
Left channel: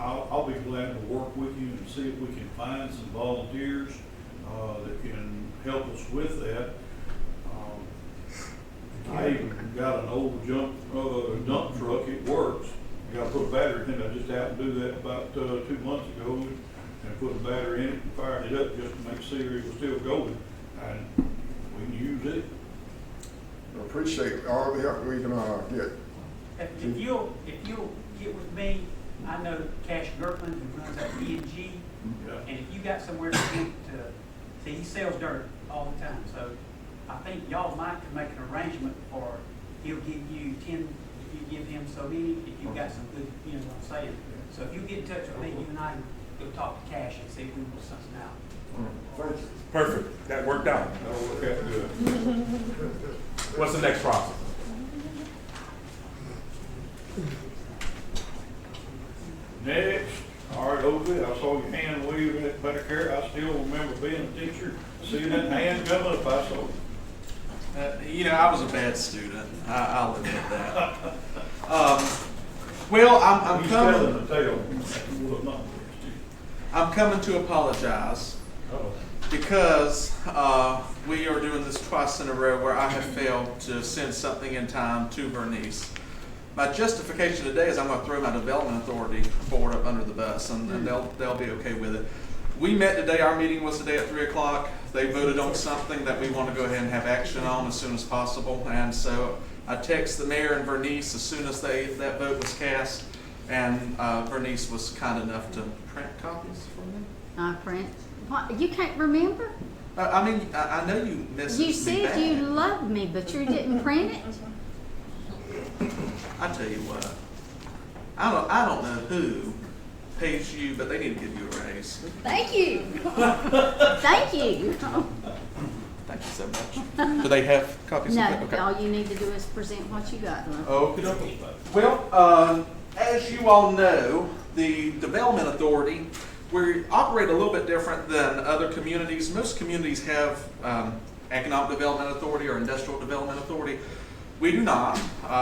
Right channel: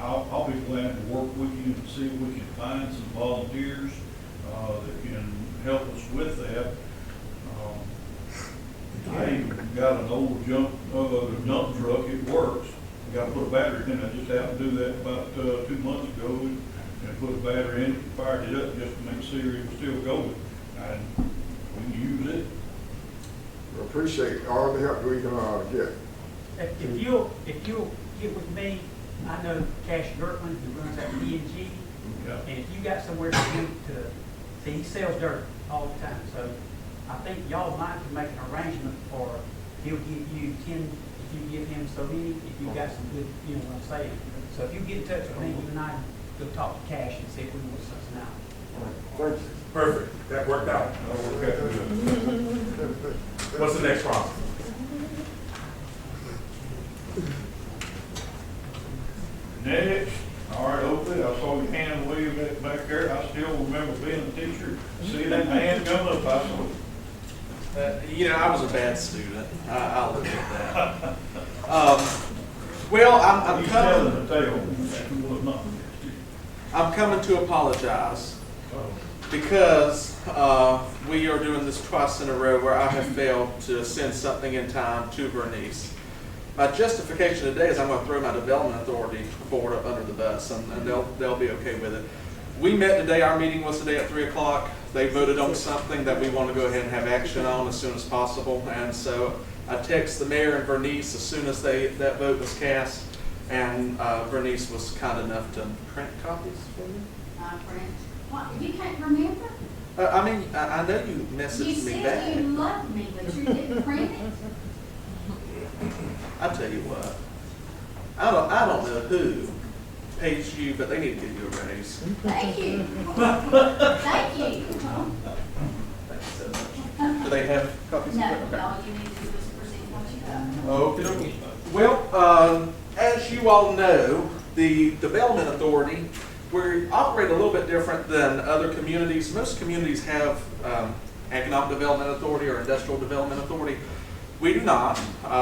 I'll be glad to work with you and see if we can find some volunteers that can help us with that. I even got an old dump truck, it works. I gotta put a battery in it. I just happened to do that about 2 months ago and put a battery in it and fired it up just to make sure it was still going. And we can use it. I appreciate all the help we can get. If you'll get with me, I know Cash Gertland, who runs that P&G, Yeah. and if you got somewhere for him to, see, he sells dirt all the time, so I think y'all might can make an arrangement for, he'll give you 10, if you give him so many, if you've got some good, you know what I'm saying. So if you get in touch with me, you and I can go talk to Cash and see if we can work something out. Thank you. Perfect, that worked out. That'll work out good. What's the next process? Next, all right, Oakley, I saw your hand waving back there. I still remember being a teacher, seeing that hand come up, I saw. I was a bad student. I'll admit that. Well, I'm He's coming. telling the tale. He was not a bad student. I'm coming to apologize because we are doing this twice in a row where I have failed to send something in time to Bernice. My justification today is I'm going to throw my development authority board up under the bus, and they'll be okay with it. We met today. Our meeting was today at 3 o'clock. They voted on something that we want to go ahead and have action on as soon as possible, and so I text the mayor and Bernice as soon as that vote was cast, and Bernice was kind enough to print copies for them. Not print. What, you can't remember? I know you messaged You me said back. you loved me, but you didn't print it? I tell you what, I don't know who pays you, but they need to give you a raise. Thank you. Thank you. Thank you so much. Do they have copies No, of that? Okay. all you need to do is present what you got. Okay. Well, as you all know, the Development Authority, we operate a little bit different than other communities. Most communities have Economic Development Authority or Industrial Development Authority. We do not.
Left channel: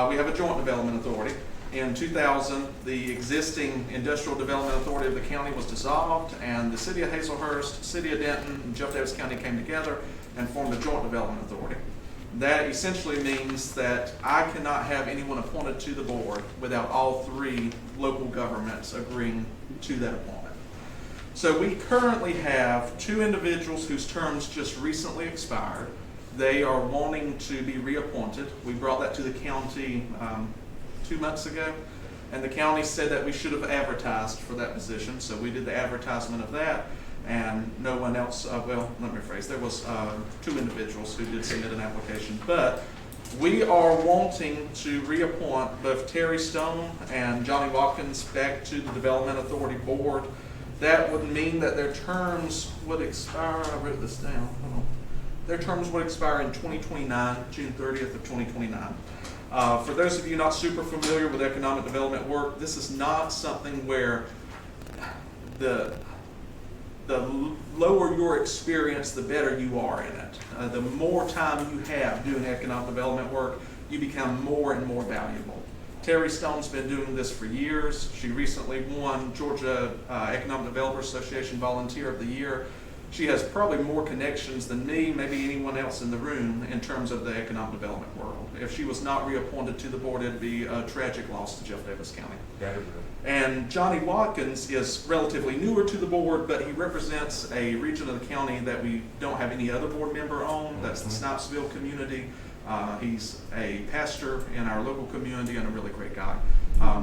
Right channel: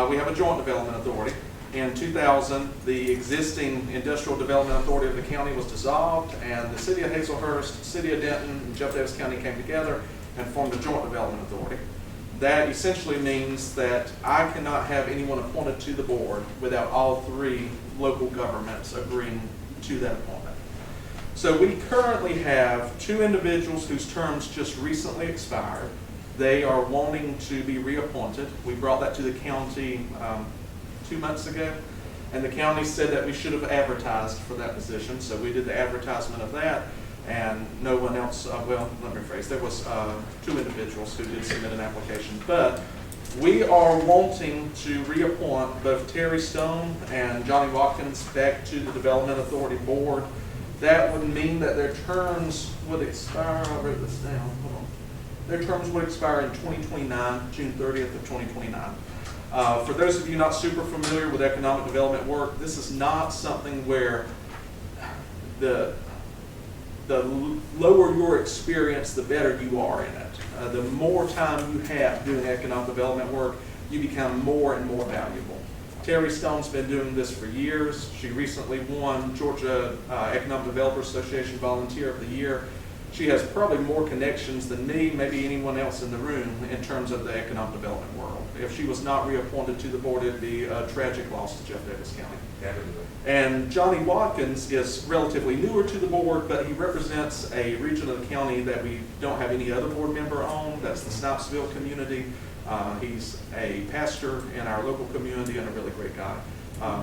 We have a Joint Development Authority. In 2000, the existing Industrial Development Authority of the county was dissolved, and the City of Hazelhurst, City of Denton, and Jeff Davis County came together and formed a Joint Development Authority. That essentially means that I cannot have anyone appointed to the board without all three local governments agreeing to that appointment. So we currently have two individuals whose terms just recently expired. They are wanting to be reappointed. We brought that to the county 2 months ago, and the county said that we should have advertised for that position. So we did the advertisement of that, and no one else, well, let me rephrase, there was two individuals who did submit an application. But we are wanting to reappoint both Terry Stone and Johnny Watkins back to the Development Authority Board. That would mean that their terms would expire, I wrote this down, hold on. Their terms would expire in 2029, June 30th of 2029. For those of you not super familiar with economic development work, this is not something where the lower your experience, the better you are in it. The more time you have doing economic development work, you become more and more valuable. Terry Stone's been doing this for years. She recently won Georgia Economic Developers Association Volunteer of the Year. She has probably more connections than me, maybe anyone else in the room, in terms of the economic development world. If she was not reappointed to the board, it'd be a tragic loss to Jeff Davis County. And Johnny Watkins is relatively newer to the board, but he represents a region of the county that we don't have any other board member on. That's the Snipesville community. He's a pastor in our local community and a really great guy.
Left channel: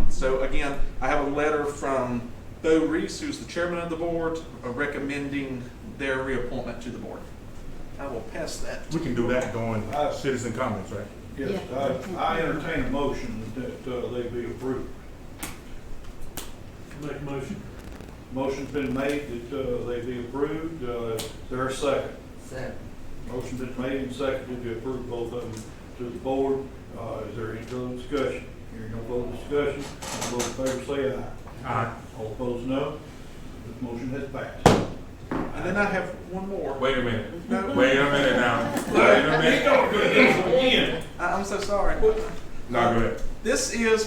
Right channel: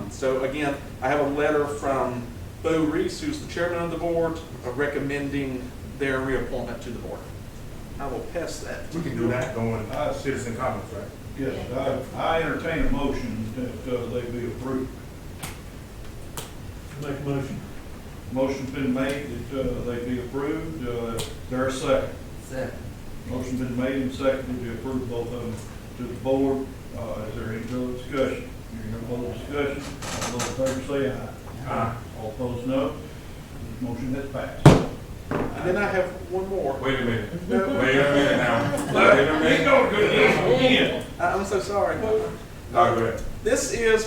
So again, I have a letter from Bo Reese, who's the chairman of the board, recommending their reappointment to the board. I will pass that. We can do that going citizen comments, right? Yes, I entertain a motion that they be approved. Make a motion. Motion's been made that they be approved. There a second? Second. Motion's been made and seconded to approve both of them to the board. Is there any further discussion? Hearing no further discussion, all those in favor say aye. Aye. All opposed, no. This motion has passed. And then I have one more. Wait a minute. Wait a minute now. Wait a minute. Again. I'm so sorry. No, go ahead.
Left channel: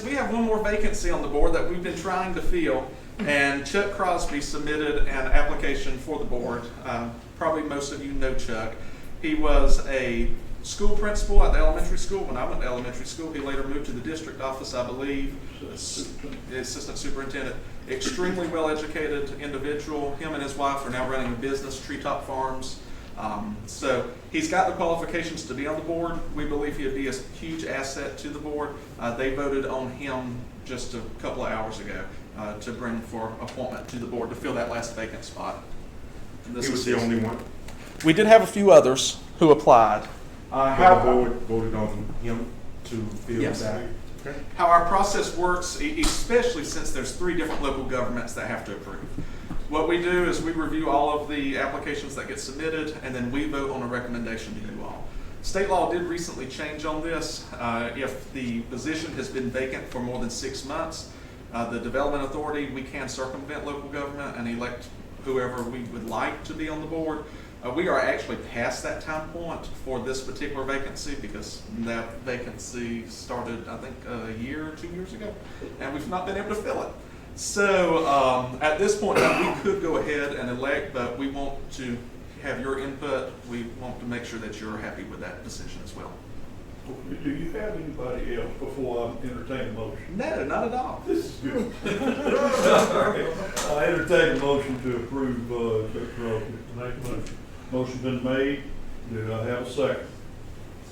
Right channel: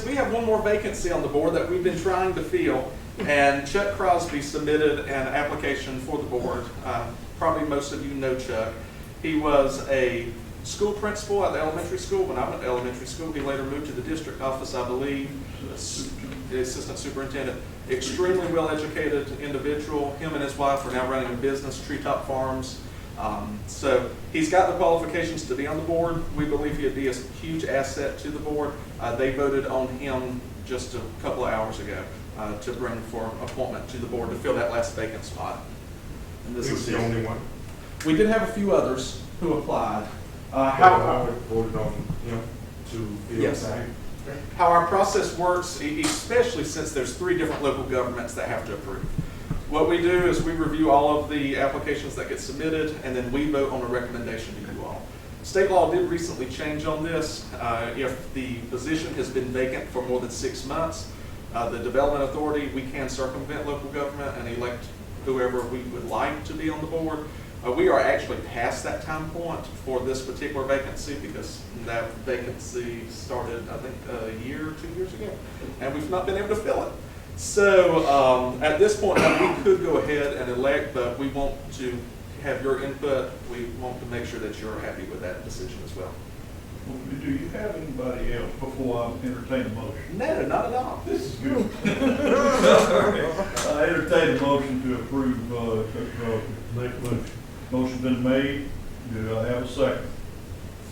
We have one more vacancy on the board that we've been trying to fill, and Chuck Crosby submitted an application for the board. Probably most of you know Chuck. He was a school principal at the elementary school when I went to elementary school. He later moved to the district office, I believe, assistant superintendent. Extremely well-educated individual. Him and his wife are now running a business, Treetop Farms. So he's got the qualifications to be on the board. We believe he'd be a huge asset to the board. They voted on him just a couple of hours ago to bring for appointment to the board to fill that last vacant spot. He was the only one. We did have a few others who applied. How the board voted on him to fill Yes. that? How our process works, especially since there's 3 different local governments that have to approve. What we do is we review all of the applications that get submitted, and then we vote on a recommendation to you all. State law did recently change on this. If the position has been vacant for more than 6 months, the Development Authority, we can circumvent local government and elect whoever we would like to be on the board. We are actually past that time point for this particular vacancy because that vacancy started, I think, a year or 2 years ago, and we've not been able to fill it. So at this point now, we could go ahead and elect, but we want to have your input. We want to make sure that you're happy with that decision as well. Do you have anybody else before I entertain a motion? No, not at all. This is good. I entertain a motion to approve Chuck Crosby. Make a motion. Motion's been made. Do I have a second?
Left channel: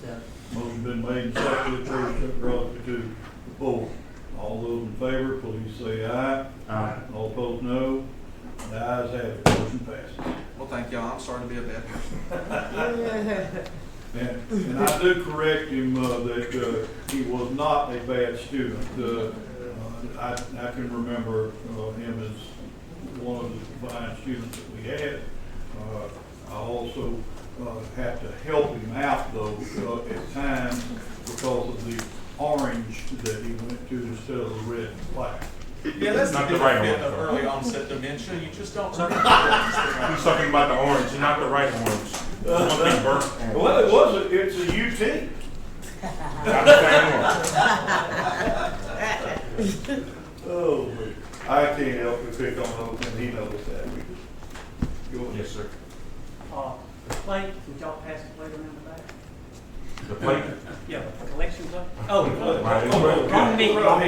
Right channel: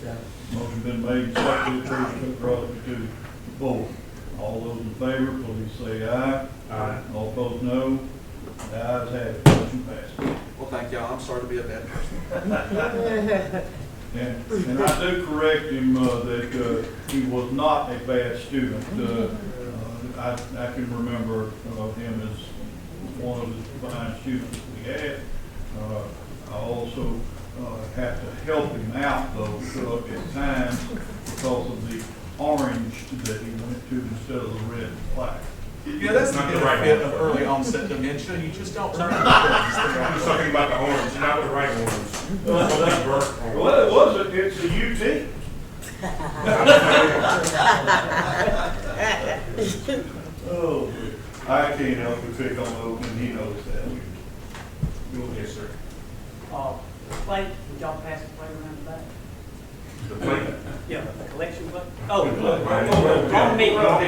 Second. Motion's been made and seconded to approve Chuck Crosby to the board. All those in favor, please say aye. Aye. All opposed, no. The ayes have it. Motion passes. Well, thank y'all. I'm sorry to be a bad person. And I do correct him that he was not a bad student. I can remember, him as one of the fine students that we had. I also, had to help him out though, at times because of the orange that he went to instead of the red and black. Yeah, that's the Not the right benefit one. of early onset dementia, you just don't remember. He's talking about the orange, not the right orange. Something burnt orange. Well, it wasn't, it's a UT. Oh, I can't help but pick on those, and he knows that. Go ahead. Yes, sir. The plate, would y'all pass the plate around the back? The plate. Yeah, the collection plate? Oh, Right. wrong me, wrong me.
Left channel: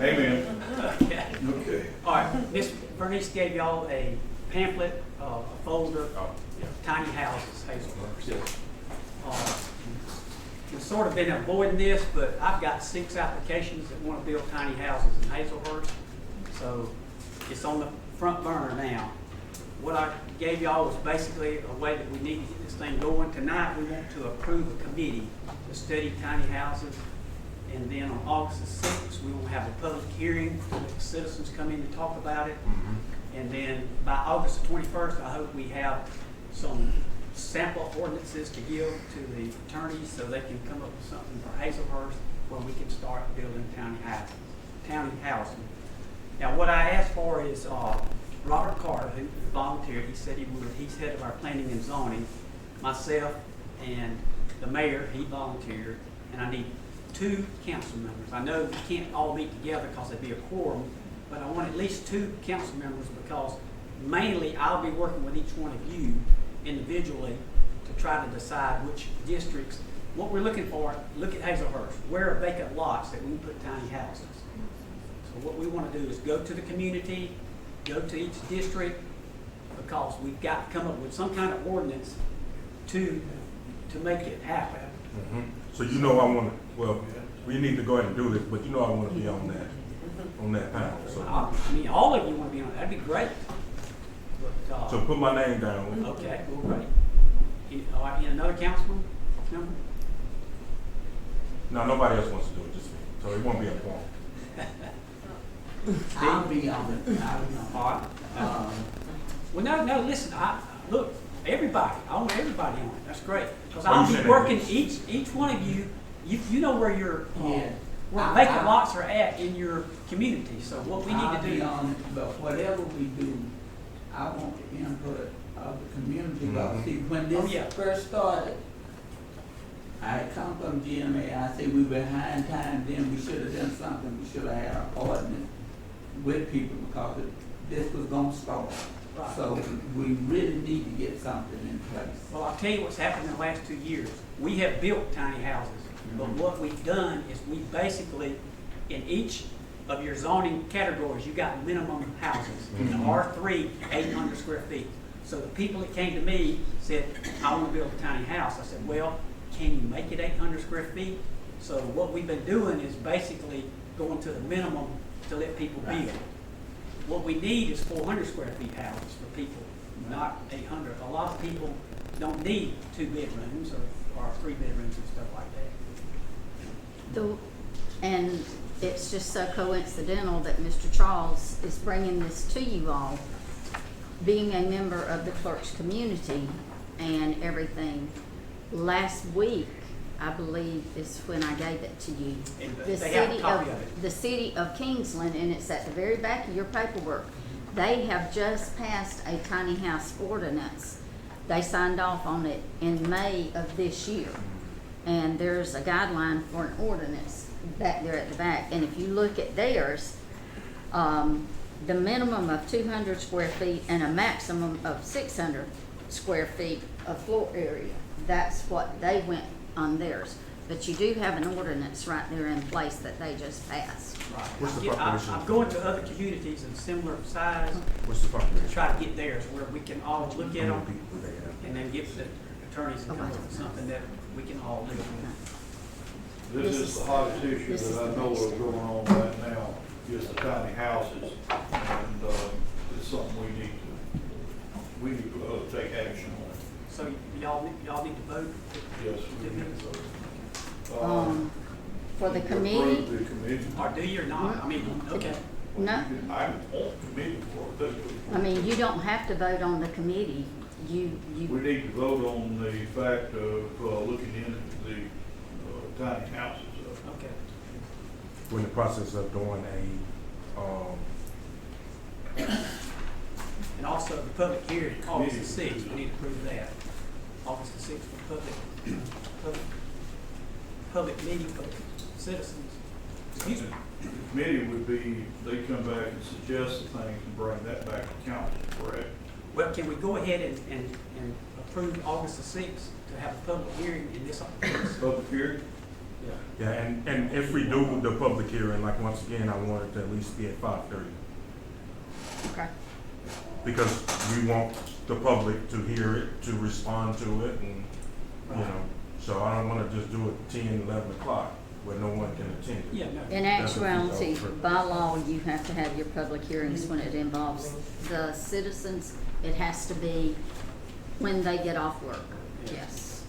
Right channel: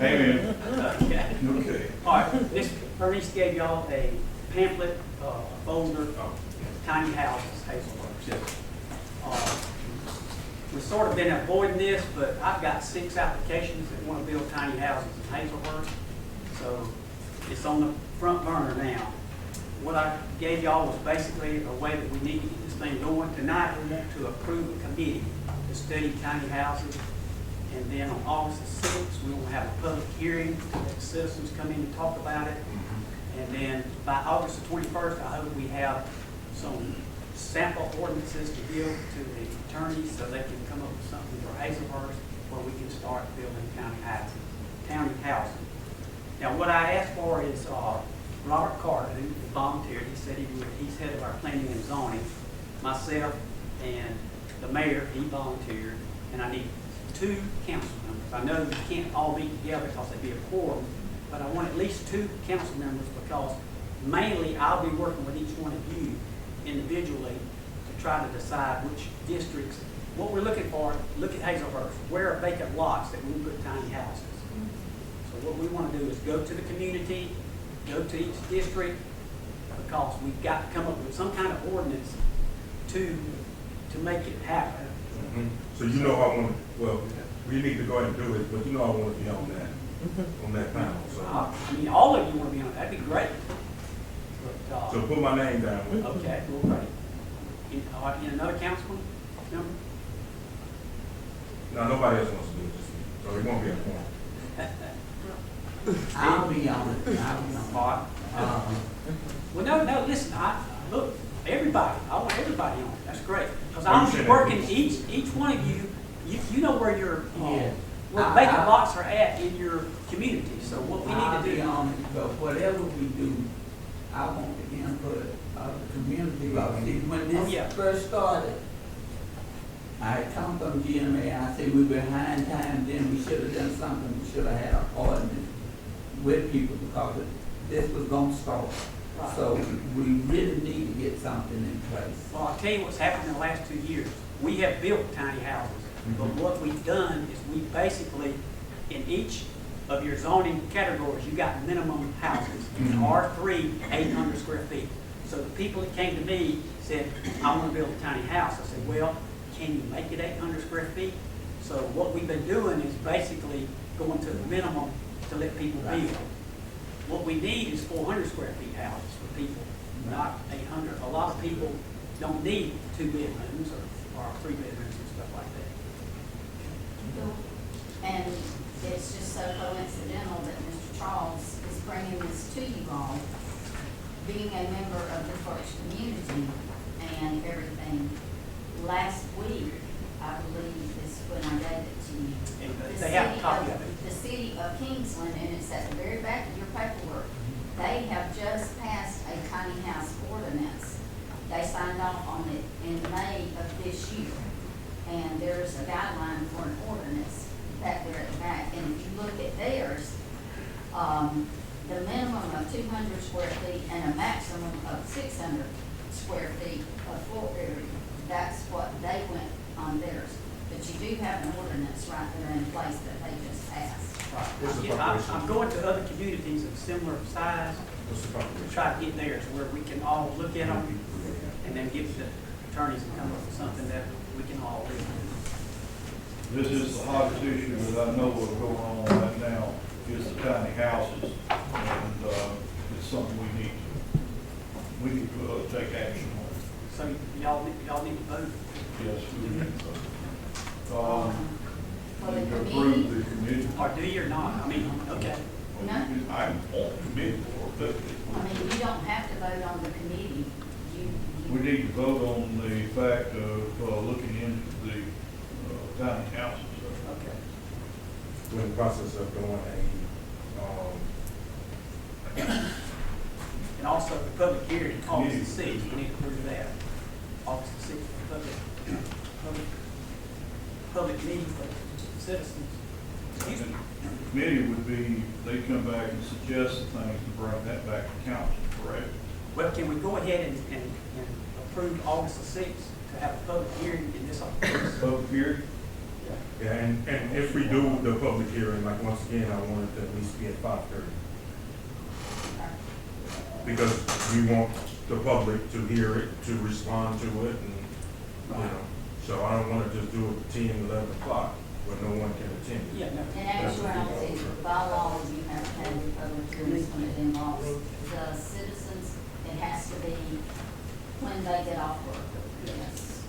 Amen. Okay. Okay. All right, Miss Bernice gave y'all a pamphlet, a folder, tiny houses, Hazelhurst. Yes. We've sort of been avoiding this, but I've got 6 applications that want to build tiny houses in Hazelhurst. So it's on the front burner now. What I gave y'all was basically a way that we need to get this thing going. Tonight, we want to approve a committee to study tiny houses. And then on August the 6th, we will have a public hearing, let the citizens come in and talk about it. And then by August the 21st, I hope we have some sample ordinances to give to the attorneys so they can come up with something for Hazelhurst where we can start building tiny housing. Now, what I asked for is Robert Carter, who volunteered. He said he's head of our planning and zoning. Myself and the mayor, he volunteered. And I need 2 council members. I know we can't all be together because it'd be a quorum, but I want at least 2 council members because mainly I'll be working with each one of you individually to try to decide which districts. What we're looking for, look at Hazelhurst. Where are vacant lots that we can put tiny houses? So what we want to do is go to the community, go to each district, because we've got to come up with some kind of ordinance to make it happen. So you know I want to, well, we need to go ahead and do this, but you know I want to be on that panel, so. I mean, all of you want to be on it, that'd be great. But, So put my name down. okay, well, great. Another councilman? No? No, nobody else wants to do it, just me, so it won't be a point. I'll be on it, I'll be on All right. Well, no, listen, look, everybody, I want everybody on it, that's great. Because Oh, you I'll said be that. working, each one of you, you know where your, Yeah. where vacant lots are at in your community, so what we I'll need be to do. on it, but whatever we do, I want the input of the community, because see, when Oh, yeah. this first started, I had come from GMA, I said we were behind time, then we should have done something, we should have had an ordinance with people, because this was gonna start. Right. So we really need to get something in place. Well, I'll tell you what's happened in the last 2 years. We have built tiny houses, but what we've done is we basically, in each of your zoning categories, you got minimum houses. In R3, 800 square feet. So the people that came to me said, I want to build a tiny house. I said, well, can you make it 800 square feet? So what we've been doing is basically going to the minimum to let people build. What we need is 400 square feet houses for people, not 800. A lot of people don't need 2 bedrooms or 3 bedrooms and stuff like that. And it's just so coincidental that Mr. Charles is bringing this to you all, being a member of the clerk's community and everything. Last week, I believe, is when I gave it to you. And The they have a city copy of it. The city of Kingsland, and it's at the very back of your paperwork. They have just passed a tiny house ordinance. They signed off on it in May of this year. And there's a guideline for an ordinance back there at the back. And if you look at theirs, the minimum of 200 square feet and a maximum of 600 square feet of floor area. That's what they went on theirs. But you do have an ordinance right there in place that they just passed. Right. What's the Yeah, population? I'm going to other communities of similar size What's the to population? try to get theirs where we can all look at them and then get the attorneys and come up with something that we can all live with. This is the hottest issue that I know of going on right now, is the tiny houses, and, it's something we need to take action on. So y'all need to vote. Yes, we need to vote. For the You committee? approve the committee. Or do you or not? I mean, okay. Well, No. you can- I want the committee for it. I mean, you don't have to vote on the committee. We You, need to vote on the fact of, looking into the, tiny houses. Okay. We're in the process of doing And also the public hearing, August the Committee. 6th, we need to approve of that. August the 6th, for public meeting for citizens. Excuse me. The committee would be, they come back and suggest the things and bring that back to council, correct? Well, can we go ahead and approve August the 6th to have a public hearing in this? Public hearing? Yeah, and if we do the public hearing, like, once again, I want it to at least be at 5:30. okay. Because we want the public to hear it, to respond to it, and, you know, so I don't wanna just do it 10, 11 o'clock, where no one can attend. Yeah, no. In actuality, by law, you have to have your public hearings when it involves the citizens. It has to be when they get off work, yes.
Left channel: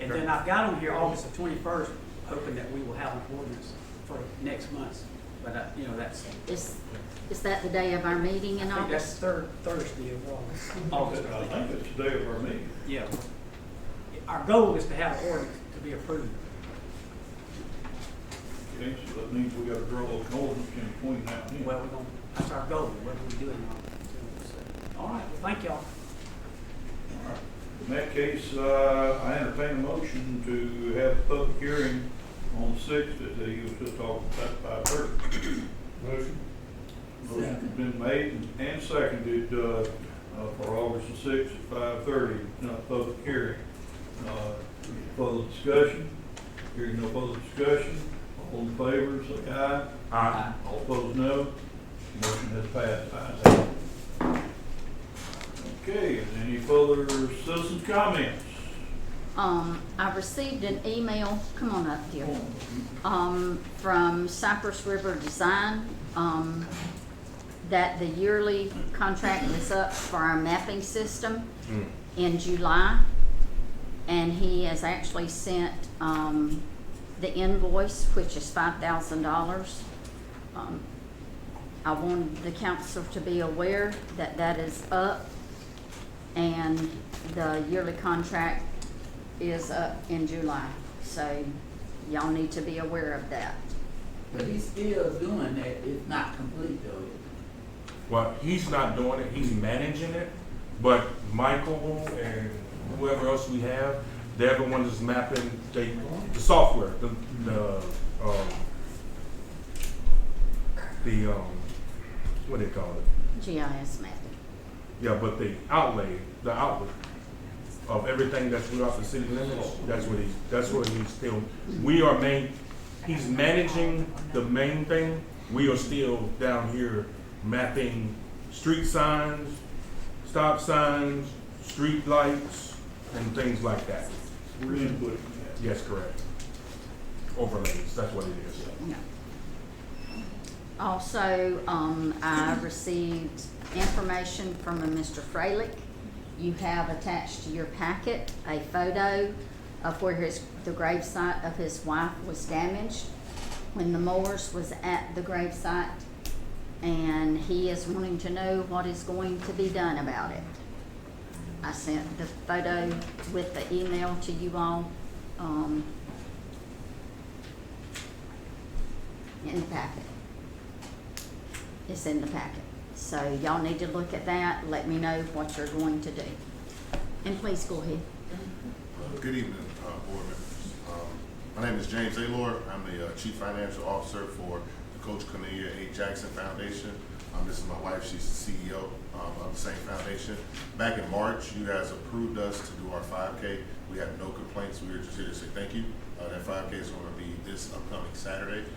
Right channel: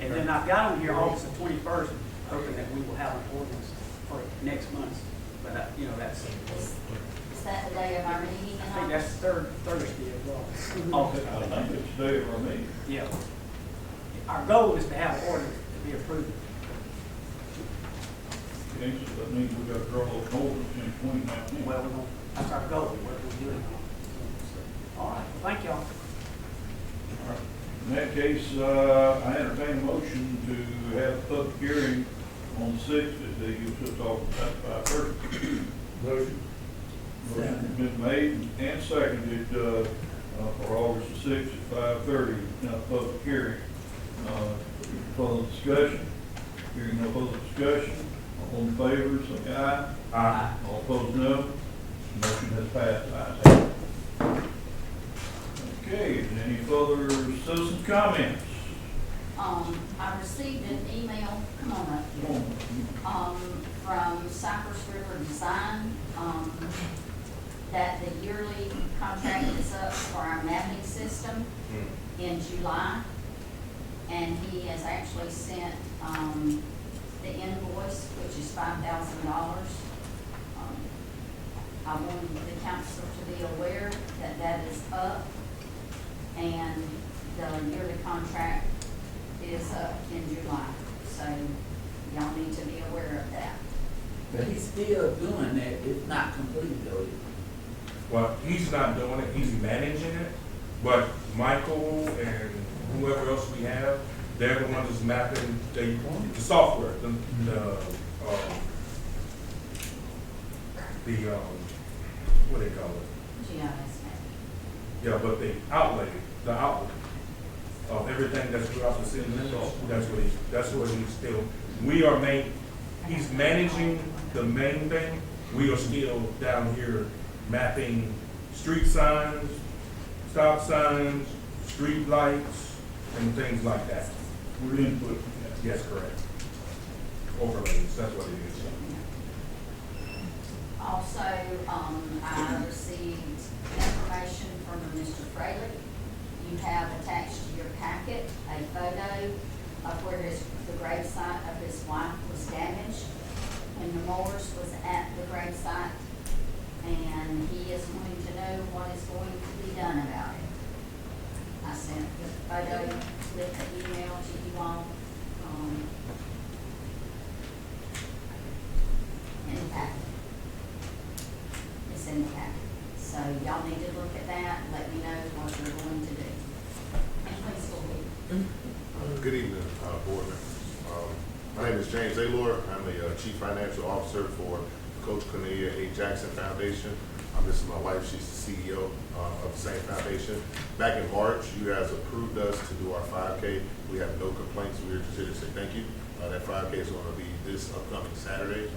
And then I've got on here August the 21st, hoping that we will have an ordinance for next month. But, you know, that's, Is that the day of our meeting in I think that's August? third Thursday of August. I think it's the day of our meeting. Yeah. Our goal is to have an ordinance to be approved. Okay, so that means we gotta draw an ordinance in between now and then. Well, we're going, that's our goal, whether we do it or not. All right, well, thank y'all. All right. In that case, I entertain a motion to have a public hearing on the 6th, as he was just talking about, 5:30. Motion. Motion has been made and seconded, for August the 6th at 5:30, public hearing. Further discussion? Hearing no further discussion, all in favor, say aye. Aye. All opposed, no. Motion has passed, ayes have it. Okay, any further citizens' comments? I received an email, come on up here, from Cypress River Design, that the yearly contract is up for our mapping system in July. And he has actually sent, the invoice, which is $5,000. I wanted the council to be aware that that is up, and the yearly contract is up in July. So y'all need to be aware of that. But he's still doing that, it's not complete though. Well, he's not doing it, he's managing it, but Michael and whoever else we have, they're the ones that's mapping the software, what do they call it? GIS mapping. Yeah, but the outlet of everything that's throughout the city limits, that's what he's still, he's managing the main thing. We are still down here mapping street signs, stop signs, street lights, and things like that. We're inputting that. Yes, correct. Overlays, that's what it is. Also, I received information from a Mr. Freilich. You have attached to your packet a photo of where the gravesite of his wife was damaged when the Moores was at the gravesite, and he is wanting to know what is going to be done about it. I sent the photo with the email to you all, in the packet. It's in the packet. So y'all need to look at that, let me know what you're going to do. And please go ahead. Good evening, board members. My name is James Aylor. I'm the Chief Financial Officer for the Coach Cornelia A. Jackson Foundation. This is my wife, she's the CEO of the same foundation. Back in March, you guys approved us to do our 5K. We had no complaints, we were just here to say thank you. That 5K is going to be this upcoming Saturday.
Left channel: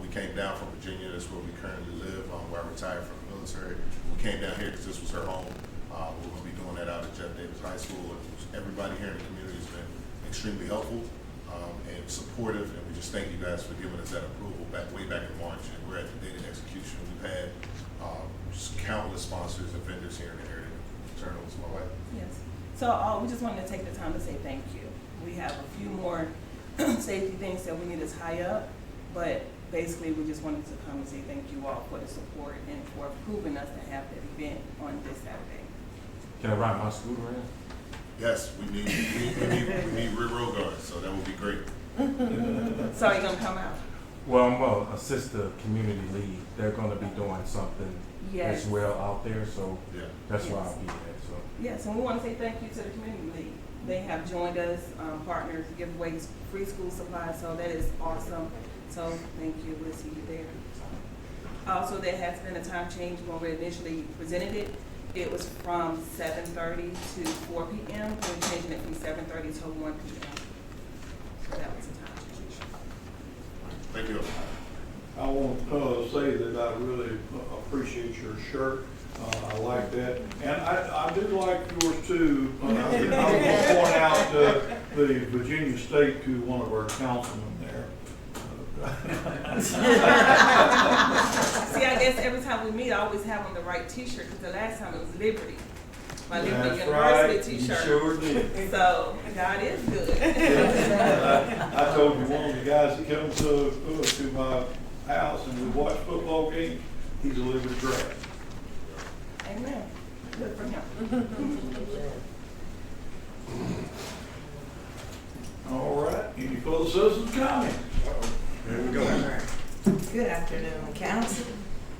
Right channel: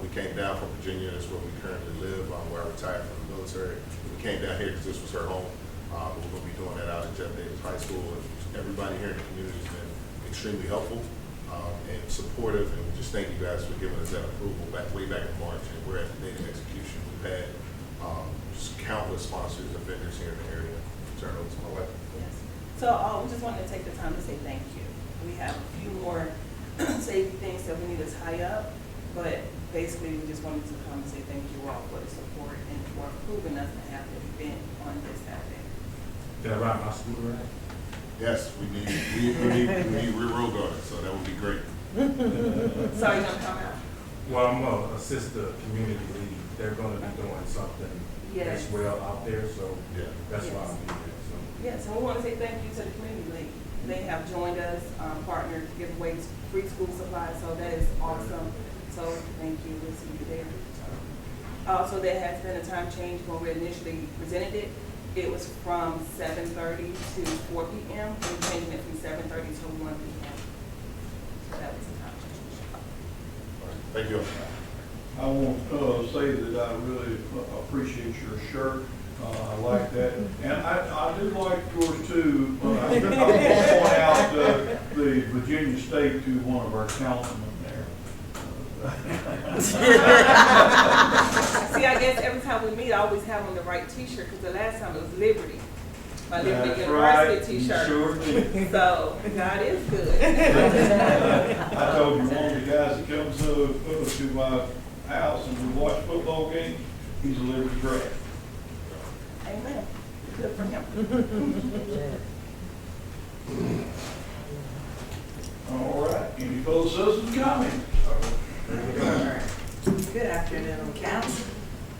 We came down from Virginia, that's where we currently live, where I retired from the military. We came down here because this was her home. We're going to be doing that out at Jeff Davis High School, and everybody here in the community has been extremely helpful and supportive, and we just thank you guys for giving us that approval way back in March, and we're at the date of execution. We've had just countless sponsors and vendors here in the area. Turn over to my wife. Yes. So we just wanted to take the time to say thank you. We have a few more safety things that we need to tie up, but basically we just wanted to come and say thank you all for the support and for approving us to have the event on this Saturday. Can I ride my scooter around? Yes, we need rear road guards, so that would be great. So are you gonna come out? Well, I'm a assistant community lead. They're gonna be doing something Yes. as well out there, so Yeah. that's why Yes. I'll be there, so. Yes, and we want to say thank you to the community league. They have joined us, partners to give away free school supplies, so that is awesome. So thank you, we'll see you there. Also, there has been a time change when we initially presented it. It was from 7:30 to 4 p.m. We're changing it from 7:30 to 1 p.m. So that was a time change. Thank you. I want to say that I really appreciate your shirt. I like that. And I do like yours too. I want to point out the Virginia State to one of our councilmen there. See, I guess every time we meet, I always have on the right T-shirt, because the last time it was Liberty. My Liberty That's University right. You T-shirt. sure did. So, God is good. I told you, one of the guys that comes to my house and we watch football games, he's a Liberty grad. Amen. Good for him. All right, any further citizens comments? Good afternoon, Council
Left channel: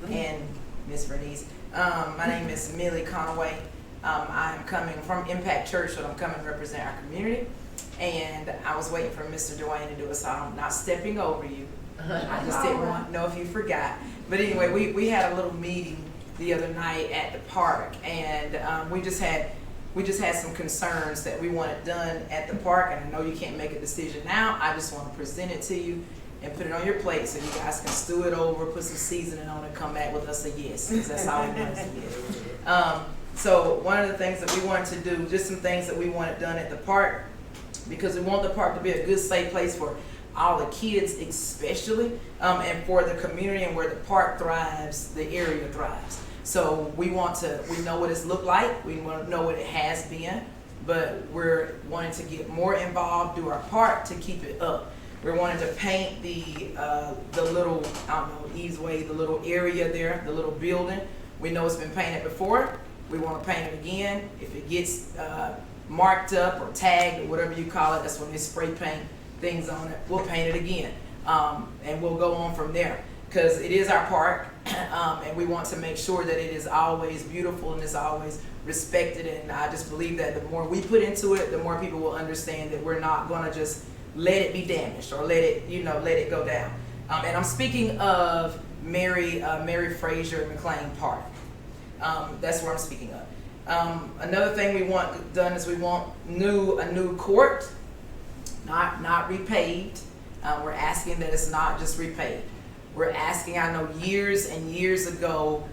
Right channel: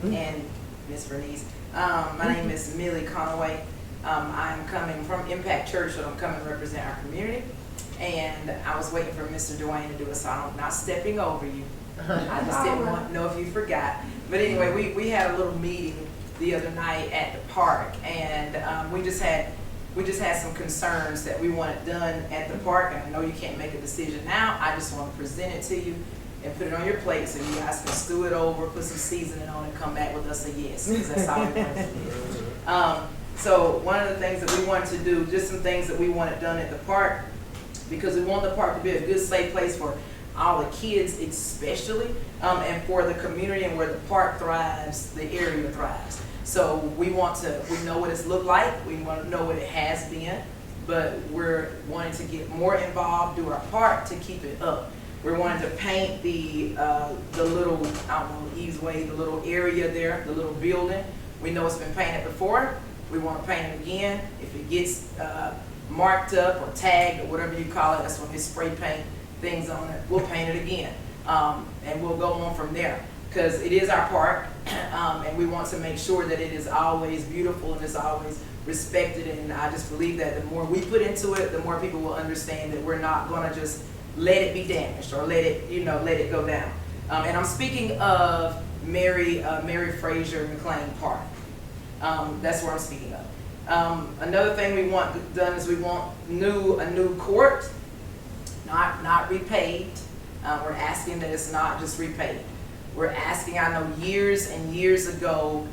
and Ms. Bernice. My name is Millie Conway. I'm coming from Impact Church, so I'm coming to represent our community. And I was waiting for Mr. Dwayne to do it, so I'm not stepping over you. I just didn't want to know if you forgot. But anyway, we had a little meeting the other night at the park, and we just had some concerns that we wanted done at the park, and I know you can't make a decision now. I just want to present it to you and put it on your plate so you guys can stew it over, put some seasoning on it, and come back with us a yes, because that's all we want to do. So one of the things that we wanted to do, just some things that we wanted done at the park, because we want the park to be a good, safe place for all the kids especially, and for the community, and where the park thrives, the area thrives. So we know what it's looked like, we want to know what it has been, but we're wanting to get more involved, do our part to keep it up. We're wanting to paint the little, I don't know, easeway, the little area there, the little building. We know it's been painted before, we want to paint it again. If it gets marked up or tagged or whatever you call it, that's when they spray paint things on it, we'll paint it again. And we'll go on from there, because it is our park, and we want to make sure that it is always beautiful and is always respected. And I just believe that the more we put into it, the more people will understand that we're not going to just let it be damaged or let it go down. And I'm speaking of Mary Fraser McLean Park. That's where I'm speaking of. Another thing we want done is we want a new court, not repaved. We're asking that it's not just repaved. We're asking, I know years and years ago,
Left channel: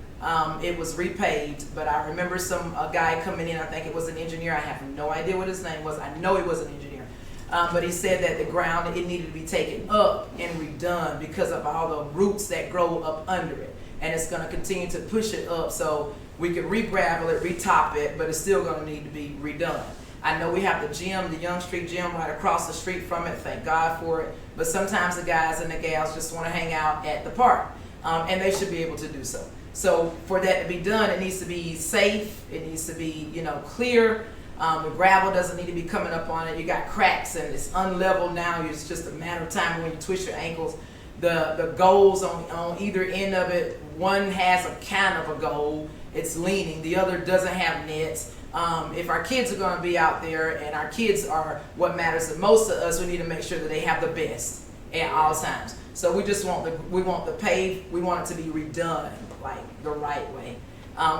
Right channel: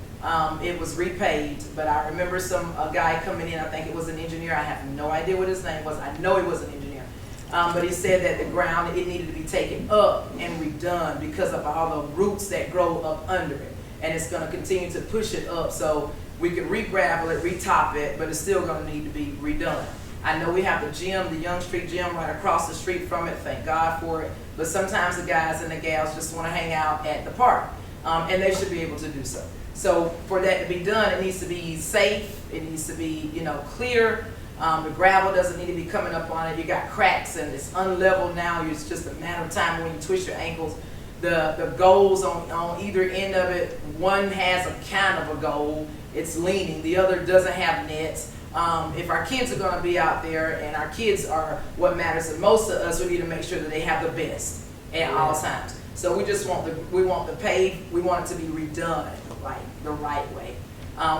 it was repaved, but I remember a guy coming in, I think it was an engineer, I have no idea what his name was, I know he was an engineer. But he said that the ground, it needed to be taken up and redone because of all the roots that grow up under it. And it's gonna continue to push it up, so we could re-gravel it, re-top it, but it's still gonna need to be redone. I know we have the gym, the Young Street Gym right across the street from it, thank God for it. But sometimes the guys and the gals just wanna hang out at the park, and they should be able to do so. So for that to be done, it needs to be safe, it needs to be, clear. The gravel doesn't need to be coming up on it. You got cracks and it's unlevel now. It's just a matter of time when you twist your ankles. The goals on either end of it, one has a kind of a goal, it's leaning, the other doesn't have nets. If our kids are going to be out there, and our kids are what matters the most to us, we need to make sure that they have the best at all times. So we just want we want it to be redone like the right way.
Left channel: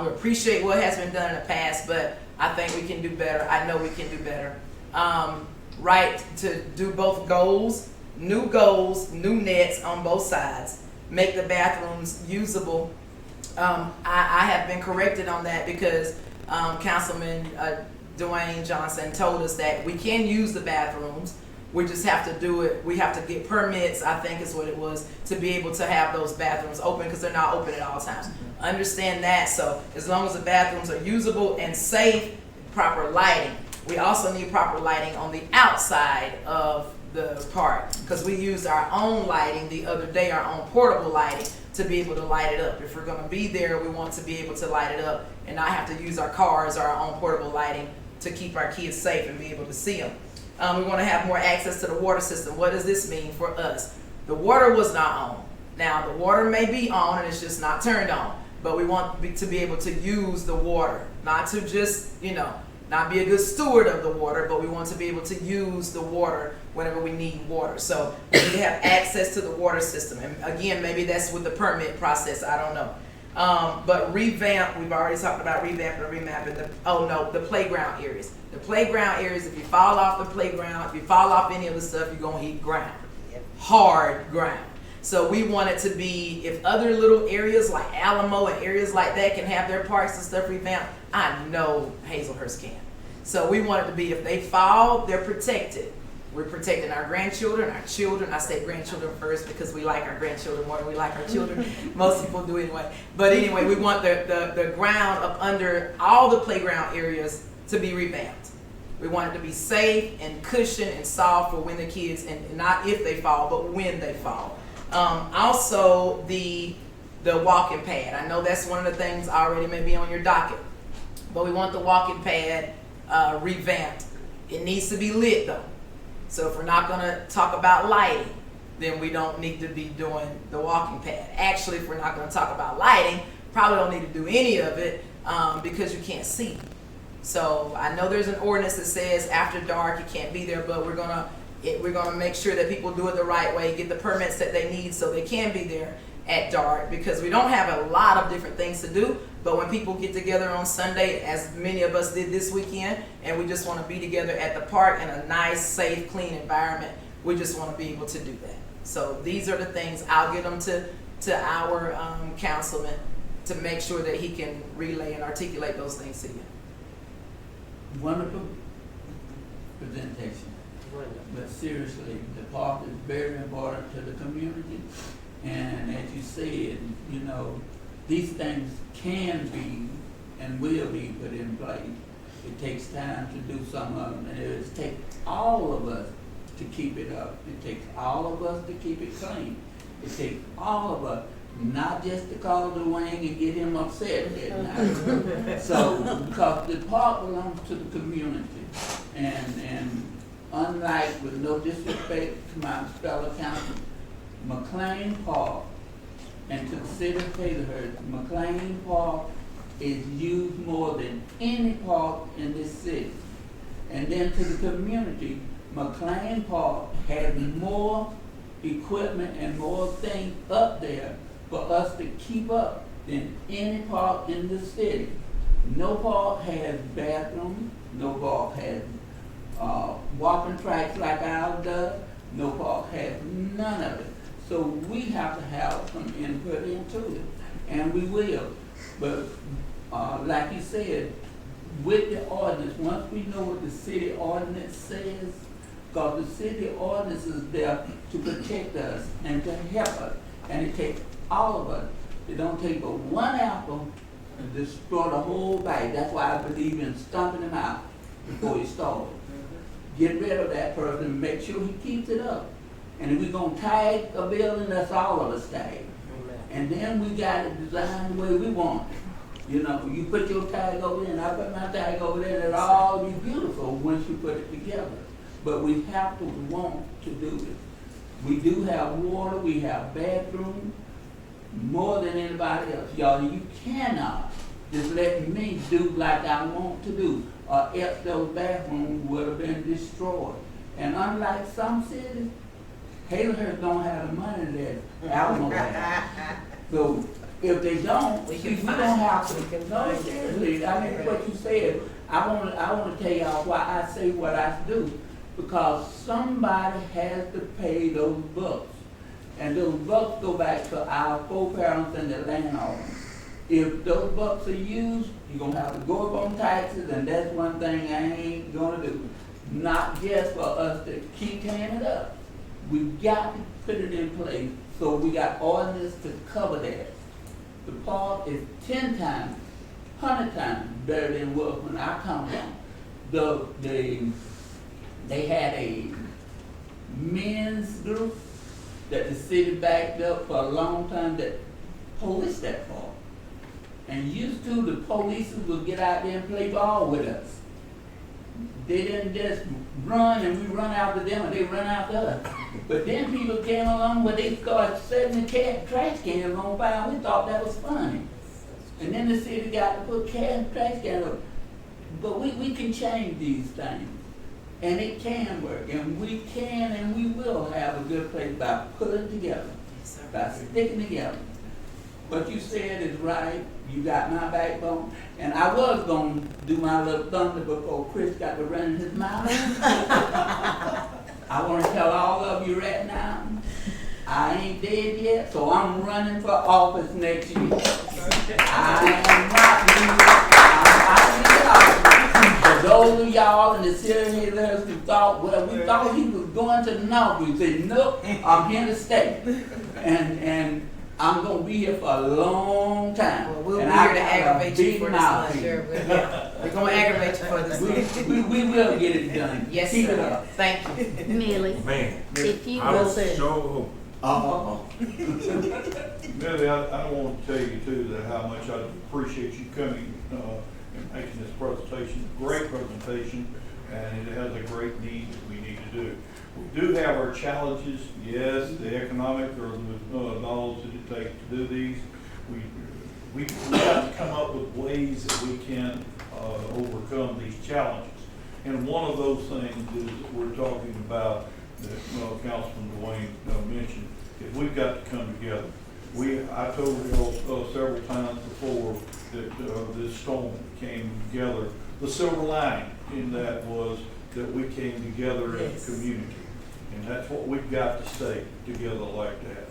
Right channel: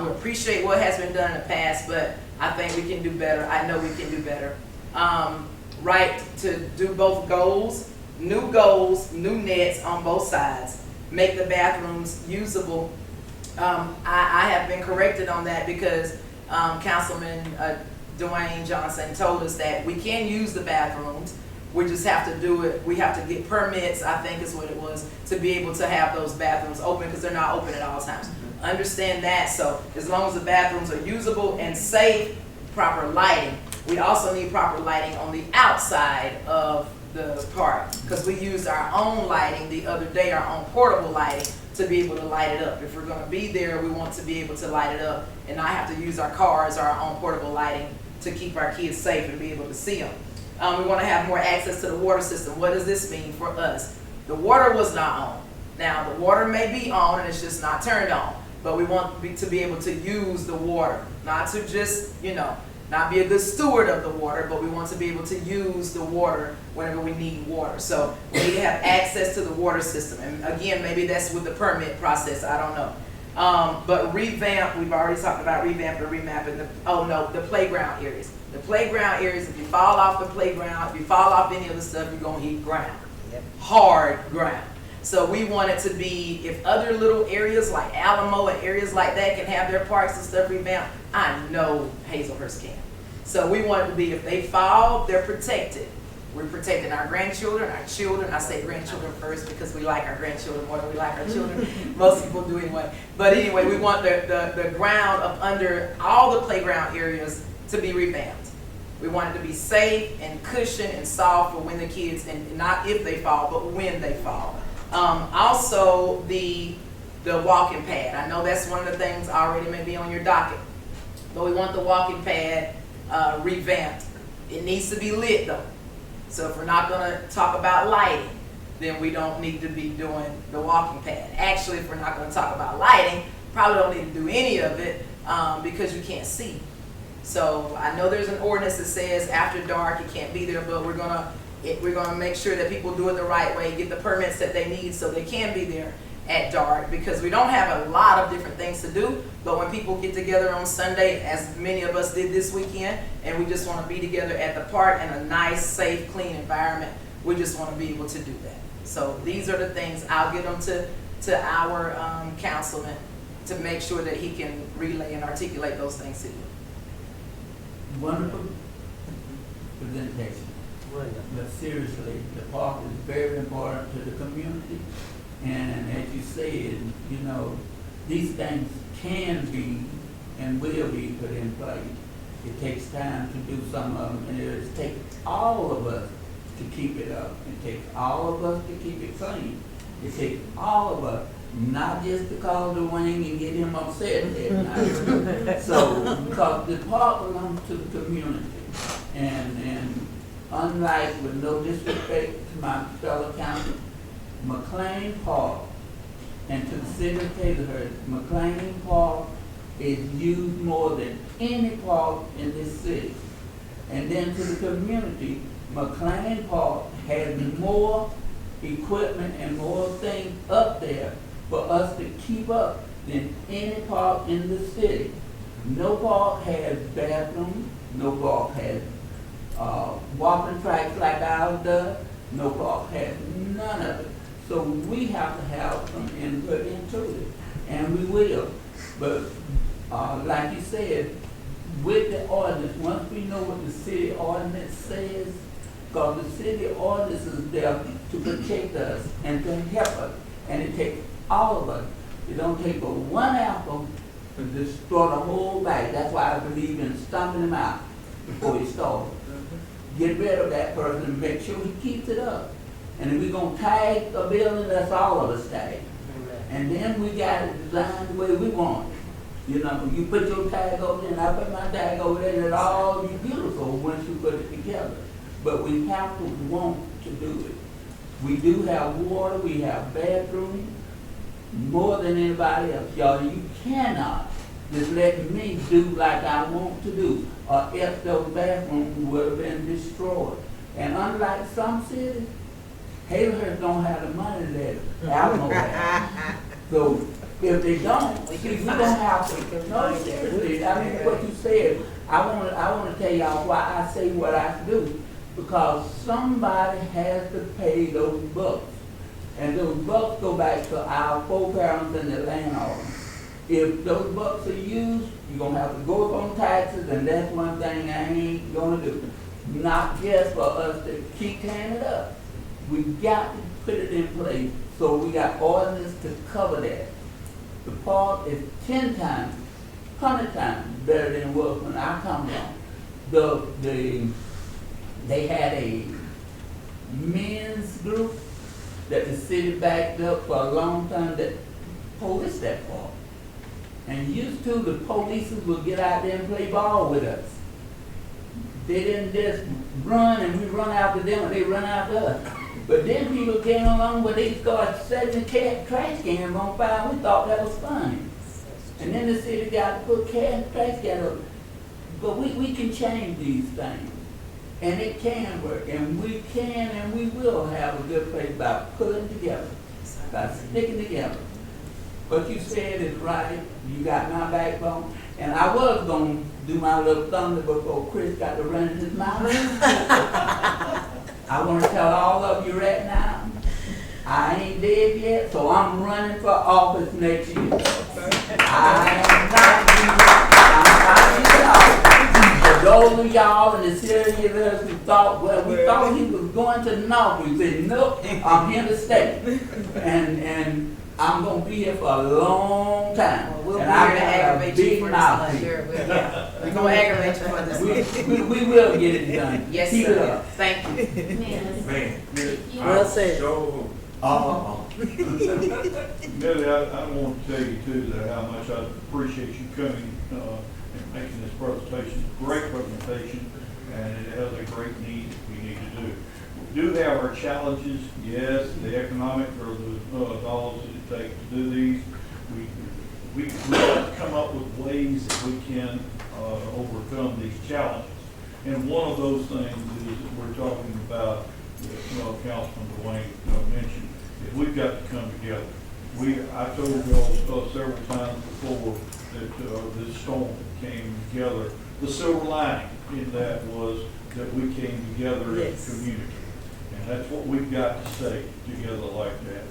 We appreciate what has been done in the past, but I think we can do better. I know we can do better. Right, to do both goals, new nets on both sides, make the bathrooms usable. I have been corrected on that because Councilman Dwayne Johnson told us that we can use the bathrooms. We just have to do it. We have to get permits, I think is what it was, to be able to have those bathrooms open, because they're not open at all times. Understand that. So as long as the bathrooms are usable and safe, proper lighting. We also need proper lighting on the outside of the park, because we used our own lighting the other day, our own portable lighting, to be able to light it up. If we're gonna be there, we want to be able to light it up and not have to use our cars or our own portable lighting to keep our kids safe and be able to see them. We wanna have more access to the water system. What does this mean for us? The water was not on. Now, the water may be on and it's just not turned on, but we want to be able to use the water, not to just, not be a good steward of the water, but we want to be able to use the water whenever we need water. So we need to have access to the water system. And again, maybe that's with the permit process, I don't know. But revamp, we've already talked about revamping or remapping the playground areas. The playground areas, if you fall off the playground, if you fall off any of the stuff, you're gonna hit ground. Hard ground. So we want it to be, if other little areas like Alamo and areas like that can have their parks and stuff revamped, I know Hazelhurst can. So we want it to be, if they fall, they're protected. We're protecting our grandchildren, our children. I say grandchildren first because we like our grandchildren more than we like our children. Most people do anyway. But anyway, we want the ground up under all the playground areas to be revamped. We want it to be safe and cushioned and soft for when the kids, and not if they fall, but when they fall. Also, the walking pad. I know that's one of the things already may be on your docket, but we want the walking pad revamped. It needs to be lit though. So if we're not gonna talk about lighting, then we don't need to be doing the walking pad. Actually, if we're not gonna talk about lighting, probably don't need to do any of it because you can't see. So I know there's an ordinance that says after dark you can't be there, but we're gonna make sure that people do it the right way, get the permits that they need so they can be there at dark, because we don't have a lot of different things to do, but when people get together on Sunday, as many of us did this weekend, and we just want to be together at the park in a nice, safe, clean environment, we just want to be able to do that. So these are the things, I'll get them to our councilman to make sure that he can relay and articulate those things to you. Wonderful presentation. But seriously, the park is very important to the community. And as you said, these things can be and will be put in place. It takes time to do some of them, and it takes all of us to keep it up. It takes all of us to keep it clean. It takes all of us, not just to call Dwayne and get him upset at night. So, because the park belongs to the community. And unlike, with no disrespect to my fellow councilmen, McLean Park and to the city of Hazelhurst, McLean Park is used more than any park in this city. And then to the community, McLean Park has more equipment and more things up there for us to keep up than any park in the city. No park has bathrooms, no park has walking tracks like ours does, no park has none of it. So we have to have some input into it, and we will. But like you said, with the ordinance, once we know what the city ordinance says, because the city ordinance is there to protect us and to help us, and it takes all of us. It don't take but one apple to destroy the whole bag. That's why I believe in stomping him out before he starts. Get rid of that person and make sure he keeps it up. And if we're going to tag a building, that's all of us tag. And then we got it designed the way we want it. You put your tag over there and I put my tag over there, and it'll all be beautiful once you put it together. But we have to want to do it. We do have water, we have bathrooms, more than anybody else. Y'all, you cannot just let me do like I want to do, or else those bathrooms would have been destroyed. And unlike some cities, Hazelhurst don't have the money that Alamo has. So if they don't, we don't have to. No, seriously, I mean what you said. I want to tell y'all why I say what I do, because somebody has to pay those bucks, and those bucks go back to our foreparents and the landowners. If those bucks are used, you're gonna have to go up on taxes, and that's one thing I ain't gonna do. Not just for us to keep tearing it up. We got to put it in place, so we got ordinance to cover that. The park is 10 times, 100 times better than it was when I come from. They had men's group that the city backed up for a long time that policed that park. And used to, the police would get out there and play ball with us. They didn't just run and we run after them or they run after us. But then people came along where they started setting the trash cans on fire. We thought that was funny. And then the city got to put trash cans up. But we can change these things. And it can work. And we can and we will have a good place by pulling together, by sticking together. What you said is right. You got my backbone. And I was going to do my little thunder before Chris got to run in his mouth. I want to tell all of you right now, I ain't dead yet, so I'm running for office next year. I am not leaving. For those of y'all in the city of us who thought, well, we thought he was going to the north, we said, nope, I'm here to stay. And I'm gonna be here for a long time. Well, we'll and be I here to got a aggravate you big for this mouth. month. Yeah, we're gonna aggravate you for this. We will get it done. Yes, Keep sir. it up. Thank you. Millie, Man, if you I will, sure Millie, I want to tell you too that how much I appreciate you coming and making this presentation. Great presentation, and it has a great need that we need to do. We do have our challenges, yes, the economic or the dollars that it takes to do these. We got to come up with ways that we can overcome these challenges. And one of those things is that we're talking about, that Councilman Dwayne mentioned, is we've got to come together. I told y'all several times before that this storm came together. The silver lining in that was that we came together as a community. And that's what we've got to stay together like that.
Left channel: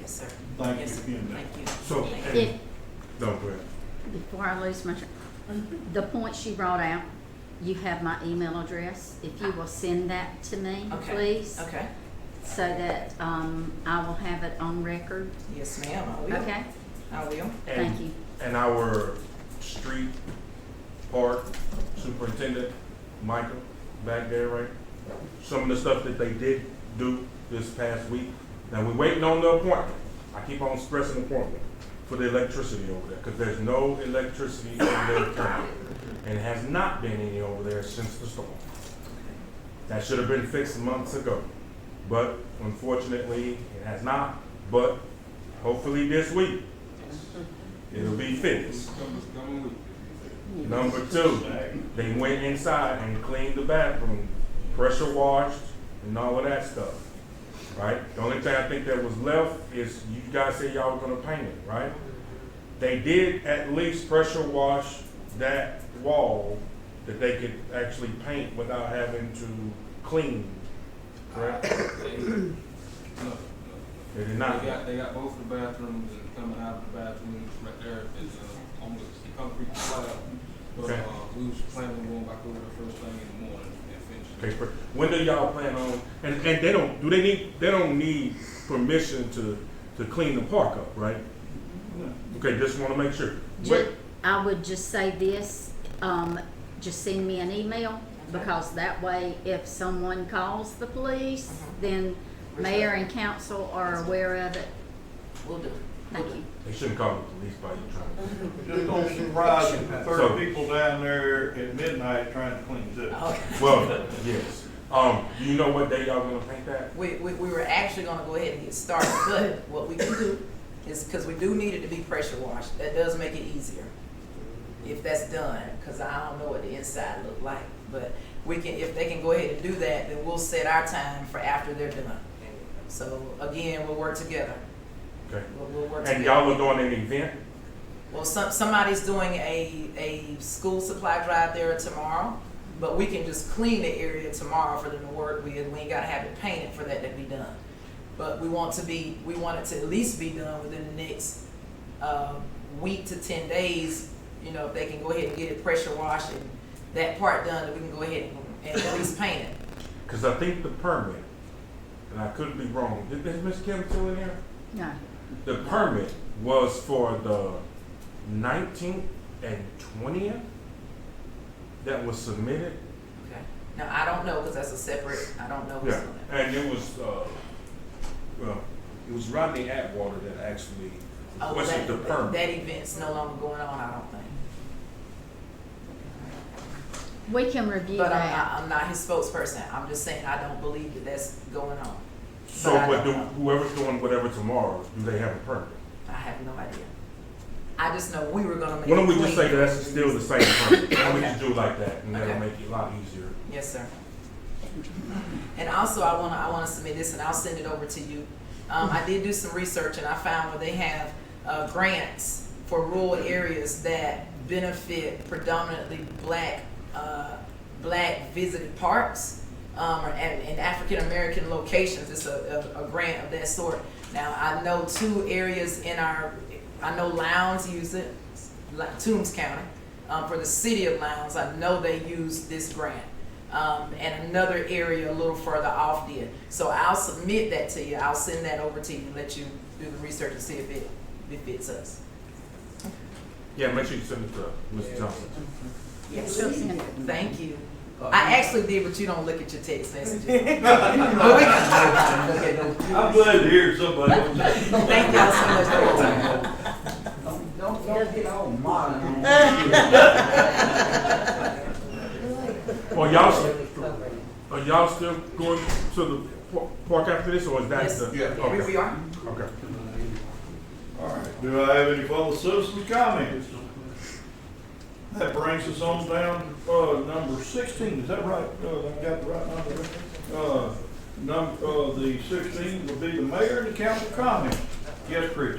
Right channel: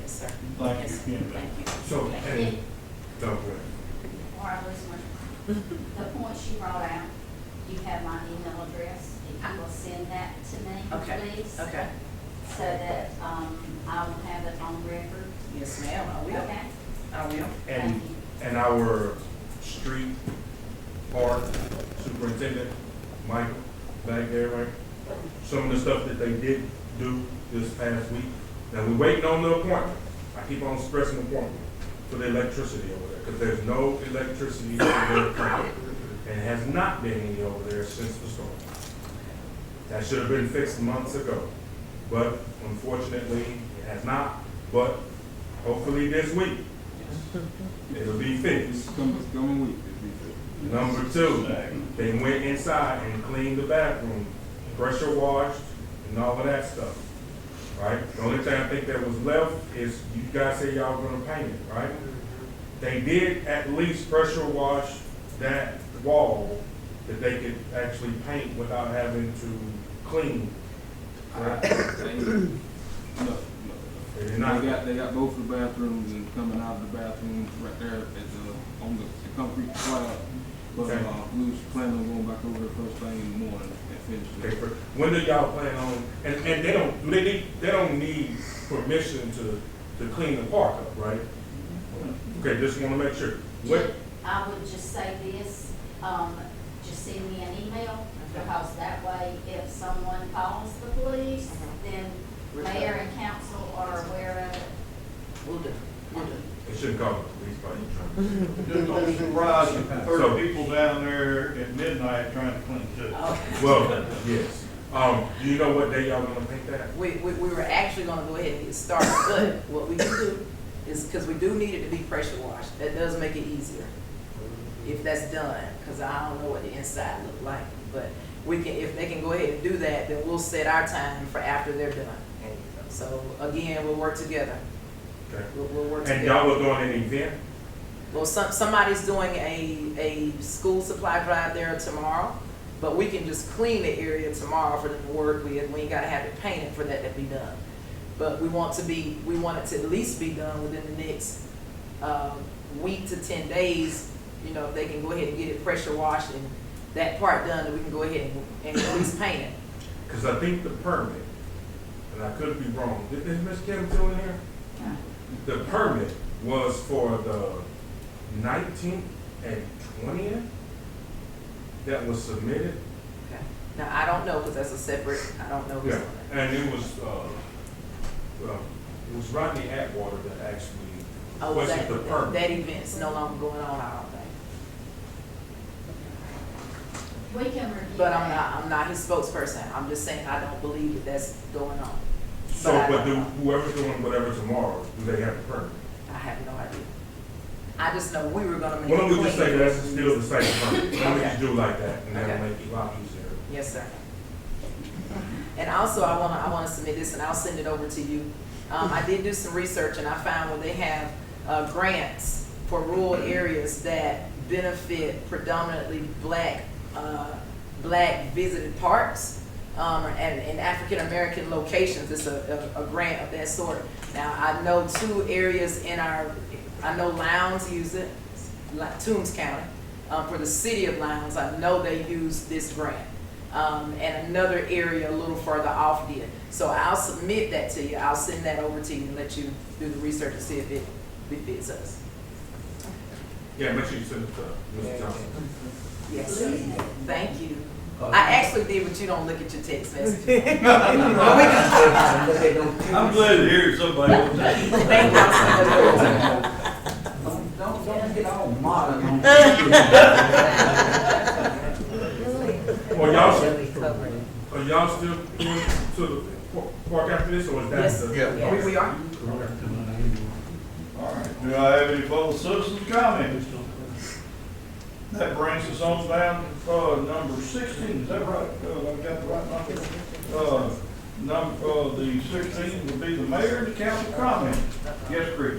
Yes, sir. Thank Yes, you again. Thank you. So, if, don't go ahead. before I lose my, the points you brought out, you have my email address. If you will send that to me, Okay. please. Okay. So that, I will have it on record. Yes, ma'am, I will. Okay? I will. Thank you. And our street park superintendent, Michael, back there, right? Some of the stuff that they did do this past week. Now, we're waiting on the appointment. I keep on stressing appointment for the electricity over there, because there's no electricity over there currently. And it has not been any over there since the storm. That should have been fixed months ago. But unfortunately, it has not. But hopefully this week, it'll be fixed. Number two, they went inside and cleaned the bathroom, pressure washed, and all of that stuff, right? The only thing I think that was left is you guys said y'all were gonna paint it, right? They did at least pressure wash that wall that they could actually paint without having to clean, correct? They did not. They got both the bathrooms, and coming out of the bathrooms right there is on the concrete slab. But Okay. we was planning on going back over there first thing in the morning and finish it. Okay, when do y'all plan on, and they don't need permission to clean the park up, right? Okay, just wanna make sure. What, I would just say this, just send me an email, because that way, if someone calls the police, then mayor and council are aware of it. Will do. Thank you. they shouldn't call the police by you trying to. Just don't surprise you, 30 people down there at midnight trying to clean it up. Well, yes. Do you know what day y'all gonna paint that? We were actually gonna go ahead and get started, but what we can do is, because we do need it to be pressure washed, that does make it easier if that's done, because I don't know what the inside look like. But we can, if they can go ahead and do that, then we'll set our time for after they're done. So again, we'll work together. Okay. We'll work And together. y'all was doing an event? Well, somebody's doing a school supply drive there tomorrow, but we can just clean the area tomorrow for them to work with. We ain't gotta have it painted for that to be done. But we want it to at least be done within the next week to 10 days. You know, if they can go ahead and get it pressure washed and that part done, then we can go ahead and at least paint it. Cause I think the permit, and I could be wrong, is Ms. Kim still in there? No. The permit was for the 19th and 20th that was submitted. Okay. Now, I don't know, because that's a separate, I don't know who's Yeah, on that. and it was, well, it was Rodney Atwater that actually Oh, was that, the permit. that event's no longer going on, I don't think. We can review But that. I'm not his spokesperson. I'm just saying, I don't believe that that's going on. So, But I but don't do, know. whoever's doing whatever tomorrow, do they have a permit? I have no idea. I just know we were gonna make Why don't we it just clean. say that's still the same permit, and we Okay. just do it like that, and that'll Okay. make it a lot easier. Yes, sir. And also, I wanna submit this, and I'll send it over to you. I did do some research, and I found where they have, grants for rural areas that benefit predominantly black visited parks, and African-American locations. It's a grant of that sort. Now, I know two areas I know Lowndes use it, like Toombs County. For the city of Lowndes, I know they use this grant. And another area a little further off did. So I'll submit that to you. I'll send that over to you and let you do the research to see if it fits us. Yeah, make sure you send it to Mr. Johnson. Yes, sir. Thank you. I actually did, but you don't look at your text messages. I'm glad to hear somebody else. Thank y'all so much for your time. Don't get all modern on Are y'all still going to the park after this, or is that Yes. the? Yeah. Okay. We are. Okay. All right, do I have any fellow citizens comments? That brings us on down to, number 16, is that right? I got the right number there? The 16 would be the mayor and the council comment. Yes, Chris?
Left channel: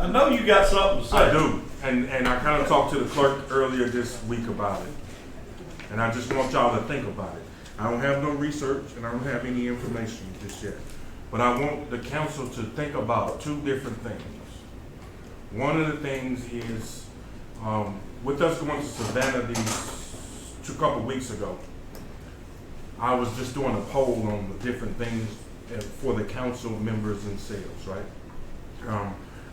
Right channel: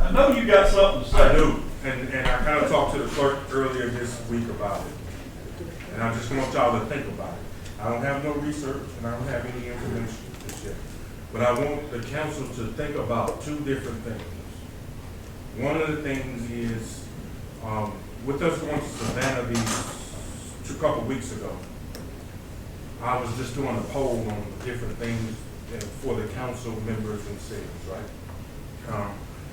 I know you got something to say. I do, and I kind of talked to the clerk earlier this week about it. And I just want y'all to think about it. I don't have no research, and I don't have any information just yet. But I want the council to think about two different things. One of the things is, with us going to Savannah a couple weeks ago, I was just doing a poll on the different things for the council members and sales, right?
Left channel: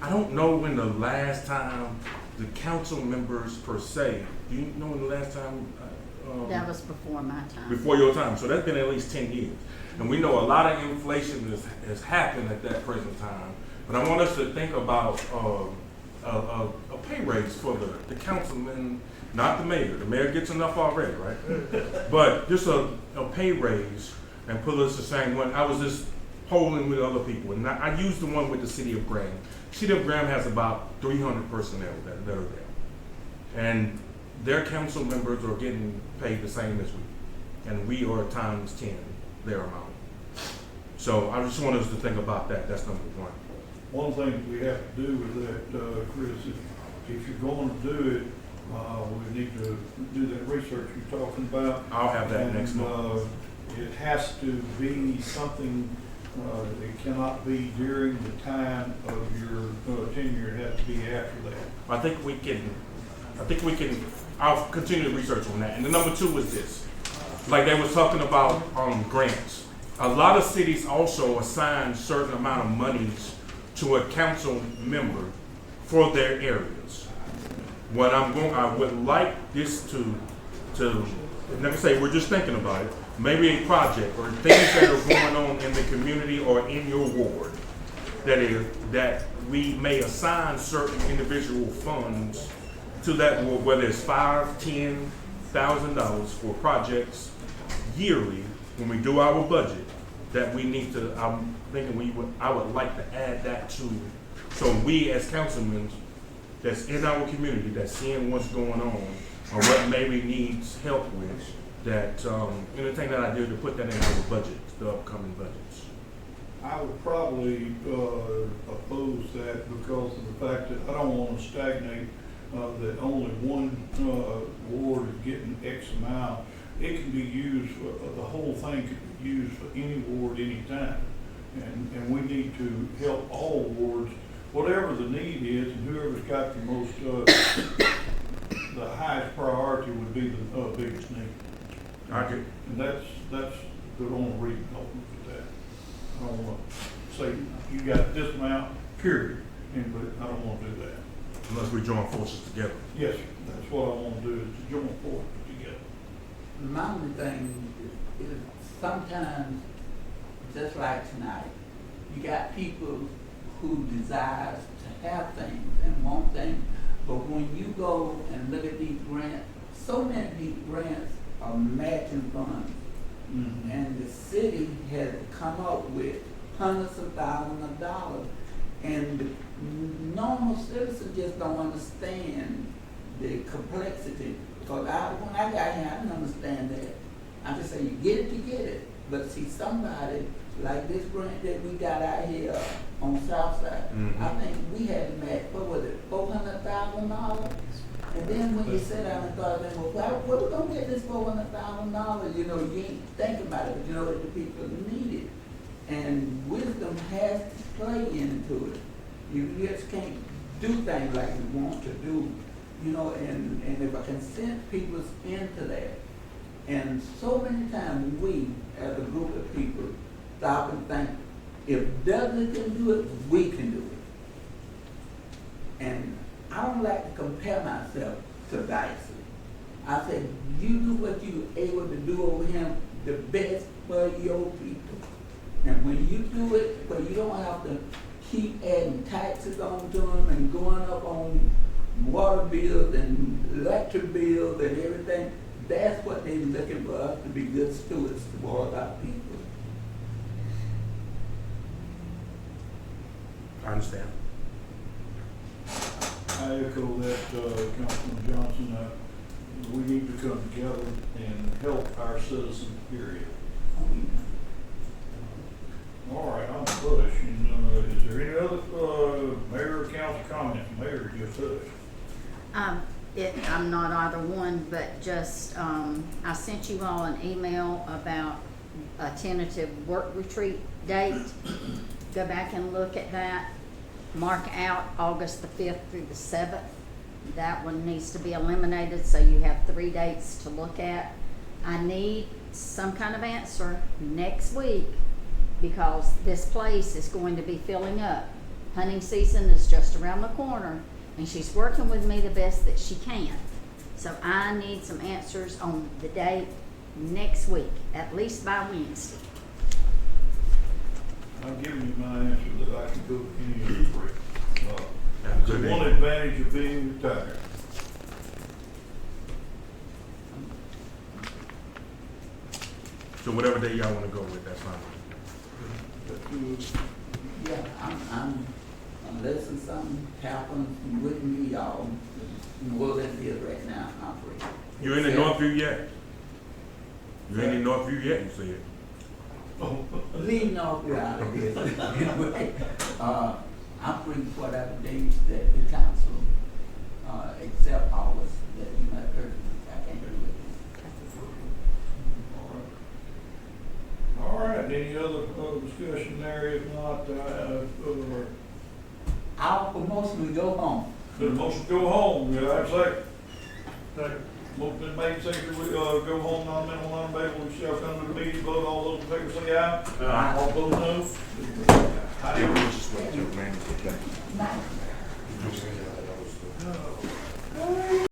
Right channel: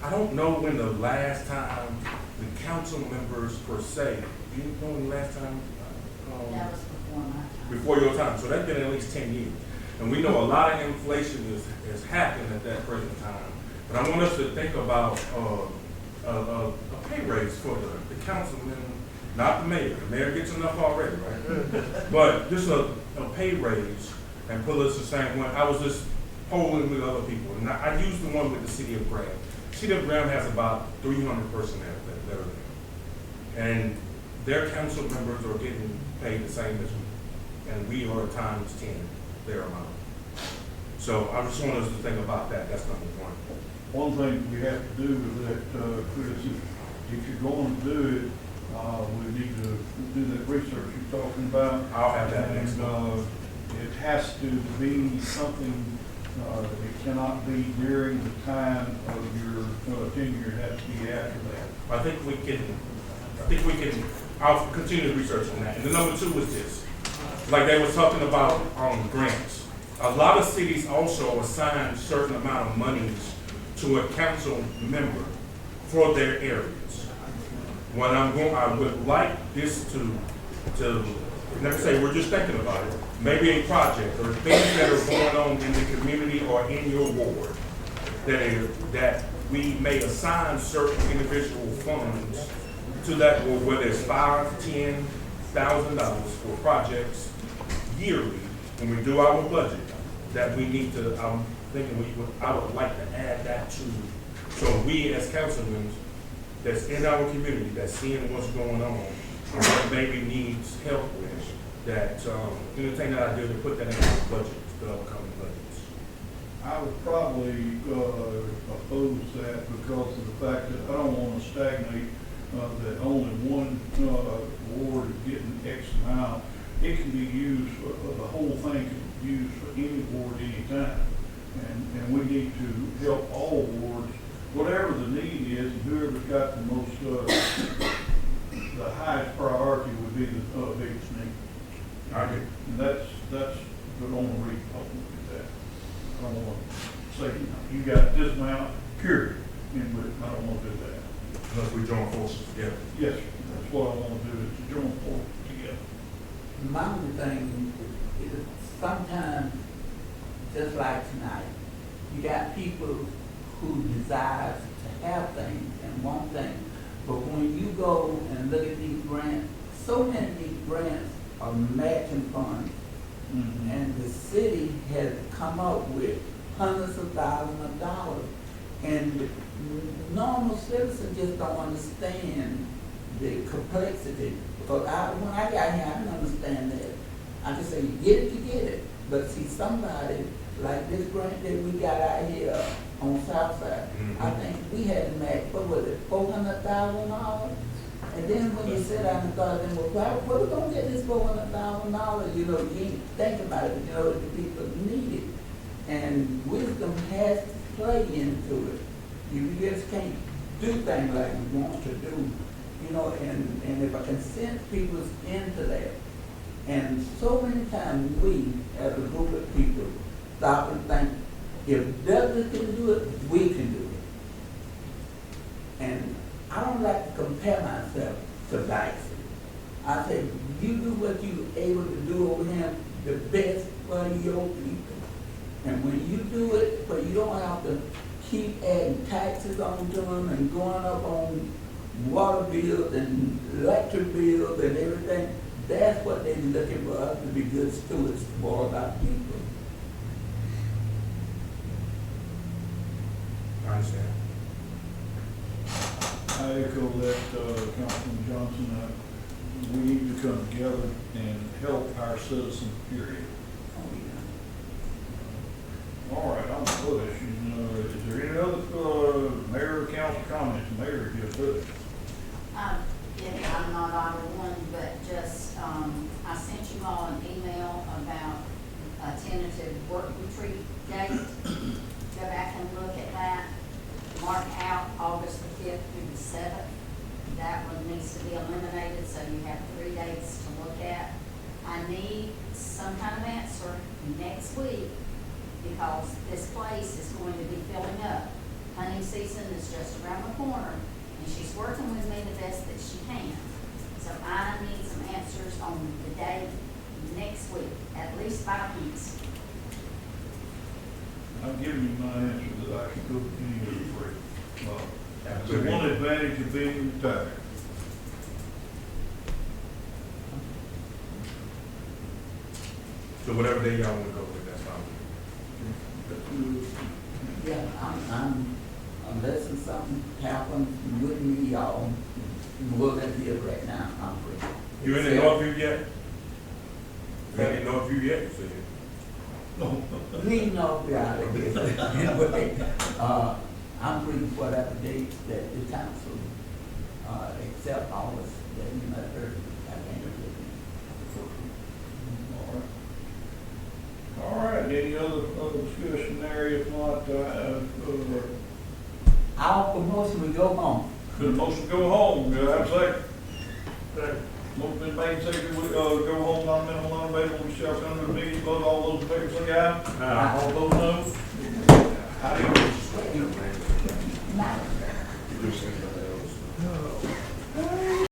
I don't know when the last time the council members per se, do you know when the last time? That was before my time. Before your time, so that's been at least 10 years. And we know a lot of inflation has happened at that present time. But I want us to think about a pay raise for the councilman, not the mayor. The mayor gets enough already, right? But just a pay raise and put us the same way. I was just polling with other people, and I used the one with the city of Graham. City of Graham has about 300 personnel that are there. And their council members are getting paid the same as we. And we are times 10 their amount. So I just want us to think about that. That's number one. One thing we have to do with that, Chris, if you're going to do it, we need to do that research you're talking about. I'll have that next month. It has to be something, it cannot be during the time of your tenure, it has to be after that. I think we can, I'll continue the research on that. And the number two is this. Like they were talking about grants. A lot of cities also assign certain amount of monies to a council member for their areas. What I would like this to let me say, we're just thinking about it, maybe a project or things that are going on in the community or in your ward that we may assign certain individual funds to that, whether it's $5,000, $10,000 for projects yearly when we do our budget, that we need to, I'm thinking I would like to add that to, so we as councilmen that's in our community, that's seeing what's going on, or what maybe needs help with, that, anything that I do to put that in the budget, the upcoming budgets. I would probably oppose that because of the fact that I don't want to stagnate that only one ward is getting X amount. It can be used, the whole thing can be used for any ward, anytime. And we need to help all wards, whatever the need is, and whoever's got the most, the highest priority would be the biggest need. Okay. And that's the only reason I want to do that. I don't want to say, you got this amount, period, but I don't want to do that. unless we join forces together. Yes, that's what I want to do, is to join forces together. My only thing is sometimes, just like tonight, you got people who desire to have things and want things, but when you go and look at these grants, so many of these grants are matching funds. Mm-hmm. And the city has come up with hundreds of thousands of dollars. And the normal citizen just don't understand the complexity. Because when I got here, I didn't understand that. I just say, you get it, you get it. But see, somebody, like this grant that we got out here on Southside, I think we had to match, what was it, $400,000? And then when you sit down and thought, then, well, where we gonna get this $400,000? You know, you ain't thinking about it, but you know that the people need it. And wisdom has to play into it. You just can't do things like we want to do, you know, and if I can sense people's into that. And so many times we, as a group of people, stop and think, if Douglas can do it, we can do it. And I don't like to compare myself to Dicey. I say, you do what you're able to do over here, the best for your people. And when you do it, where you don't have to keep adding taxes on to them and going up on water bills and electric bills and everything, that's what they're looking for us to be good stewards for our people. I understand. I echo that, Councilman Johnson, we need to come together and help our citizens, period. All right, I'm push. Is there any other, mayor or council comments? Mayor just pushed. I'm not either one, but just, I sent you all an email about a tentative work retreat date. Go back and look at that. Mark out August the 5th through the 7th. That one needs to be eliminated, so you have 3 dates to look at. I need some kind of answer next week because this place is going to be filling up. Hunting season is just around the corner, and she's working with me the best that she can. So I need some answers on the date next week, at least by Wednesday. I've given you my answer that I can go to any of the 3. The one advantage of being retired. So whatever day y'all wanna go with, that's fine with me. Yeah, unless something happens with me, y'all, more than here right now, I'm free. You in the Northview yet? You in the Northview yet, you see it? Leave Northview out of here. Anyway, I'm free for whatever dates that the council, except August, that you know, I can't do it. All right, any other discussion there? If not, Our promotion, we go home. the motion go home, do I have a second? Second. Motion been made, second, we, go home, non-minimal, non-debatable, we shall come to the meeting, vote, all those in favor say aye. Aye. All those no. How do you?